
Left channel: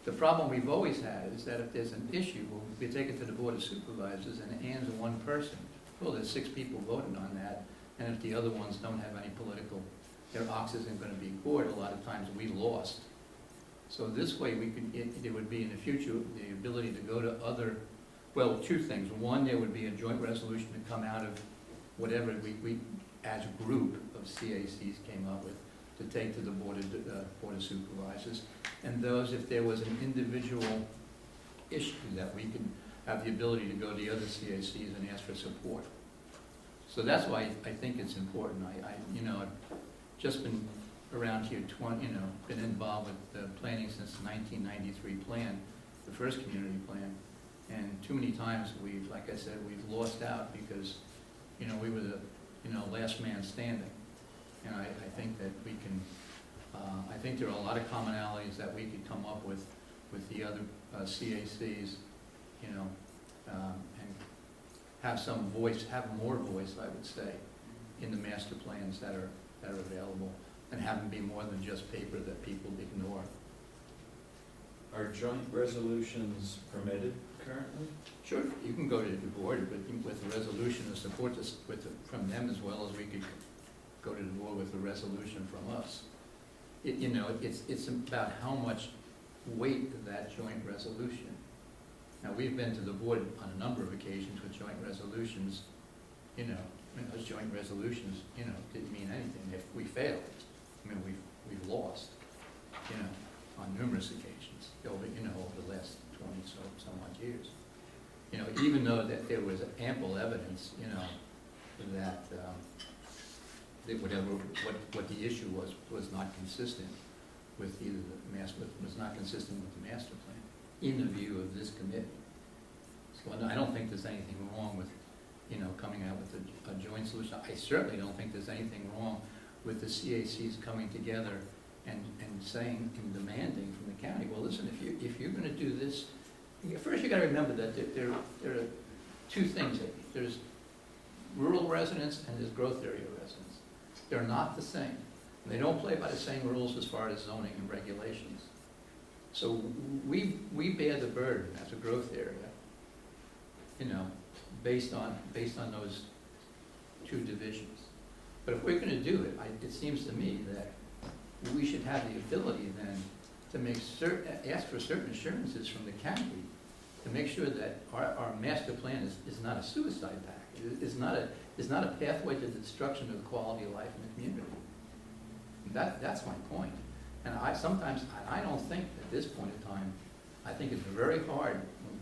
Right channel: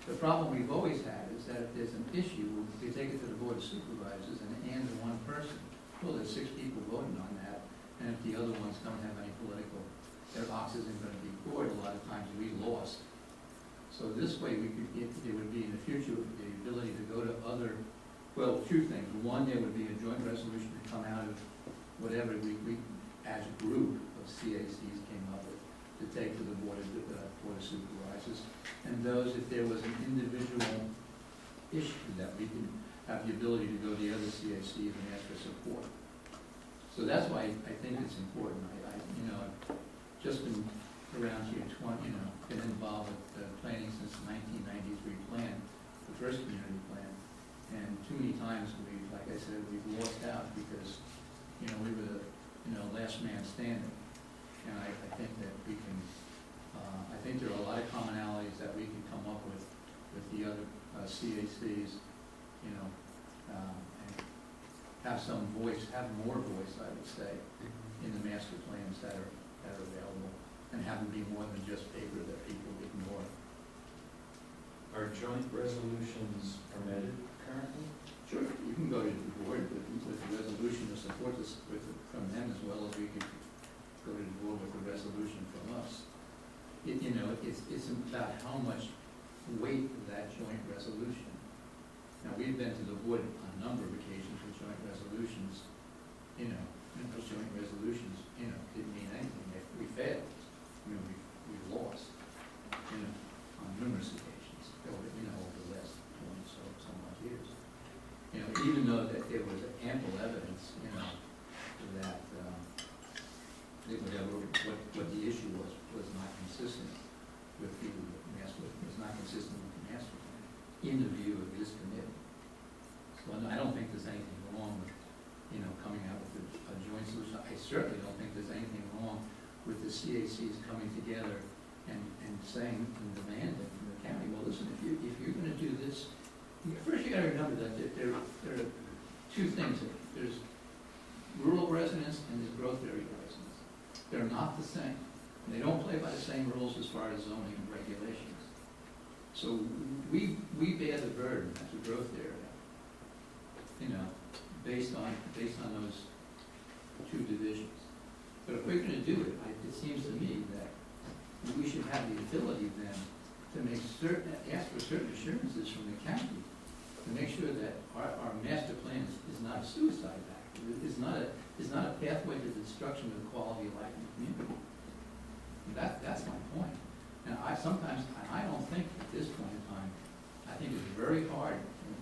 the problem we've always had is that if there's an issue, we take it to the Board of Supervisors, and it hands to one person. Well, there's 6 people voting on that, and if the other ones don't have any their ox isn't going to be gored, a lot of times we lost. So this way, there would be in the future the ability to go to other, well, 2 things. One, there would be a joint resolution to come out of whatever we as a group of CACs came up with, to take to the Board of Supervisors. And those, if there was an individual issue, that we can have the ability to go to the other CACs and ask for support. So that's why I think it's important. I've just been around here, been involved with planning since the 1993 plan, the first community plan. And too many times like I said, we've lost out because, we were the, last man standing. And I think that we can, I think there are a lot of commonalities that we could come up with the other CACs, and have some voice, have more voice, I would say, in the master plans that are available, and have them be more than just paper that people ignore. Are joint resolutions permitted currently? Sure, you can go to the board with a resolution to support this from them, as well as we could go to the board with a resolution from us. It's about how much weight that joint resolution. Now, we've been to the board on a number of occasions with joint resolutions, those joint resolutions, didn't mean anything. If we failed, we've lost, on numerous occasions over the last 20 some odd years. Even though that there was ample evidence, that whatever what the issue was not consistent with you, was not consistent with the master plan, in the view of this committee. So I don't think there's anything wrong with, coming out with a joint solution. I certainly don't think there's anything wrong with the CACs coming together and saying and demanding from the county, well, listen, if you're gonna do this, first you gotta remember that there are two things. There's rural residents and there's growth area residents. They're not the same. They don't play by the same rules as far as zoning and regulations. So we bear the burden as a growth area, based on those two divisions. But if we're gonna do it, it seems to me that we should have the ability then to ask for certain assurances from the county to make sure that our master plan is not a suicide pact. It's not a pathway to the destruction of the quality of life in the community. And that's my point. And I don't think at this point in time, I think it's very hard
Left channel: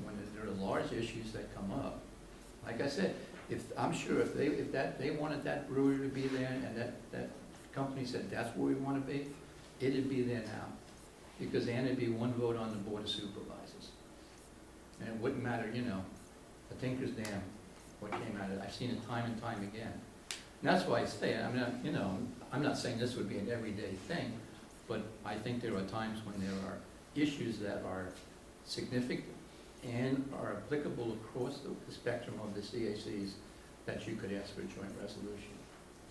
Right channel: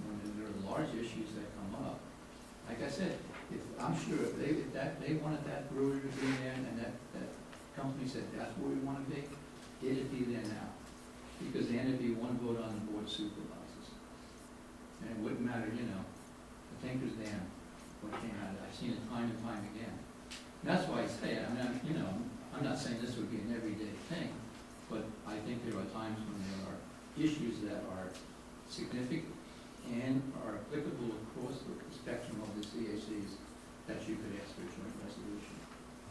when there are large issues that come up. Like I said, I'm sure if they wanted that brewery to be there and that company said that's where we want to be, it'd be there now. Because then there'd be one vote on the board of supervisors. And it wouldn't matter, a tinker's dam, what came out of it. I've seen it time and time again. And that's why I say, I'm not saying this would be an everyday thing, but I think there are times when there are issues that are significant and are applicable across the spectrum of the CACs that you could ask for a joint resolution.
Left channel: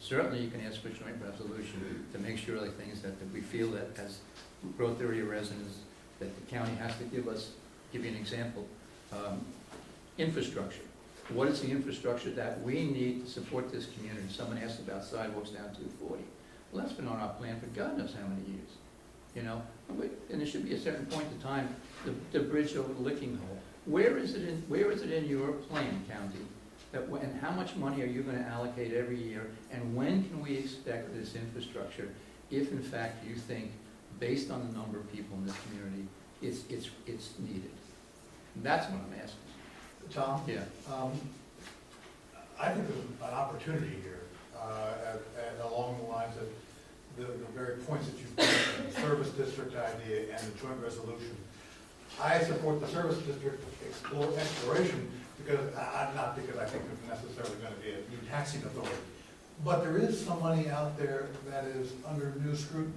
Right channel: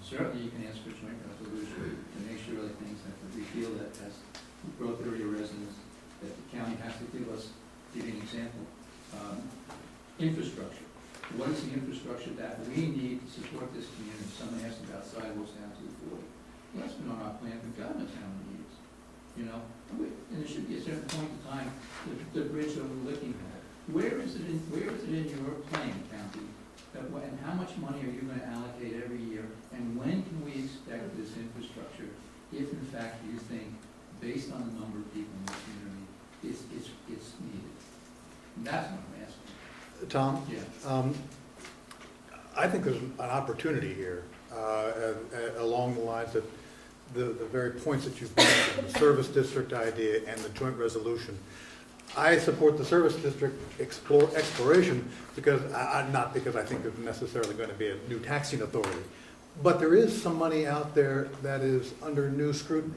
Certainly you can ask for a joint resolution to make sure like things that we feel that as growth area residents, that the county has to give you an example, infrastructure. What is the infrastructure that we need to support this community? Someone asked about sidewalks down 240. Well, that's been on our plan for God knows how many years. And there should be a certain point in time, the bridge over the Licking Hole. Where is it in your plan, county? And how much money are you going to allocate every year? And when can we expect this infrastructure, if in fact you think, based on the number of people in the community, it's needed? And that's what I'm asking. Tom? Yeah. I think there's an opportunity here along the lines that the very points that you've mentioned, the service district idea and the joint resolution. I support the service district exploration because, not because I think there's necessarily going to be a new taxing authority, but there is some money out there that is under new scrutiny.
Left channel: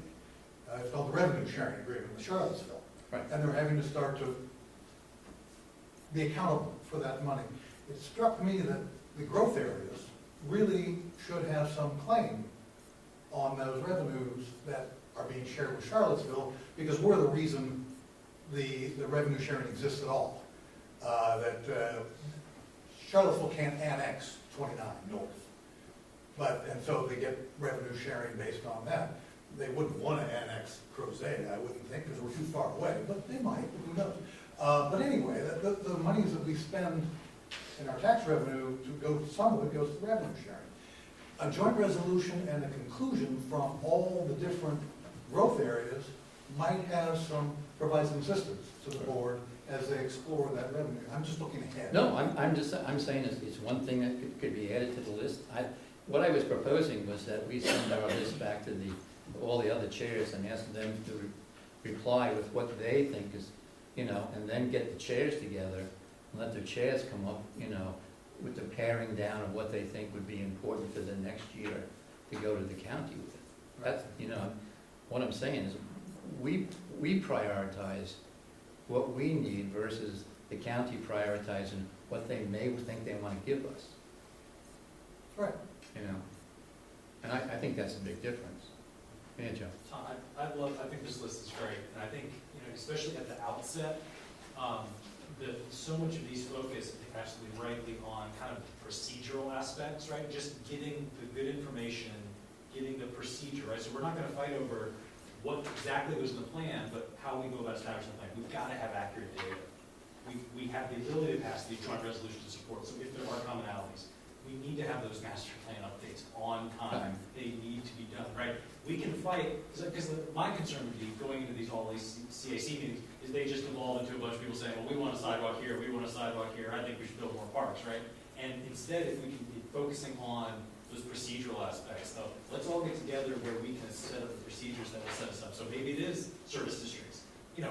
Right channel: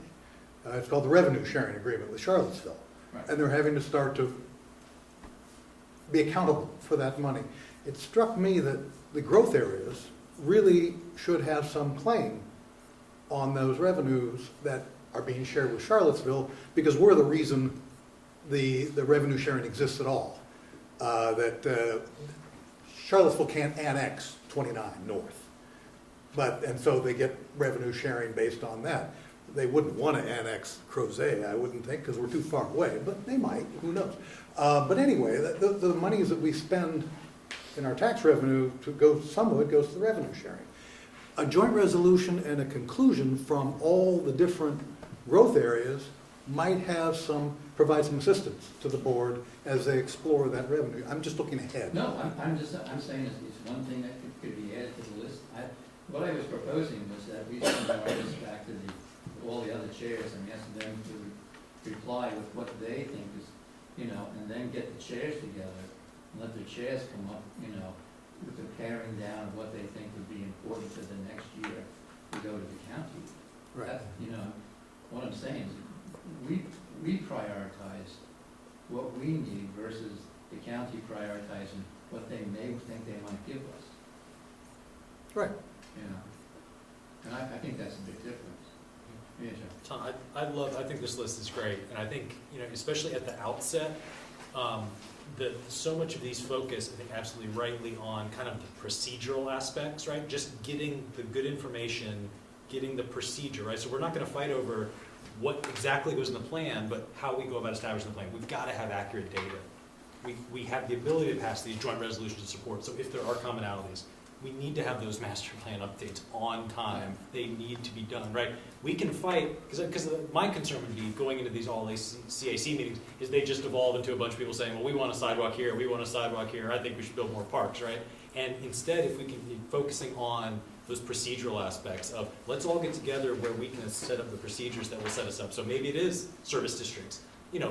It's called the revenue sharing agreement with Charlottesville. Right. And they're having to start to be accountable for that money. It struck me that the growth areas really should have some claim on those revenues that are being shared with Charlottesville, because we're the reason the revenue sharing exists at all. Charlottesville can't annex 29 North, and so they get revenue sharing based on that. They wouldn't want to annex Crozet, I wouldn't think, because we're too far away, but they might, who knows. But anyway, the monies that we spend in our tax revenue, some of it goes to revenue sharing. A joint resolution and a conclusion from all the different growth areas might provide some assistance to the board as they explore that revenue. I'm just looking ahead. No, I'm saying it's one thing that could be added to the list. What I was proposing was that we send our list back to all the other chairs and ask them to reply with what they think is, and then get the chairs together and let the chairs come up, with the paring down of what they think would be important for the next year to go to the county with. Right. What I'm saying is we prioritize what we need versus the county prioritizing what they may think they want to give us. Right. And I think that's a big difference. Yeah, Joe. Tom, I think this list is great, and I think, especially at the outset, that so much of these focus, I think absolutely rightly, on kind of the procedural aspects, right? Just getting the good information, getting the procedure, right? So we're not going to fight over what exactly goes in the plan, but how we go about establishing the plan. We've got to have accurate data. We have the ability to pass these joint resolutions of support, so if there are commonalities, we need to have those master plan updates on time. They need to be done, right? We can fight, because my concern would be going into these all-CAC meetings is they just evolve into a bunch of people saying, well, we want a sidewalk here, we want a sidewalk here, I think we should build more parks, right? And instead, if we can be focusing on those procedural aspects of, let's all get together where we can set up the procedures that will set us up. So maybe it is service districts. You know,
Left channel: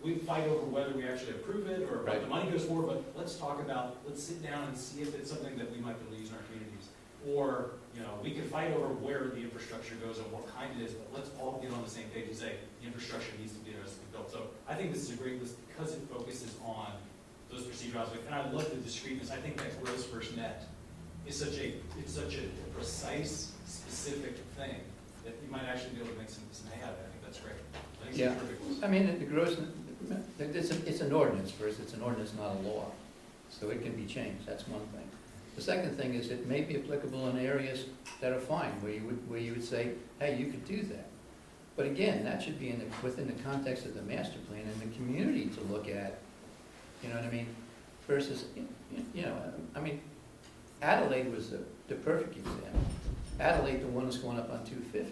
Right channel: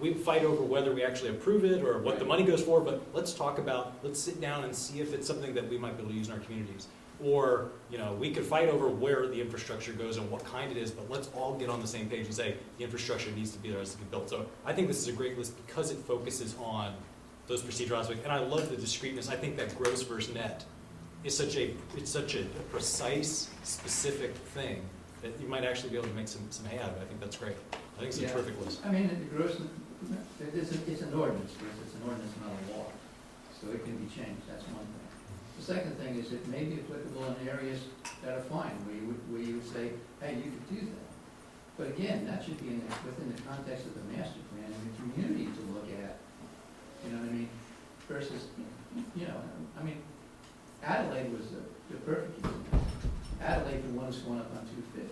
we fight over whether we actually approve it or what the money goes for, but let's talk about, let's sit down and see if it's something that we might be able to use in our communities. Or, you know, we could fight over where the infrastructure goes and what kind it is, but let's all get on the same page and say the infrastructure needs to be there as to be built. So I think this is a great list because it focuses on those procedural aspects. And I love the discreteness. I think that gross versus net is such a precise, specific thing that you might actually be able to make some hay out of it. I think that's great. I think it's a terrific list. I mean, the gross, it's an ordinance first, it's an ordinance, not a law. So it can be changed, that's one thing. The second thing is it may be applicable in areas that are fine, where you would say, hey, you could do that. But again, that should be within the context of the master plan and the community to look at, you know what I mean? Versus, you know, I mean, Adelaide was the perfect example. Adelaide, the one that's going up on 250.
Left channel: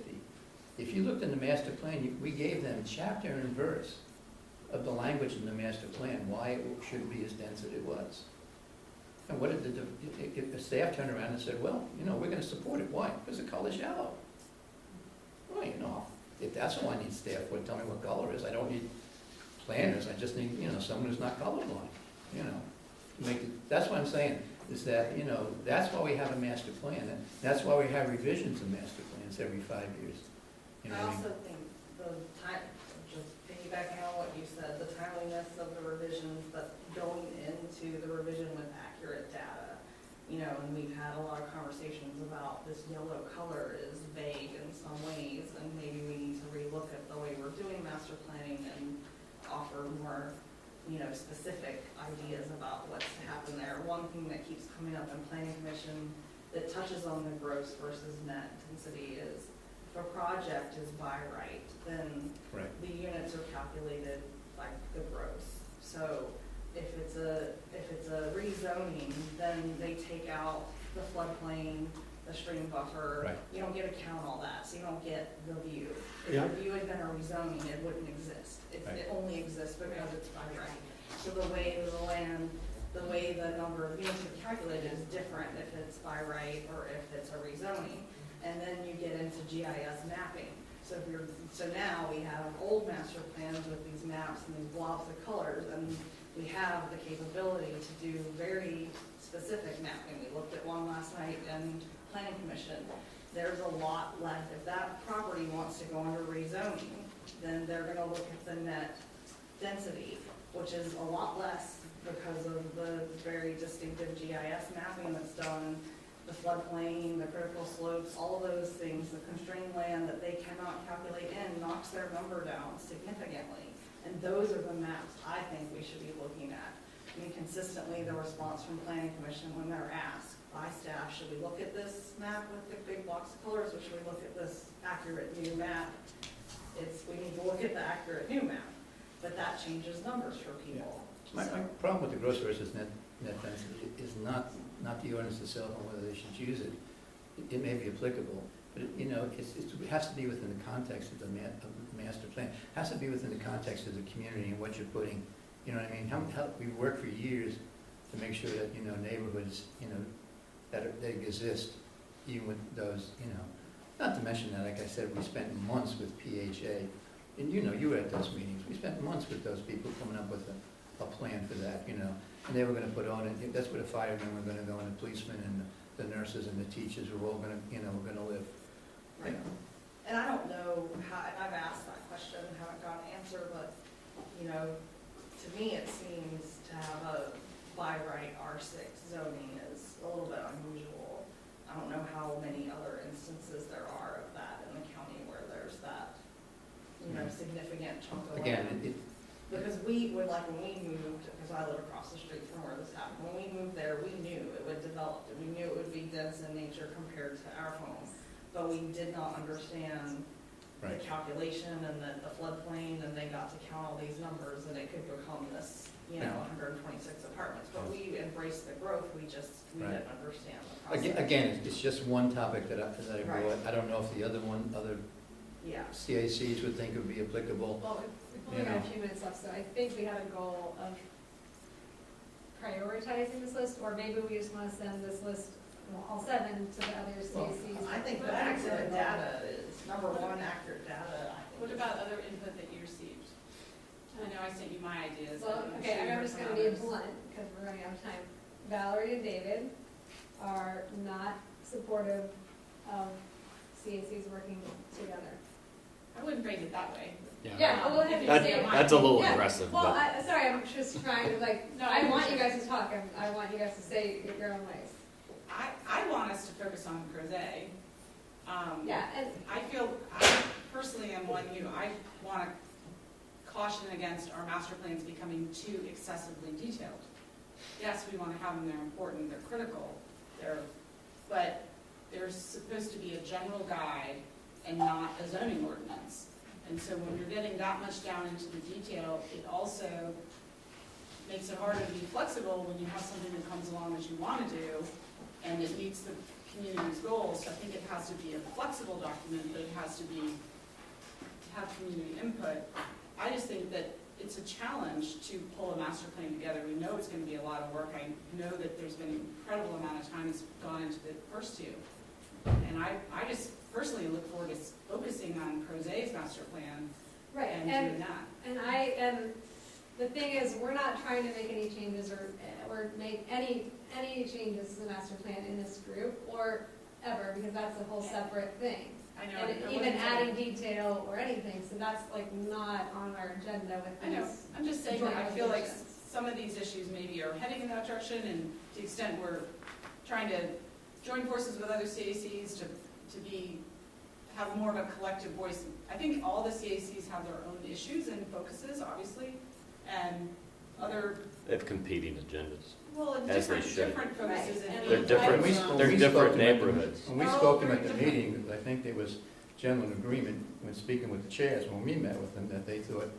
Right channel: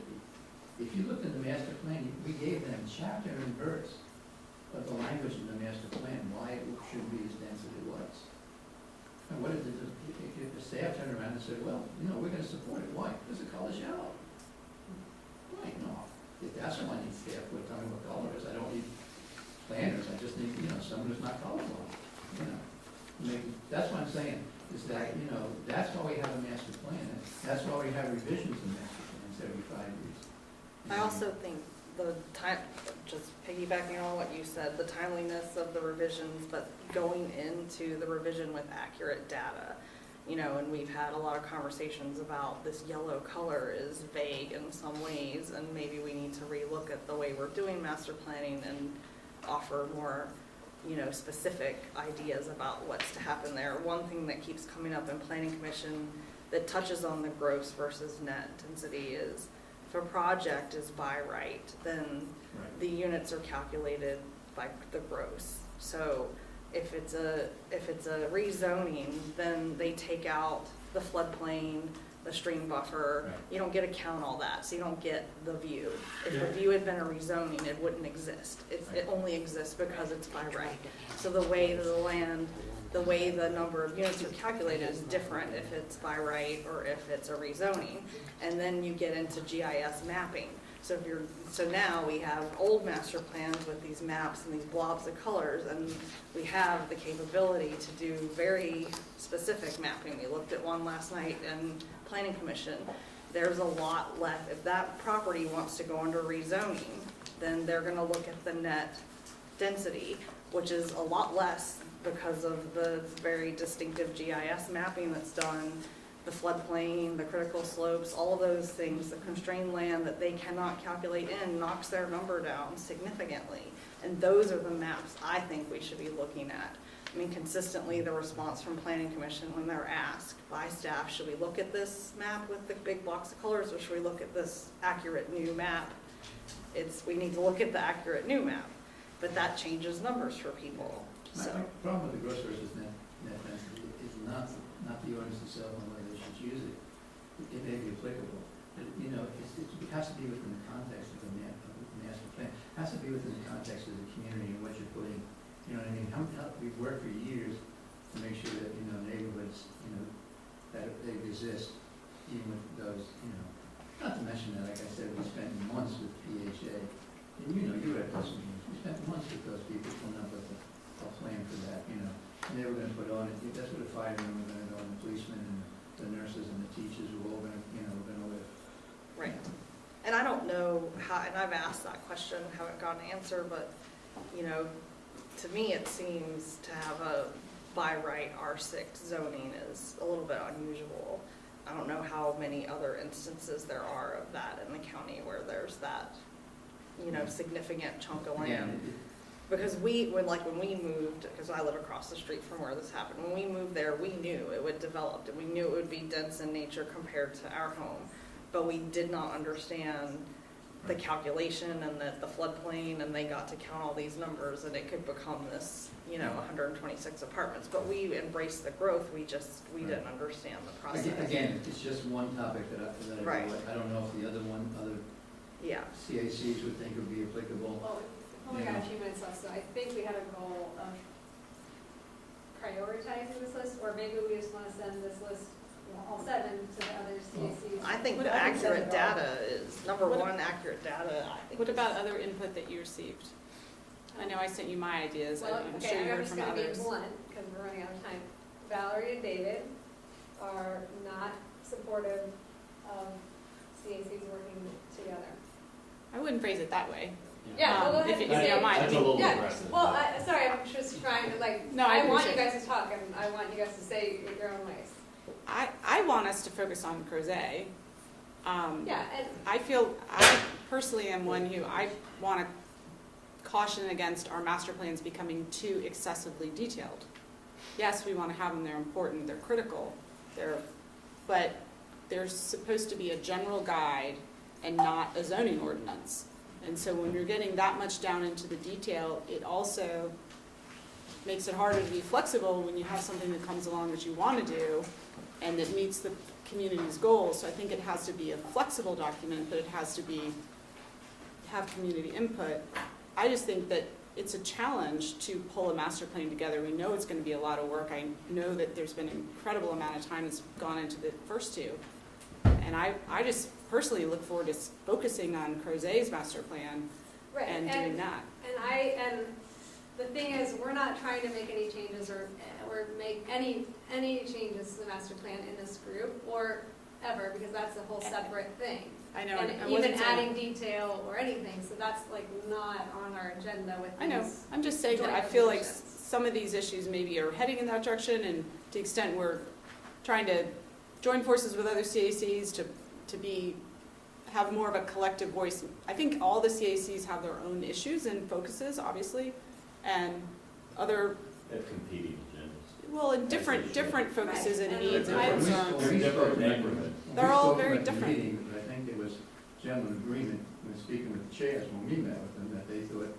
If you looked in the master plan, we gave them chapter and verse of the language in the master plan, why it should be as dense as it was. And what did the staff turned around and said, well, you know, we're going to support it. Why? Because the color's yellow. Well, you know, if that's all I need staff for, tell me what color it is. I don't need planners. I just need, you know, someone who's not colorblind. You know, that's what I'm saying, is that, you know, that's why we have a master plan. And that's why we have revisions of master plans every 5 years. You know I also think the time, just piggybacking on what you said, the timeliness of the revisions, but going into the revision with accurate data. You know, and we've had a lot of conversations about this yellow color is vague in some ways, and maybe we need to relook at the way we're doing master planning and offer more, you know, specific ideas about what's to happen there. One thing that keeps coming up in planning commission that touches on the gross versus net density is if a project is by right, then the units are calculated by the gross. So if it's a rezoning, then they take out the floodplain, the stream buffer. You don't get to count all that, so you don't get the view. If the view had been a rezoning, it wouldn't exist. It only exists because it's by right. So the way the number of units are calculated is different if it's by right or if it's a rezoning. And then you get into GIS mapping. So now we have old master plans with these maps and these blobs of colors, and we have the capability to do very specific mapping. We looked at one last night in Planning Commission. There's a lot left. If that property wants to go under rezoning, then they're gonna look at the net density, which is a lot less because of the very distinctive GIS mapping that's done, the floodplain, the critical slopes, all of those things, the constrained land that they cannot calculate in knocks their number down significantly. And those are the maps I think we should be looking at. I mean, consistently the response from Planning Commission when they're asked by staff, should we look at this map with the big blocks of colors or should we look at this accurate new map? We need to look at the accurate new map, but that changes numbers for people. My problem with the gross versus net density is not the ordinance itself on whether they should use it. It may be applicable, but you know, it has to be within the context of the master plan. It has to be within the context of the community and what you're putting. You know what I mean? We've worked for years to make sure that, you know, neighborhoods, you know, that they exist, even with those, you know. Not to mention that, like I said, we spent months with PHA, and you know, you were at those meetings. We spent months with those people coming up with a plan for that, you know. And they were going to put on it. That's where the firemen were going to go, and the policemen, and the nurses, and the teachers were all going to, you know, were going to live. Right. And I don't know how, and I've asked that question, haven't got an answer, but, you know, to me it seems to have a by right R6 zoning is a little bit unusual. I don't know how many other instances there are of that in the county where there's that, you know, significant chunk of land. Because when we moved, because I live across the street from where this happened, when we moved there, we knew it would develop, and we knew it would be dense in nature compared to our home. But we did not understand the calculation and the floodplain, and they got to count all these numbers, and it could become this, you know, 126 apartments. But we embraced the growth, we didn't understand the process. Again, it's just one topic that I don't know if the other CACs would think would be applicable. Well, we only got a few minutes left, so I think we have a goal of prioritizing this list, or maybe we just want to send this list all 7 to the other CACs. I think the accurate data is, number one, accurate data. I think What is- about other input that you received? I know I sent you my ideas, Well, I'm okay, sure you I'm heard just from gonna be others. blunt, because we're running out of time. Valerie and David are not supportive of CACs working together. I wouldn't phrase it that way. Yeah, well, If you that- say it might. that's a little aggressive. Well, sorry, I'm just trying to like, No, I I want you appreciate guys to talk, and I want you guys to say your own ways. I want us to focus on Crozet. Yeah, and I personally am one who, I want to caution against our master plans becoming too excessively detailed. Yes, we want to have them, they're important, they're critical, but there's supposed to be a general guide and not a zoning ordinance. And so when you're getting that much down into the detail, it also makes it harder to be flexible when you have something that comes along that you want to do and that meets the community's goals. So I think it has to be a flexible document, but it has to have community input. I just think that it's a challenge to pull a master plan together. We know it's going to be a lot of work. I know that there's been an incredible amount of time that's gone into the first two. And I just personally look forward to focusing on Crozet's master plan right, and doing that. And the thing is, we're not trying to make any changes or make any changes to the master plan in this group or ever, because that's a whole separate thing. I know. And I even wasn't adding saying- detail or anything, so that's like not on our agenda with I know. these I'm just saying that I joint feel like resolutions. some of these issues maybe are heading in that direction, and to the extent we're trying to join forces with other CACs to have more of a collective voice. I think all the CACs have their own issues and focuses, obviously, and other, They have competing agendas. well, and As they different should. focuses and Right. needs. They're and different. concerns. They're When we different spoke about- neighborhoods. When They're we all spoke very about the different. meeting, I think there was general agreement when speaking with the chairs, when we met with them, that they thought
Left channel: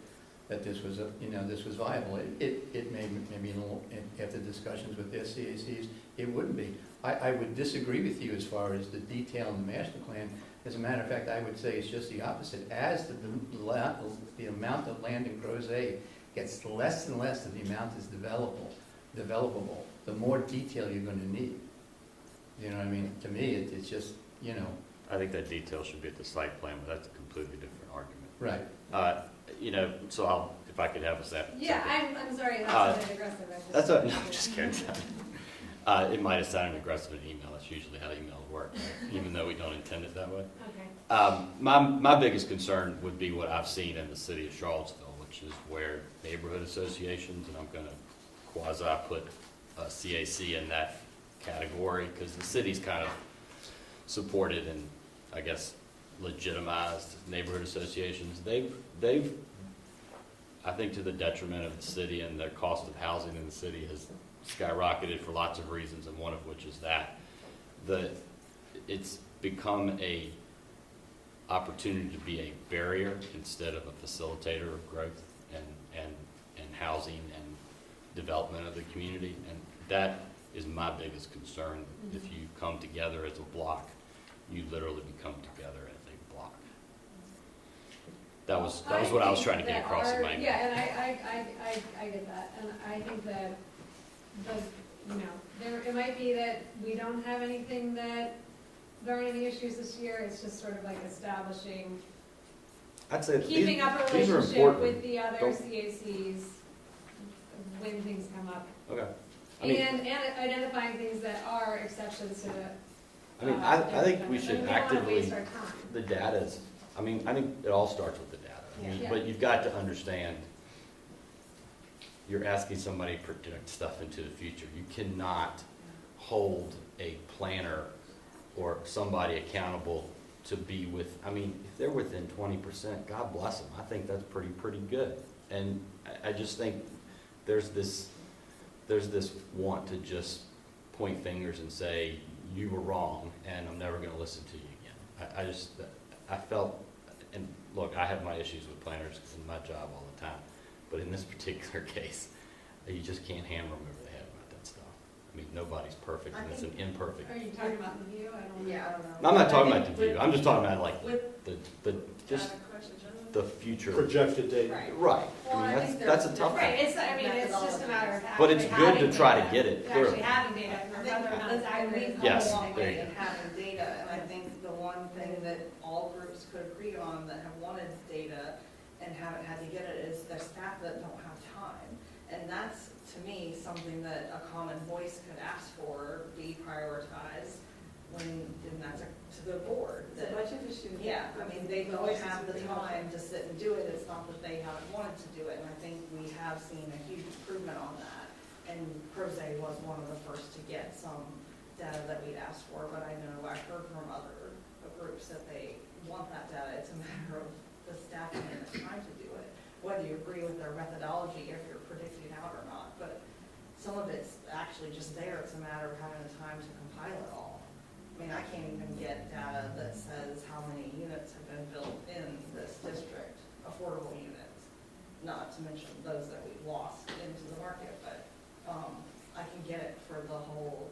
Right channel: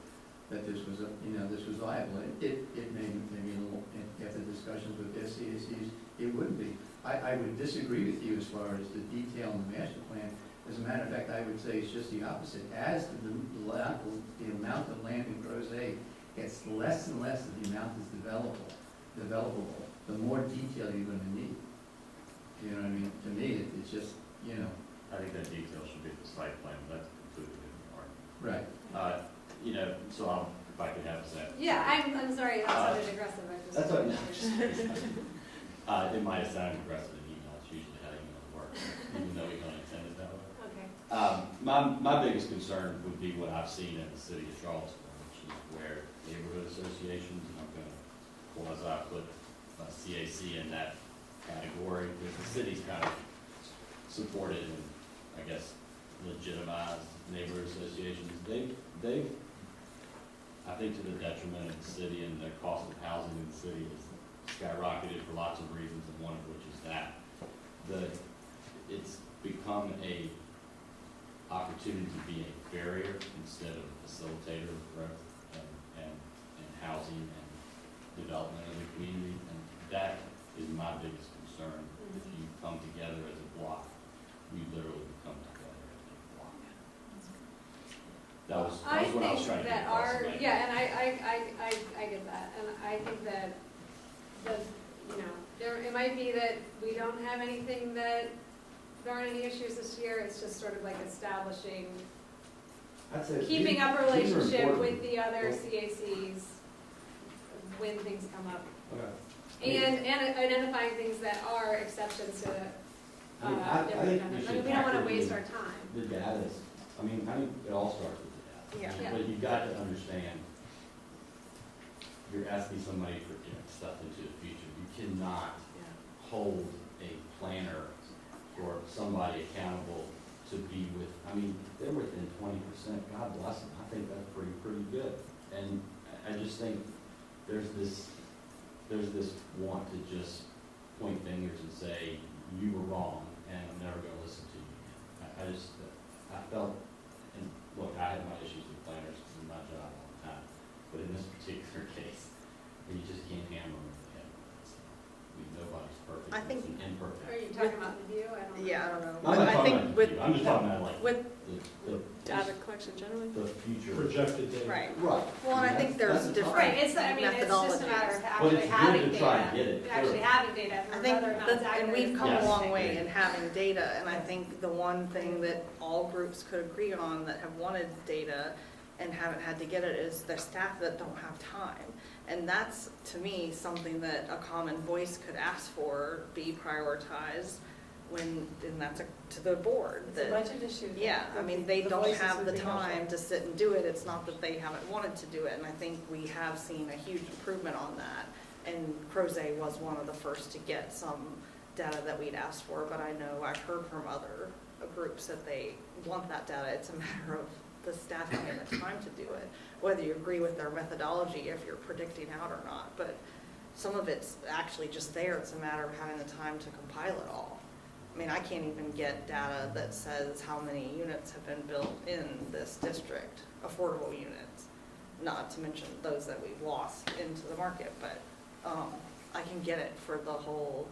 that this was, this was viable. It may be a little, after discussions with their CACs, it wouldn't be. I would disagree with you as far as the detail in the master plan. As a matter of fact, I would say it's just the opposite. As the amount of land in Crozet gets less and less, the amount is developable, the more detail you're gonna need. You know what I mean? To me, it's just, I think that detail should be at the site plan, but that's a completely different argument. right. So if I could have a second. Yeah, I'm sorry, that sounded aggressive. I just- That's no, I'm just kidding. It might have sounded aggressive in email. That's usually how emails work, even though we don't intend it that way. Okay. My biggest concern would be what I've seen in the city of Charlottesville, which is where neighborhood associations, and I'm gonna quasi put CAC in that category, because the city's kind of supported and, I guess, legitimized neighborhood associations. They've, I think to the detriment of the city, and the cost of housing in the city has skyrocketed for lots of reasons, and one of which is that it's become a opportunity to be a barrier instead of a facilitator of growth and housing and development of the community. And that is my biggest concern. If you come together as a block, you literally become together as a block. That was what I was trying to get across in my email. Yeah, and I get that, and I think that it might be that we don't have anything that, there aren't any issues this year, it's just sort of like establishing, I'd say keeping up a these are relationship important. with the other Oh. CACs when things come up. Okay. I mean- And identifying things that are exceptions to the. I think we should we don't wanna actively, waste our time. the data's, I think it all starts with the data. Yeah. But you've got to understand, you're asking somebody to project stuff into the future. You cannot hold a planner or somebody accountable to be with, if they're within 20%, God bless them. I think that's pretty good. And I just think there's this want to just point fingers and say, you were wrong, and I'm never gonna listen to you again. I felt, and look, I have my issues with planners because it's my job all the time, but in this particular case, you just can't hammer them over the head with that stuff. Nobody's perfect, I and it's an think- imperfect. Are you talking about the view? I don't know. Yeah, I don't know. I'm not I talking think about the view, I'm just talking about with the Data contracts in general? the future. Projected date. Right. Right. Well, and I think there's That's a tough different Right, it's, I mean, it's just a matter of But actually it's having good to try to data, get it, actually clearly. having data, I or think, whether or not that- it's and accurate. we've come Yes, a long there way you in having data, and I think the one thing that all groups could agree on that have wanted data and haven't had to get it is the staff that don't have time. And that's, to me, something that a common voice could ask for, be prioritized when, and that's to the board. It's a that- budget issue. Yeah, I mean, they don't voices have would the be helpful. time to sit and do it, it's not that they haven't wanted to do it, and I think we have seen a huge improvement on that. And Crozet was one of the first to get some data that we'd asked for, but I know I've heard from other groups that they want that data, it's a matter of the staff having the time to do it, whether you agree with their methodology, if you're predicting out or not, but some of it's actually just there, it's a matter of having the time to compile it all. I mean, I can't even get data that says how many units have been built in this district, affordable units, not to mention those that we've lost into the market, but I can get it for the whole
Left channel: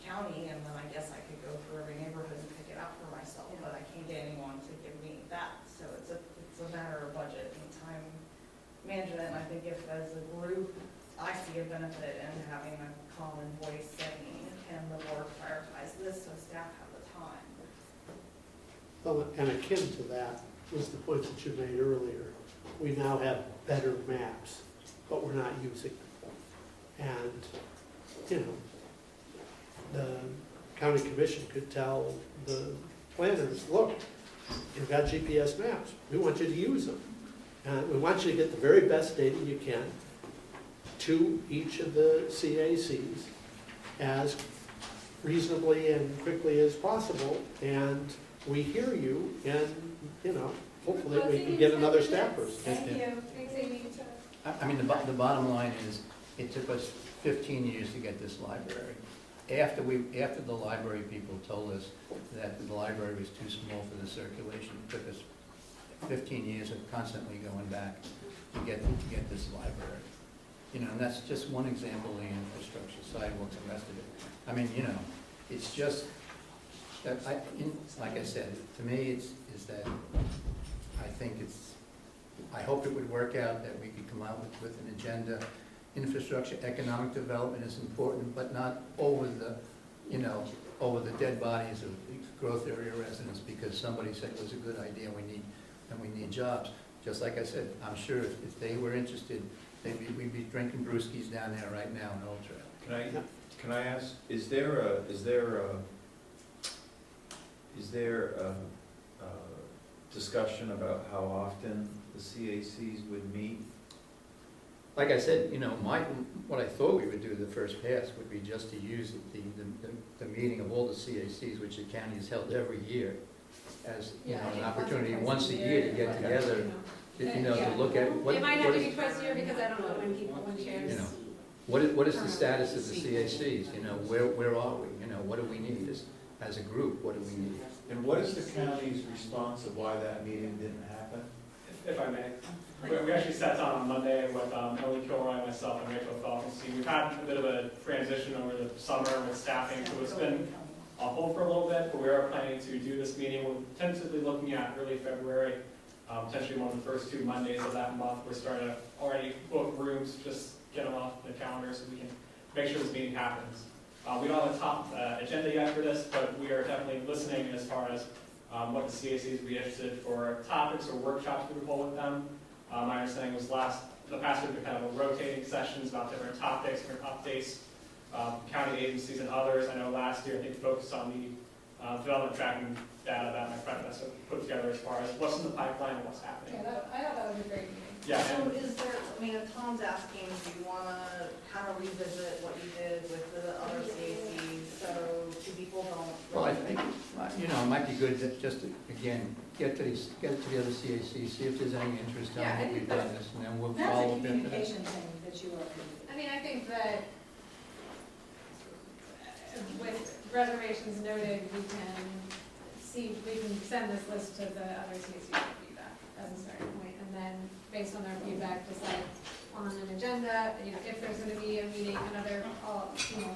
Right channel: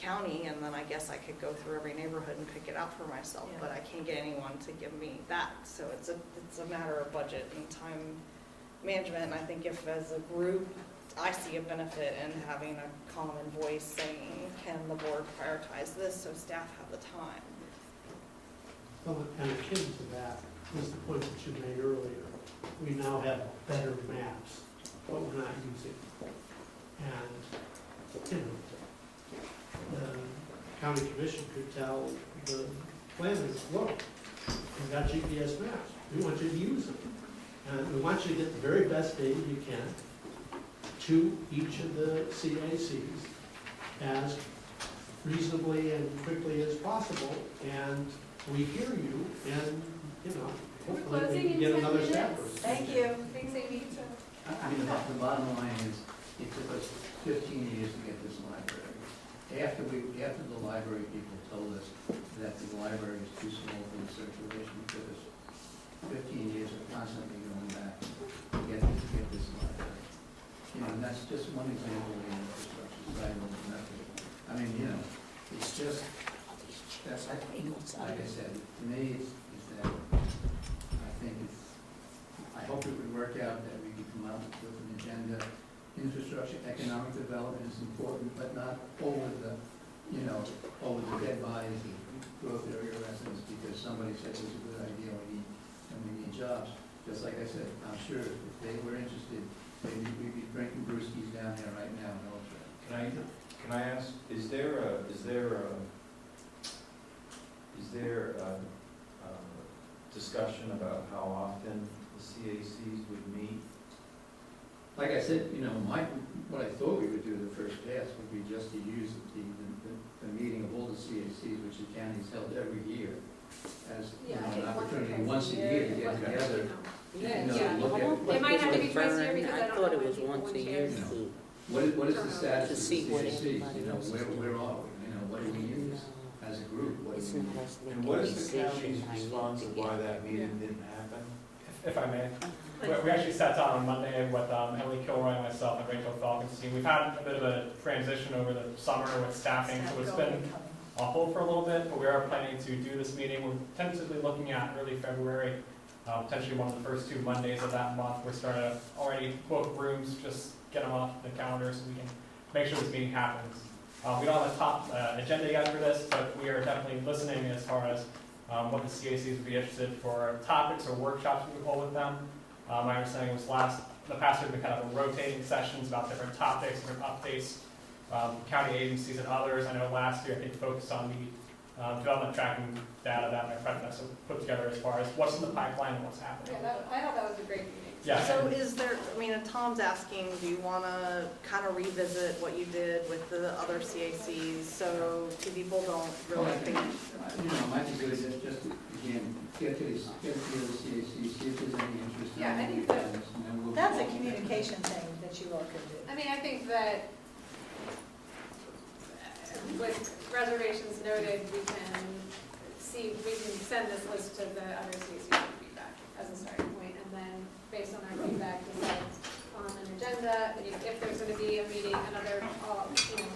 county, and then I guess I could go through every neighborhood and pick it out for myself, but I can't get anyone to give me that, so it's a matter of budget and time management, and I think if as a group, I see a benefit in having a common voice saying, can the board prioritize this so staff have the time? Well, and akin to that was the point that you made earlier. We now have better maps, but we're not using them. And, you know, the county commission could tell the planners, look, you've got GPS maps, we want you to use them. And we want you to get the very best data you can to each of the CACs as reasonably and quickly as possible, and we hear you, and, you know, hopefully we can get another staff person. Thank you. Thanks, Amy. I mean, the bottom line is, it took us 15 years to get this library. After the library people told us that the library was too small for the circulation, it took us 15 years of constantly going back to get this library. You know, and that's just one example of the infrastructure side, what's the rest of it. I mean, you know, it's just, that's, like I said, to me, it's that, I think I hope it would work out that we could come out with an agenda. Infrastructure, economic development is important, but not over the dead bodies of growth area residents because somebody said it was a good idea, and we need jobs. Just like I said, I'm sure if they were interested, maybe we'd be drinking brewskis down there right now in Old Track. Can I ask, is there a discussion about how often the CACs would meet? Like I said, you know, what I thought we would do the first pass would be just to use the meeting of all the CACs, which the county's held every year, as, you know, an opportunity once a year to get together, you know, to look at what. It might have to be what- twice a year because I don't know when people once want a year. to. You know, what is the status of the CACs, you know, where are we, you know, what do we need as a group, what do we need? And what is the county's response of why that meeting didn't happen? If I may. We actually sat down on Monday with Emily Kilroy, myself, and Rachel Falken's team. We've had a bit of a transition over the summer with staffing, so it's been on hold for a little bit, but we are planning to do this meeting. We're tentatively looking at early February, potentially one of the first 2 Mondays of that month. We're starting to already book rooms, just get them off the calendar so we can make sure this meeting happens. We don't have a top agenda yet for this, but we are definitely listening as far as what the CACs would be interested for topics or workshops we hold with them. My understanding was the past we've been kind of rotating sessions about different topics, different updates, county agencies and others. I know last year they focused on the development tracking data that my predecessor put together as far as what's in the pipeline and what's happening. Yeah, I thought that was a great meeting. Yeah, So and- is there, I mean, and Tom's asking, do you wanna kind of revisit what you did with the other CACs, so two people don't Well, really I think, you know, it might be good just to, again, get to the other CACs, see if there's any interest in Yeah, I what think we've done this, and then we'll That's follow a up. communication thing that you all can do. I mean, I think that with reservations noted, we can send this list to the other CACs for feedback as a starting point, and then based on their feedback, decide on an agenda, you know, if there's gonna be a meeting, another, you know,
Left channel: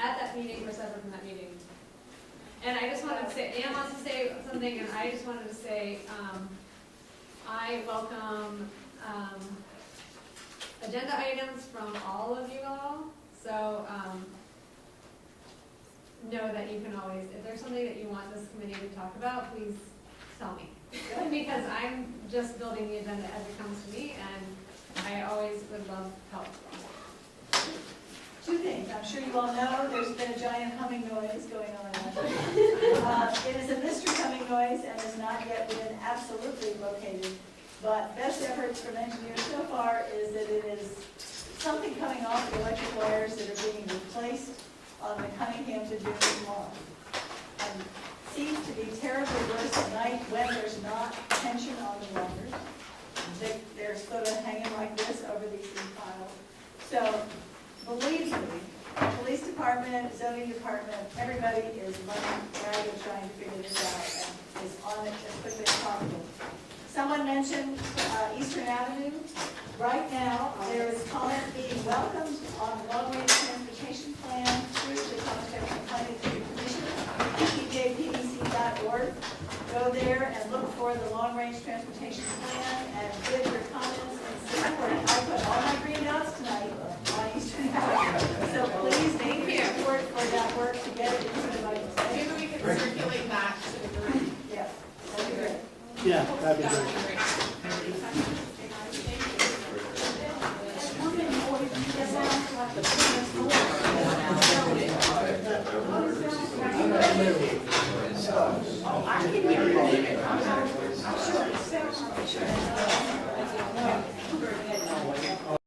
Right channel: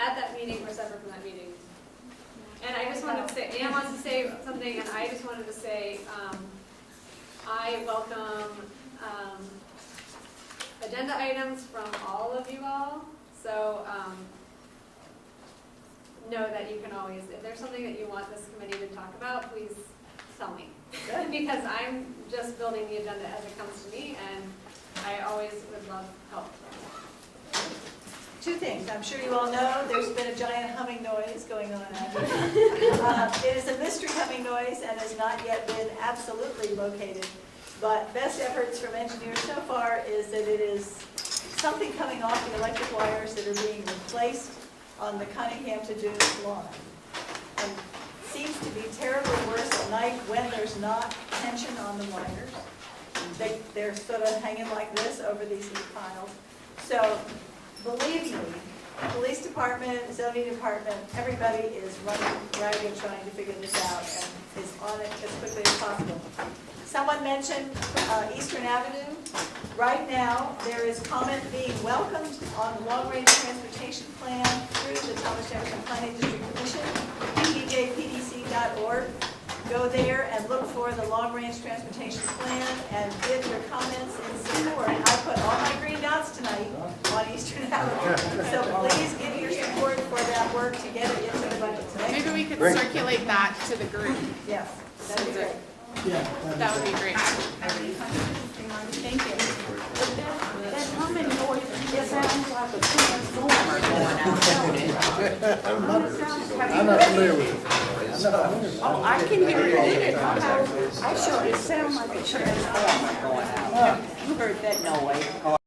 at that meeting or separate from that meeting. And I just wanted to say, Ann wants to say something, and I just wanted to say, I welcome, agenda items from all of you all. So, know that you can always, if there's something that you want this committee to talk about, please tell me. Because I'm just building the agenda as it comes to me, and I always would love help. Two things, I'm sure you all know, there's been a giant humming noise going on out here. It is a mystery humming noise and has not yet been absolutely located, but best efforts from engineers so far is that it is something coming off the electric wires that are being replaced on the Cunningham to Dunes lawn. And seems to be terribly worse at night when there's not tension on the wires. They're sort of hanging like this over these piles. So, believe me, police department, zoning department, everybody is running ragged trying to figure this out and is on it as quickly as possible. Someone mentioned Eastern Avenue. Right now, there is comment being welcomed on the long-range transportation plan through the Thomas Jefferson Planning District Commission, tjpdc.org. Go there and look for the long-range transportation plan and give your comments in support. I put all my green dots tonight on Eastern Avenue. So please give your support for that work to get it into the budget. Maybe we could circulate that to the group. Yes, that'd be great. Yeah, that'd That would be be great. great. Thank you. I'm not clear with it. Oh, I can hear it. I'm sure it sounds like a train. You heard that noise.